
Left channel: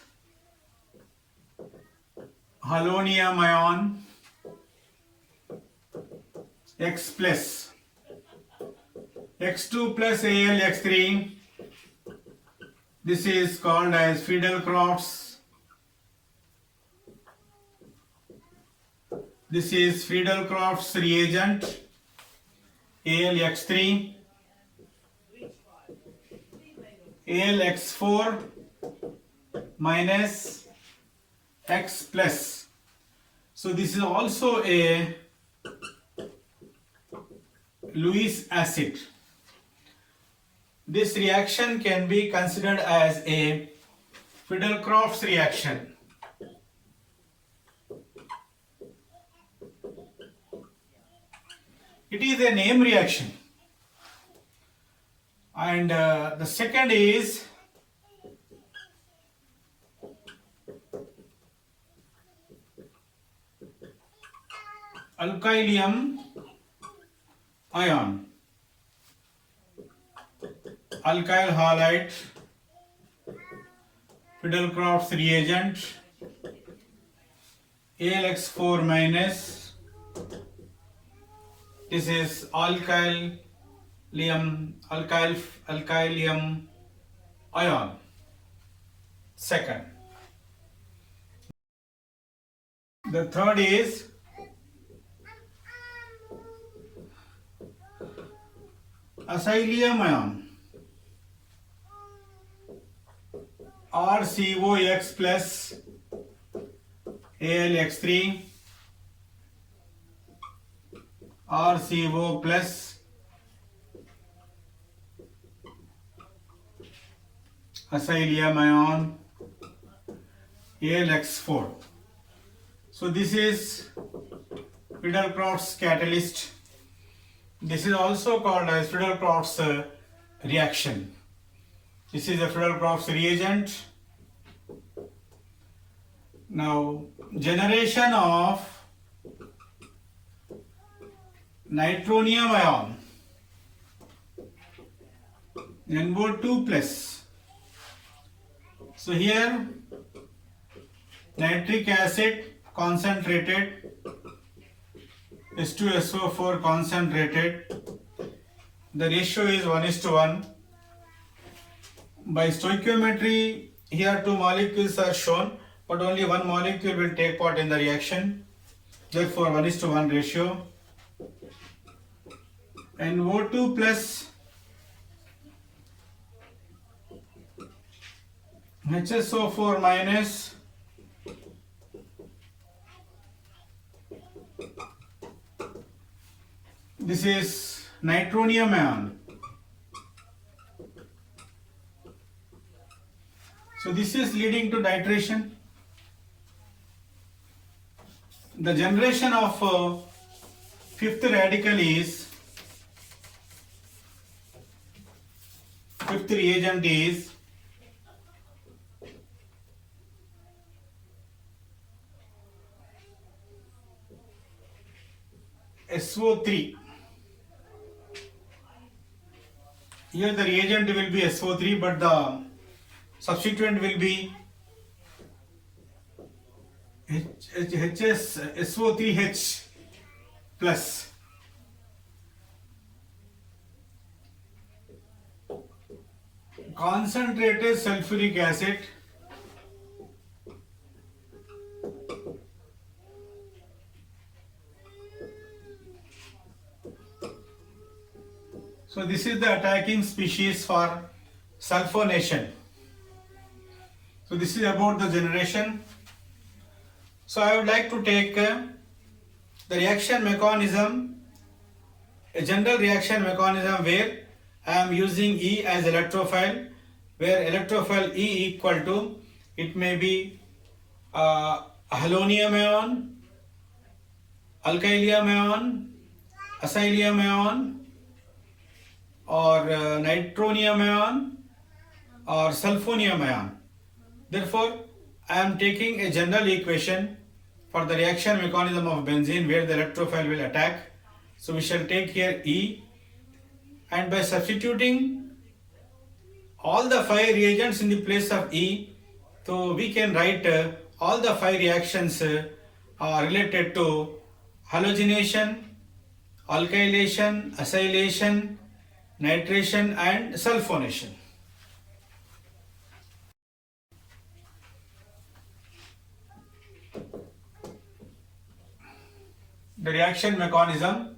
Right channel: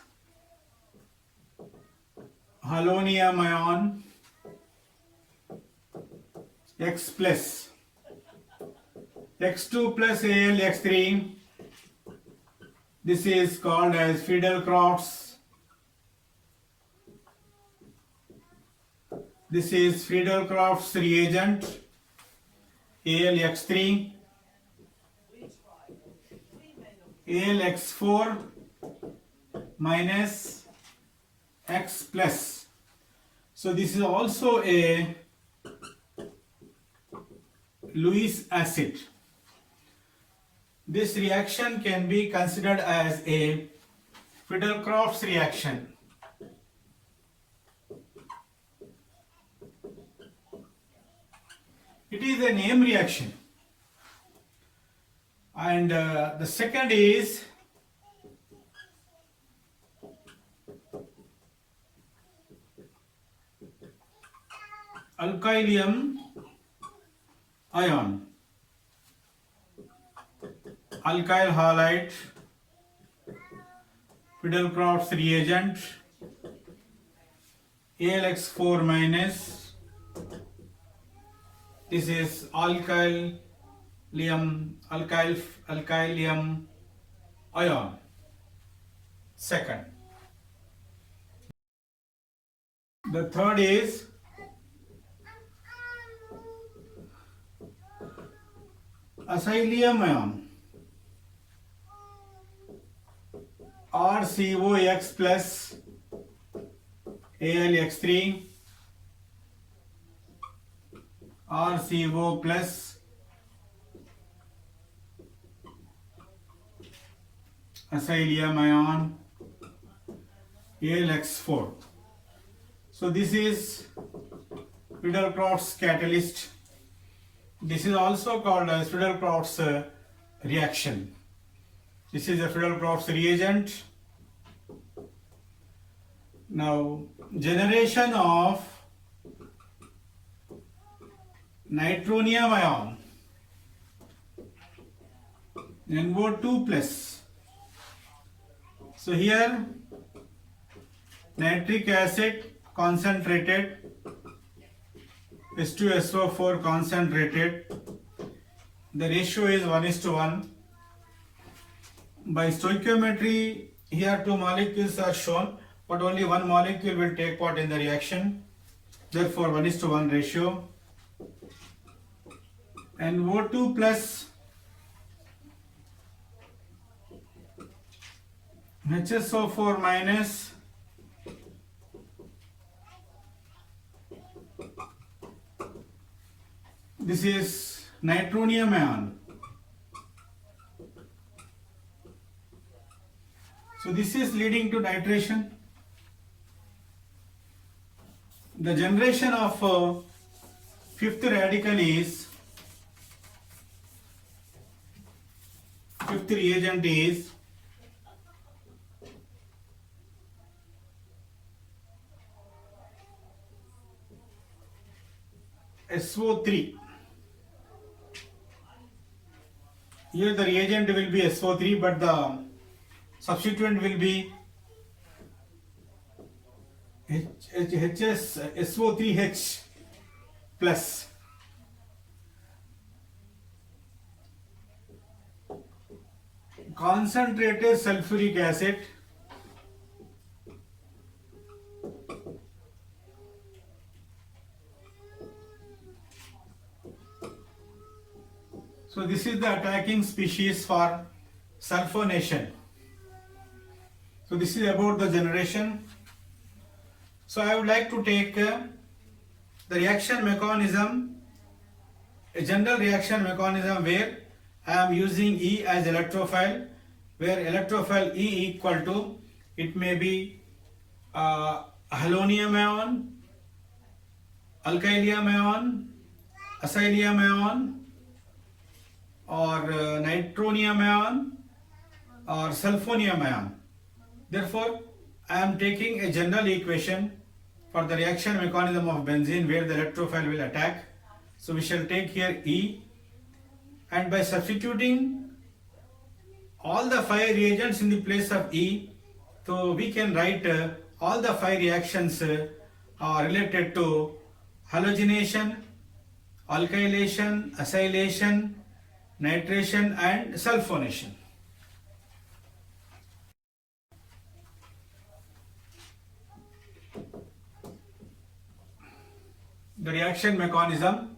Halonium ion X plus X2 plus Al X3. This is called as Friedel-Crafts. This is Friedel-Crafts reagent AlX3, AlX4 minus X plus. So this is also a Lewis acid. This reaction can be considered as a Friedel-Crafts reaction. It is a name reaction. And the second is alkylium ion, alkyl halide, Friedel-Crafts reagent AlX4 minus. This is alkylium ion. Second. The third is acylium ion, RCOX plus AlX3, RCO plus acylium ion AlX4. So this is Friedel-Crafts catalyst. This is also called as Friedel-Crafts reaction. This is a Friedel-Crafts reagent. Now, generation of nitronium ion, NO2 plus. So here nitric acid concentrated, H2SO4 concentrated. The ratio is 1:1. By stoichiometry, here two molecules are shown, but only one molecule will take part in the reaction. Therefore, 1:1 ratio. And O2 plus HSO4 minus this is nitronium ion. So this is leading to nitration. The generation of fifth radical is, fifth reagent is SO3. Here the reagent will be SO3, but the substituent will be SO3H plus. Concentrated sulfuric acid so this is the attacking species for sulfonation. So this is about the generation. So I would like to take the reaction mechanism, a general reaction mechanism where I am using E as electrophile, where electrophile E equal to, it may be halonium ion, alkylium ion, acylium ion, or nitronium ion, or sulfonium ion. Therefore, I am taking a general equation for the reaction mechanism of benzene where the electrophile will attack. So we shall take here E, and by substituting all the 5 reagents in the place of E, so we can write all the 5 reactions related to halogenation, alkylation, acylation, nitration and sulfonation. The reaction mechanism:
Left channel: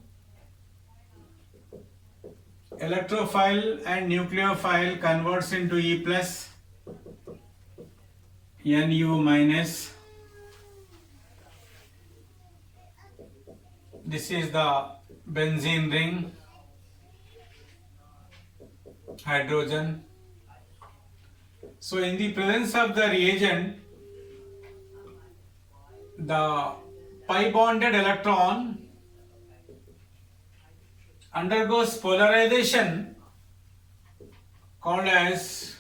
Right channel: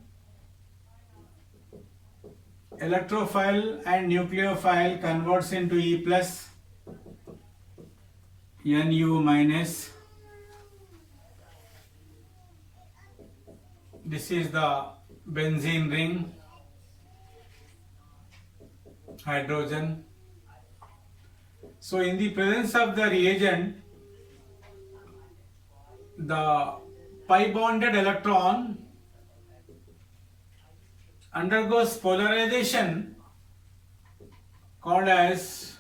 electrophile and nucleophile converts into E plus, Nu minus. This is the benzene ring, hydrogen. So in the presence of the reagent, the pi bonded electron undergoes polarization called as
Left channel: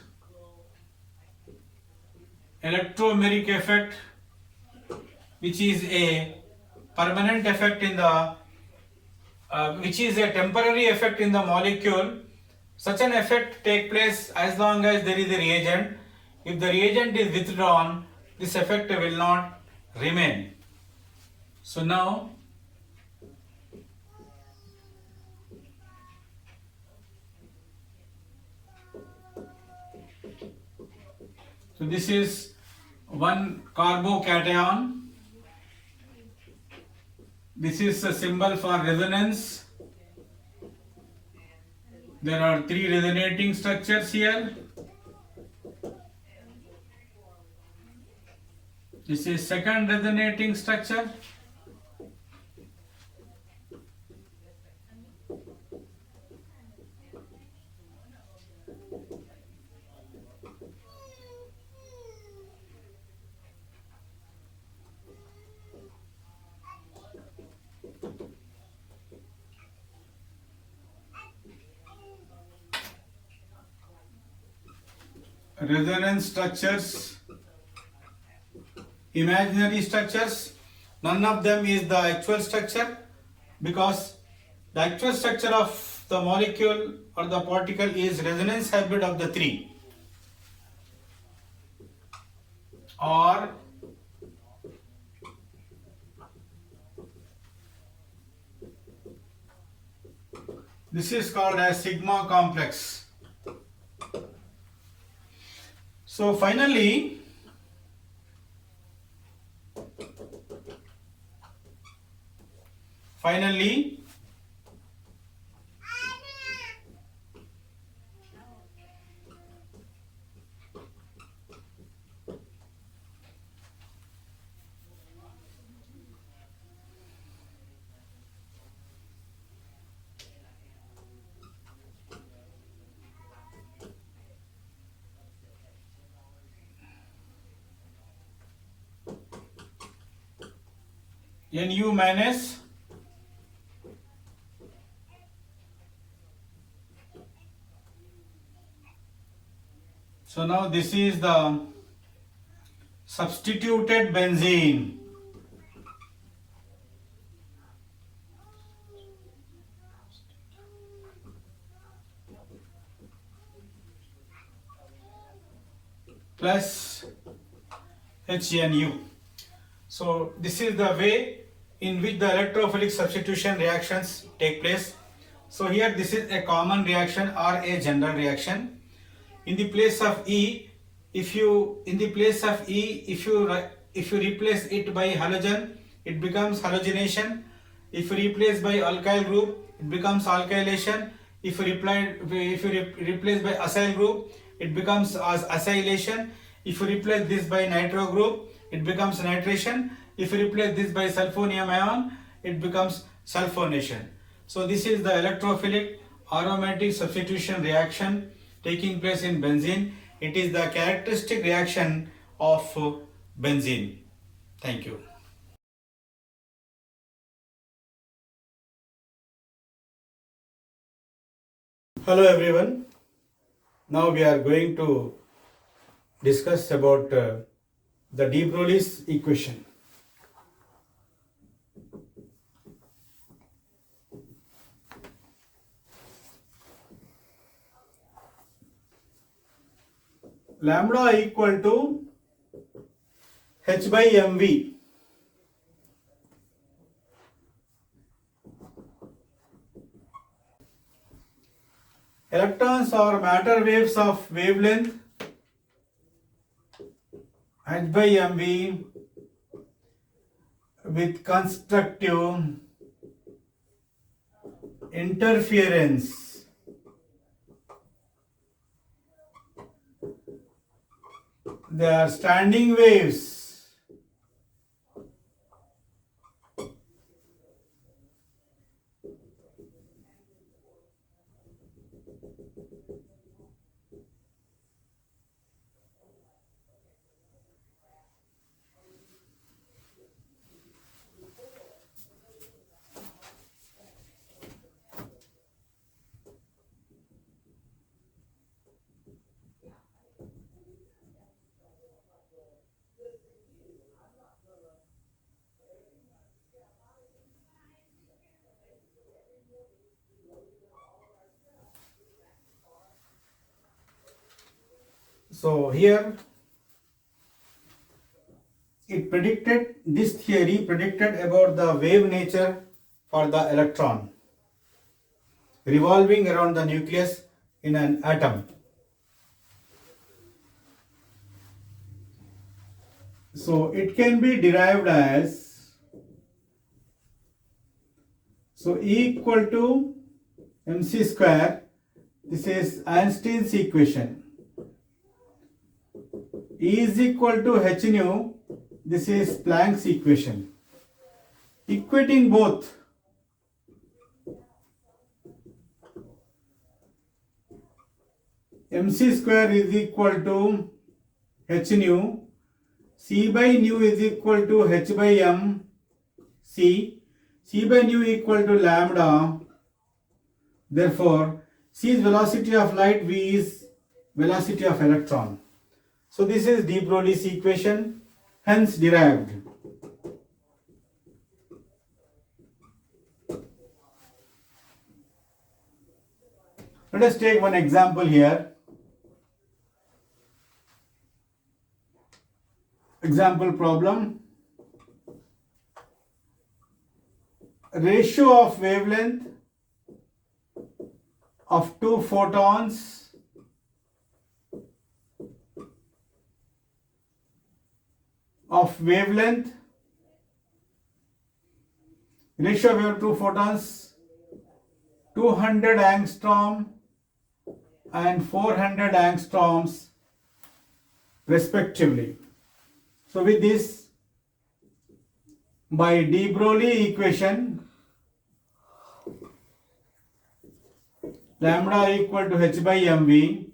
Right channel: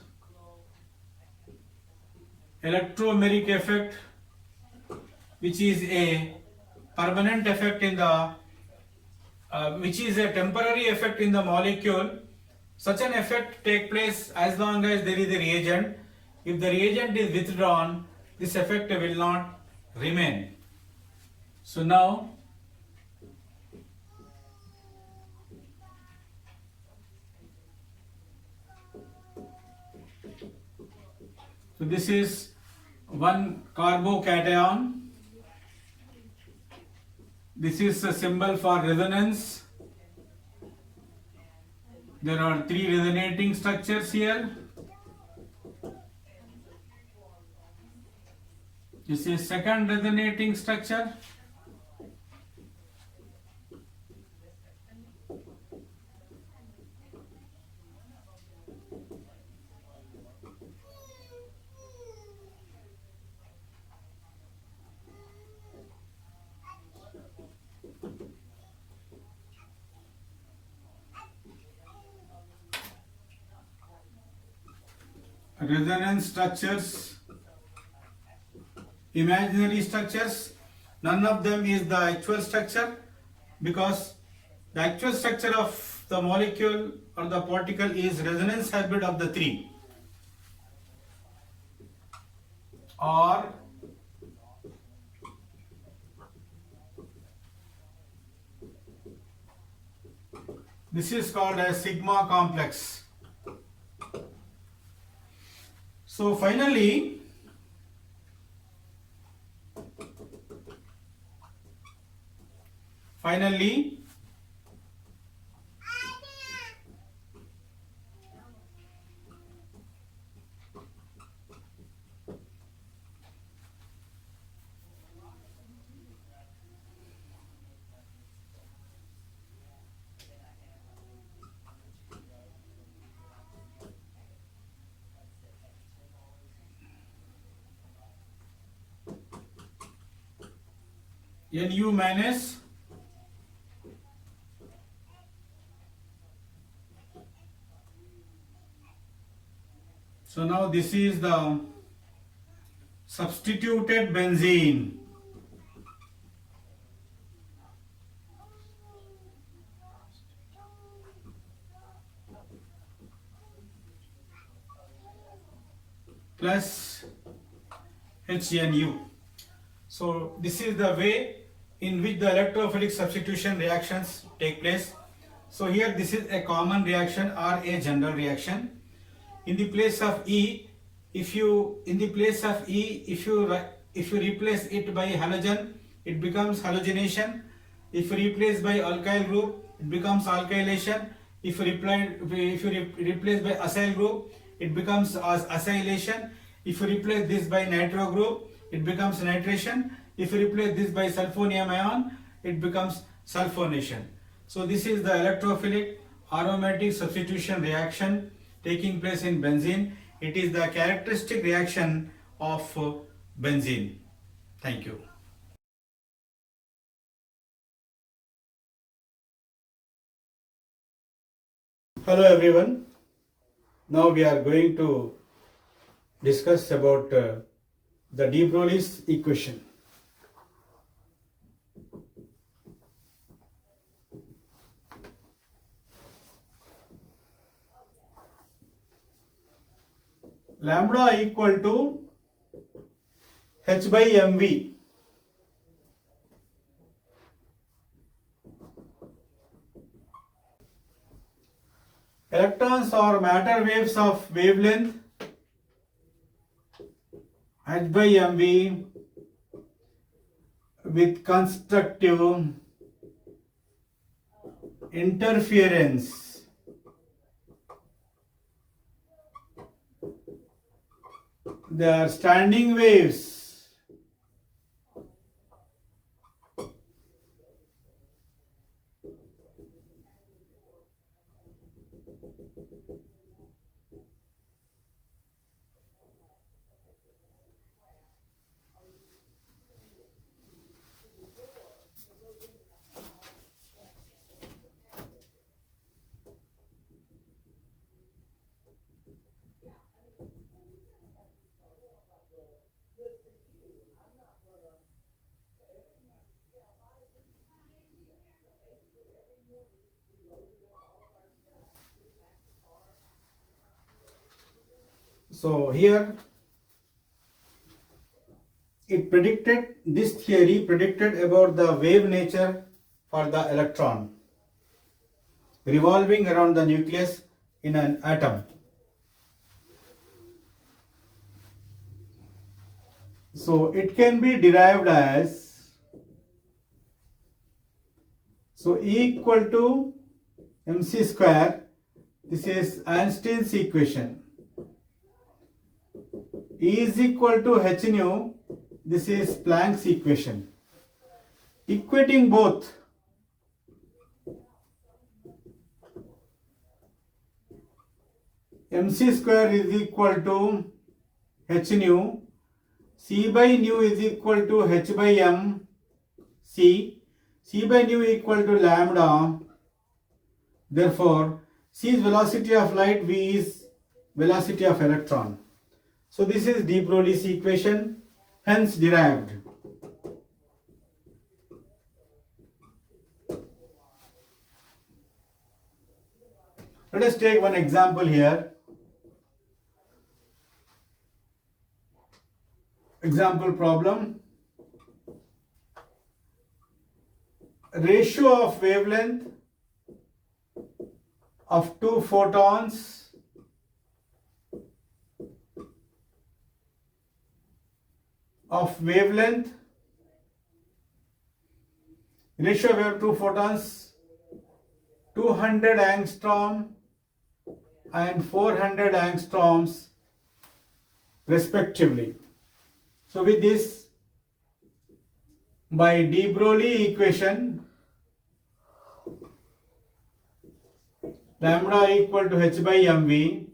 electromeric effect, which is a permanent effect in the which is a temporary effect in the molecule. Such an effect takes place as long as there is a reagent. If the reagent is withdrawn, this effect will not remain. So now this is one carbocation. This is a symbol for resonance. There are 3 resonating structures here. This is second resonating structure. Resonance structures, imaginary structures, none of them is the actual structure, because the actual structure of the molecule or the particle is resonance hybrid of the 3, or this is called as sigma complex. So finally, Nu minus so now this is the substituted benzene. Plus HNU. So this is the way in which the electrophilic substitution reactions take place. So here this is a common reaction or a general reaction. In the place of E, if you replace it by halogen, it becomes halogenation. If you replace by alkyl group, it becomes alkylation. If you replace by acyl group, it becomes acylation. If you replace this by nitro group, it becomes nitration. If you replace this by sulfonium ion, it becomes sulfonation. So this is the electrophilic aromatic substitution reaction taking place in benzene. It is the characteristic reaction of benzene. Thank you. Hello everyone. Now we are going to discuss about the de Broglie's equation. Lambda equal to H by mv. Electrons are matter waves of wavelength H by mv with constructive interference. They are standing waves. So here this theory predicted about the wave nature for the electron revolving around the nucleus in an atom. So it can be derived as, so E equal to mc square, this is Einstein's equation. E is equal to h nu, this is Planck's equation. Equating both, mc square is equal to h nu, c by nu is equal to h by m c by nu equal to lambda. Therefore, c is velocity of light, v is velocity of electron. So this is de Broglie's equation, hence derived. Let us take one example here. Example problem. Ratio of wavelength of two photons of wavelength, ratio of two photons 200 angstrom and 400 angstroms respectively. So with this, by de Broglie equation, lambda equal to h by mv.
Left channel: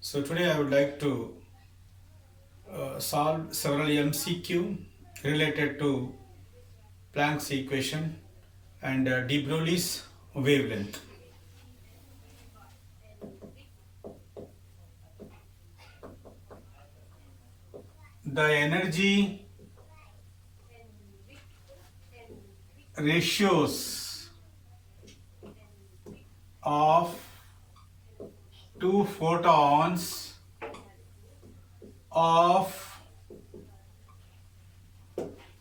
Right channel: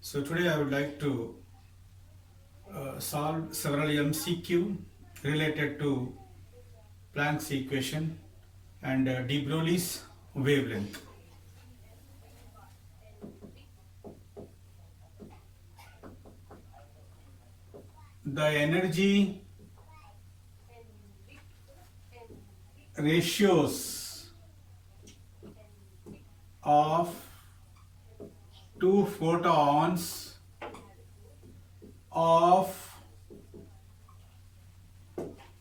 So today I would like to solve several MCQ related to Planck's equation and de Broglie's wavelength. The energy ratios of two photons of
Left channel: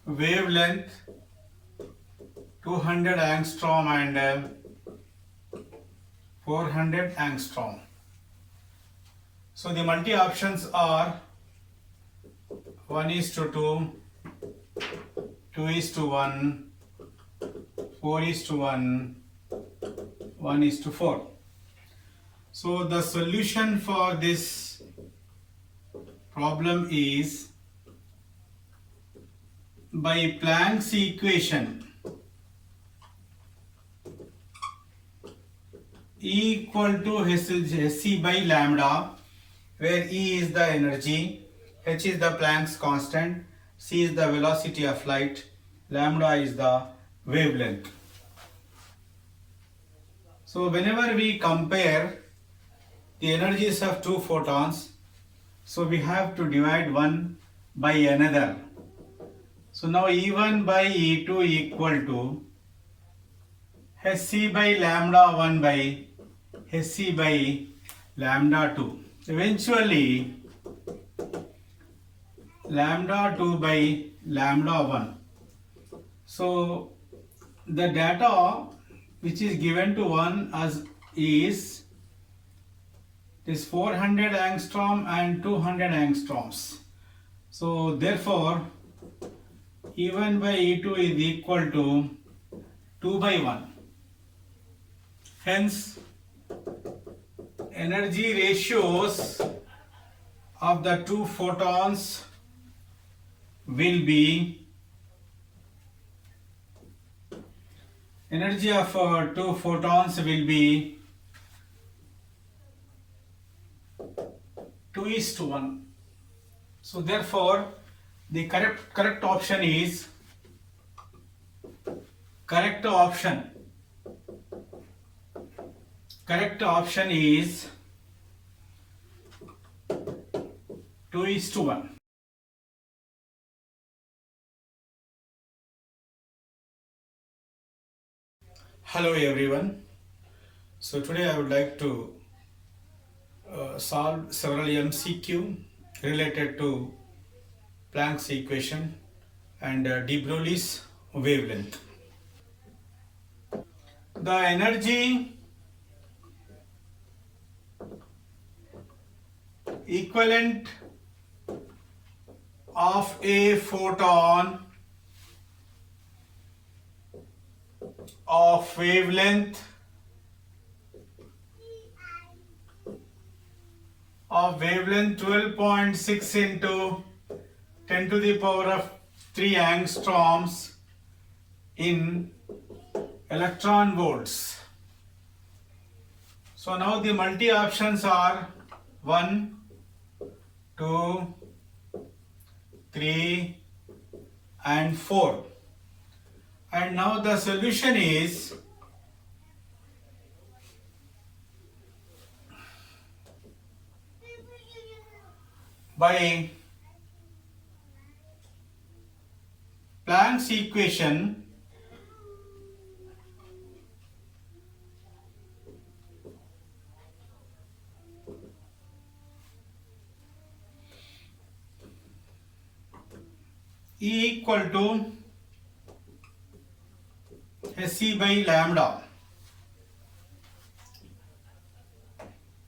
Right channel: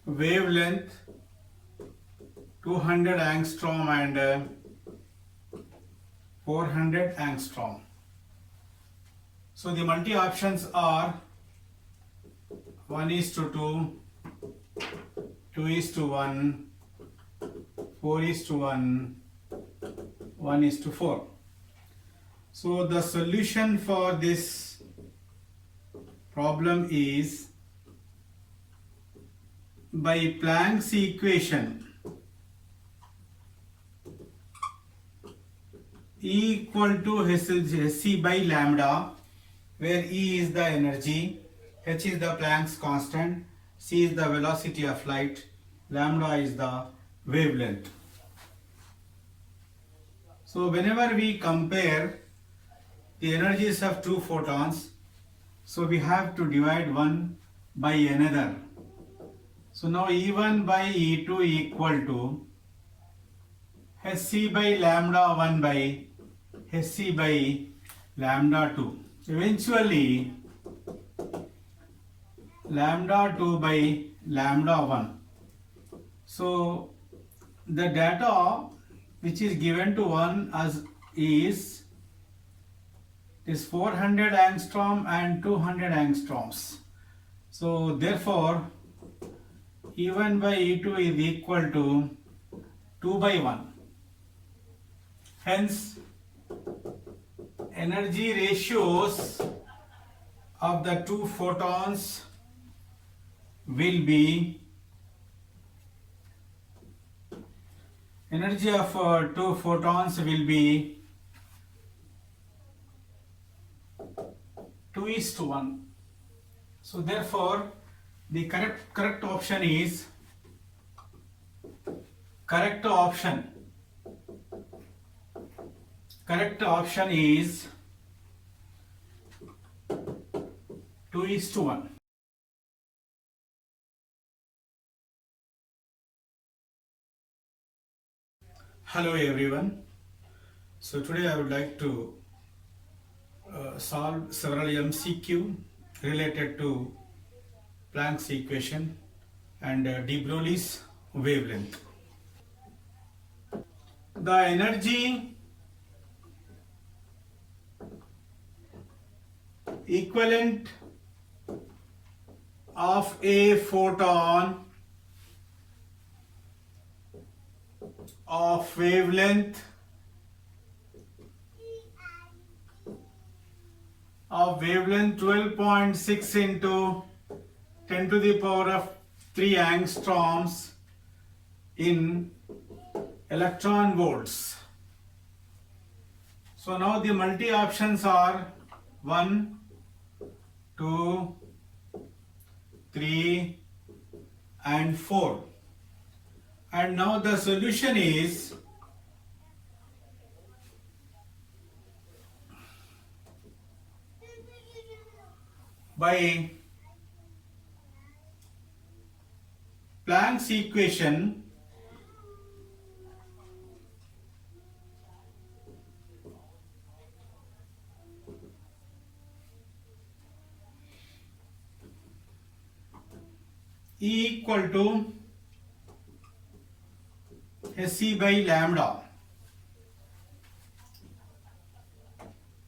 wavelength 200 angstrom and 400 angstrom. So the multi options are 1:2, 2:1, 4:1, 1:4. So the solution for this problem is, by Planck's equation, E equal to hc by lambda, where E is the energy, h is the Planck's constant, c is the velocity of light, lambda is the wavelength. So whenever we compare the energies of two photons, so we have to divide one by another. So now E1 by E2 equal to hc by lambda 1 by hc by lambda 2. Eventually lambda 2 by lambda 1. So the data which is given to one as is 400 angstrom and 200 angstroms. So therefore E1 by E2 is equal to 2 by 1. Hence energy ratios of the two photons will be energy of two photons will be 2:1. So therefore the correct option is correct option is 2:1. Hello everyone. So today I would like to solve several MCQ related to Planck's equation and de Broglie's wavelength. The energy equivalent of a photon of wavelength 12.6 into 10 to the power of 3 angstroms in electron volts. So now the multi options are 1, 2, 3 and 4. And now the solution is by Planck's equation E equal to hc by lambda.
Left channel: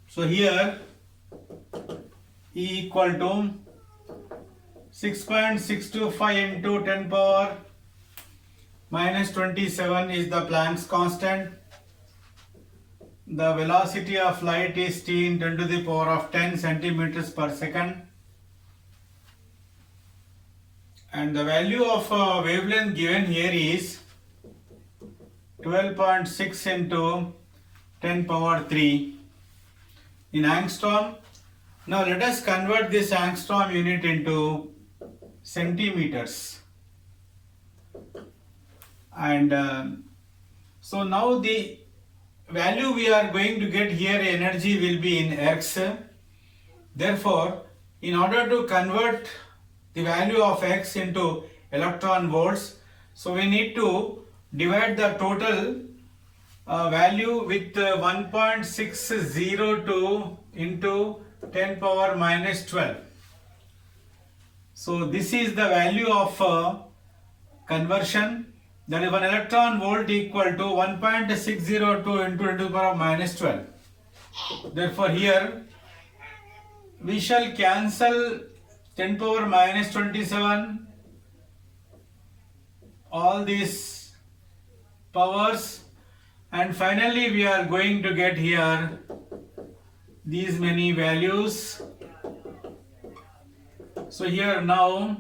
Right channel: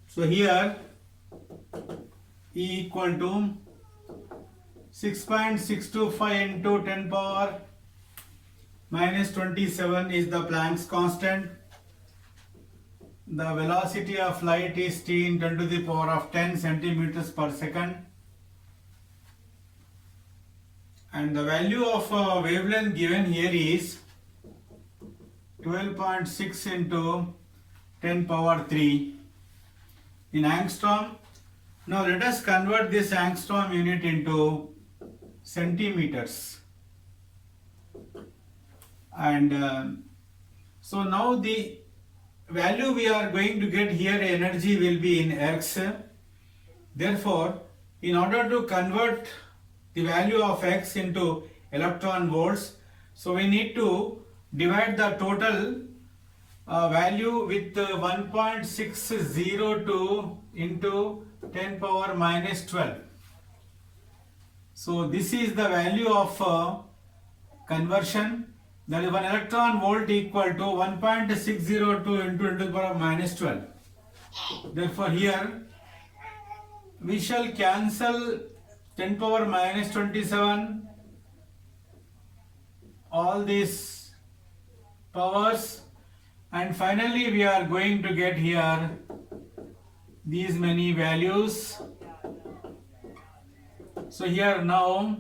So here E equal to 6.625 into 10 power minus 27 is the Planck's constant. The velocity of light is t in 10 to the power of 10 centimeters per second. And the value of wavelength given here is 12.6 into 10 power 3 in angstrom. Now let us convert this angstrom unit into centimeters. And so now the value we are going to get here, energy will be in X. Therefore, in order to convert the value of X into electron volts, so we need to divide the total value with 1.602 into 10 power minus 12. So this is the value of conversion. That is 1 electron volt equal to 1.602 into 10 to the power minus 12. Therefore here we shall cancel 10 power minus 27, all these powers, and finally we are going to get here these many values. So here now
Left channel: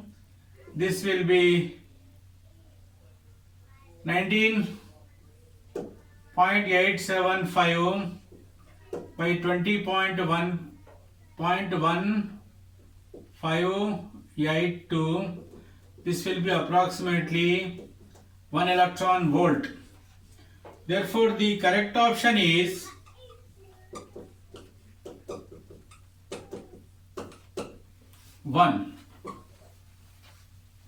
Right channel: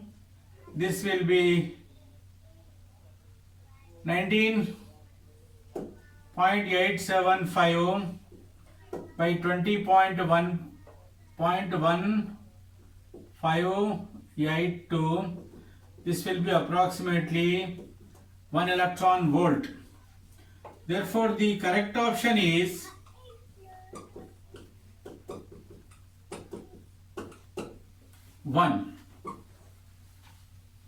this will be 19.875 by 20.1.1582. This will be approximately 1 electron volt. Therefore, the correct option is one.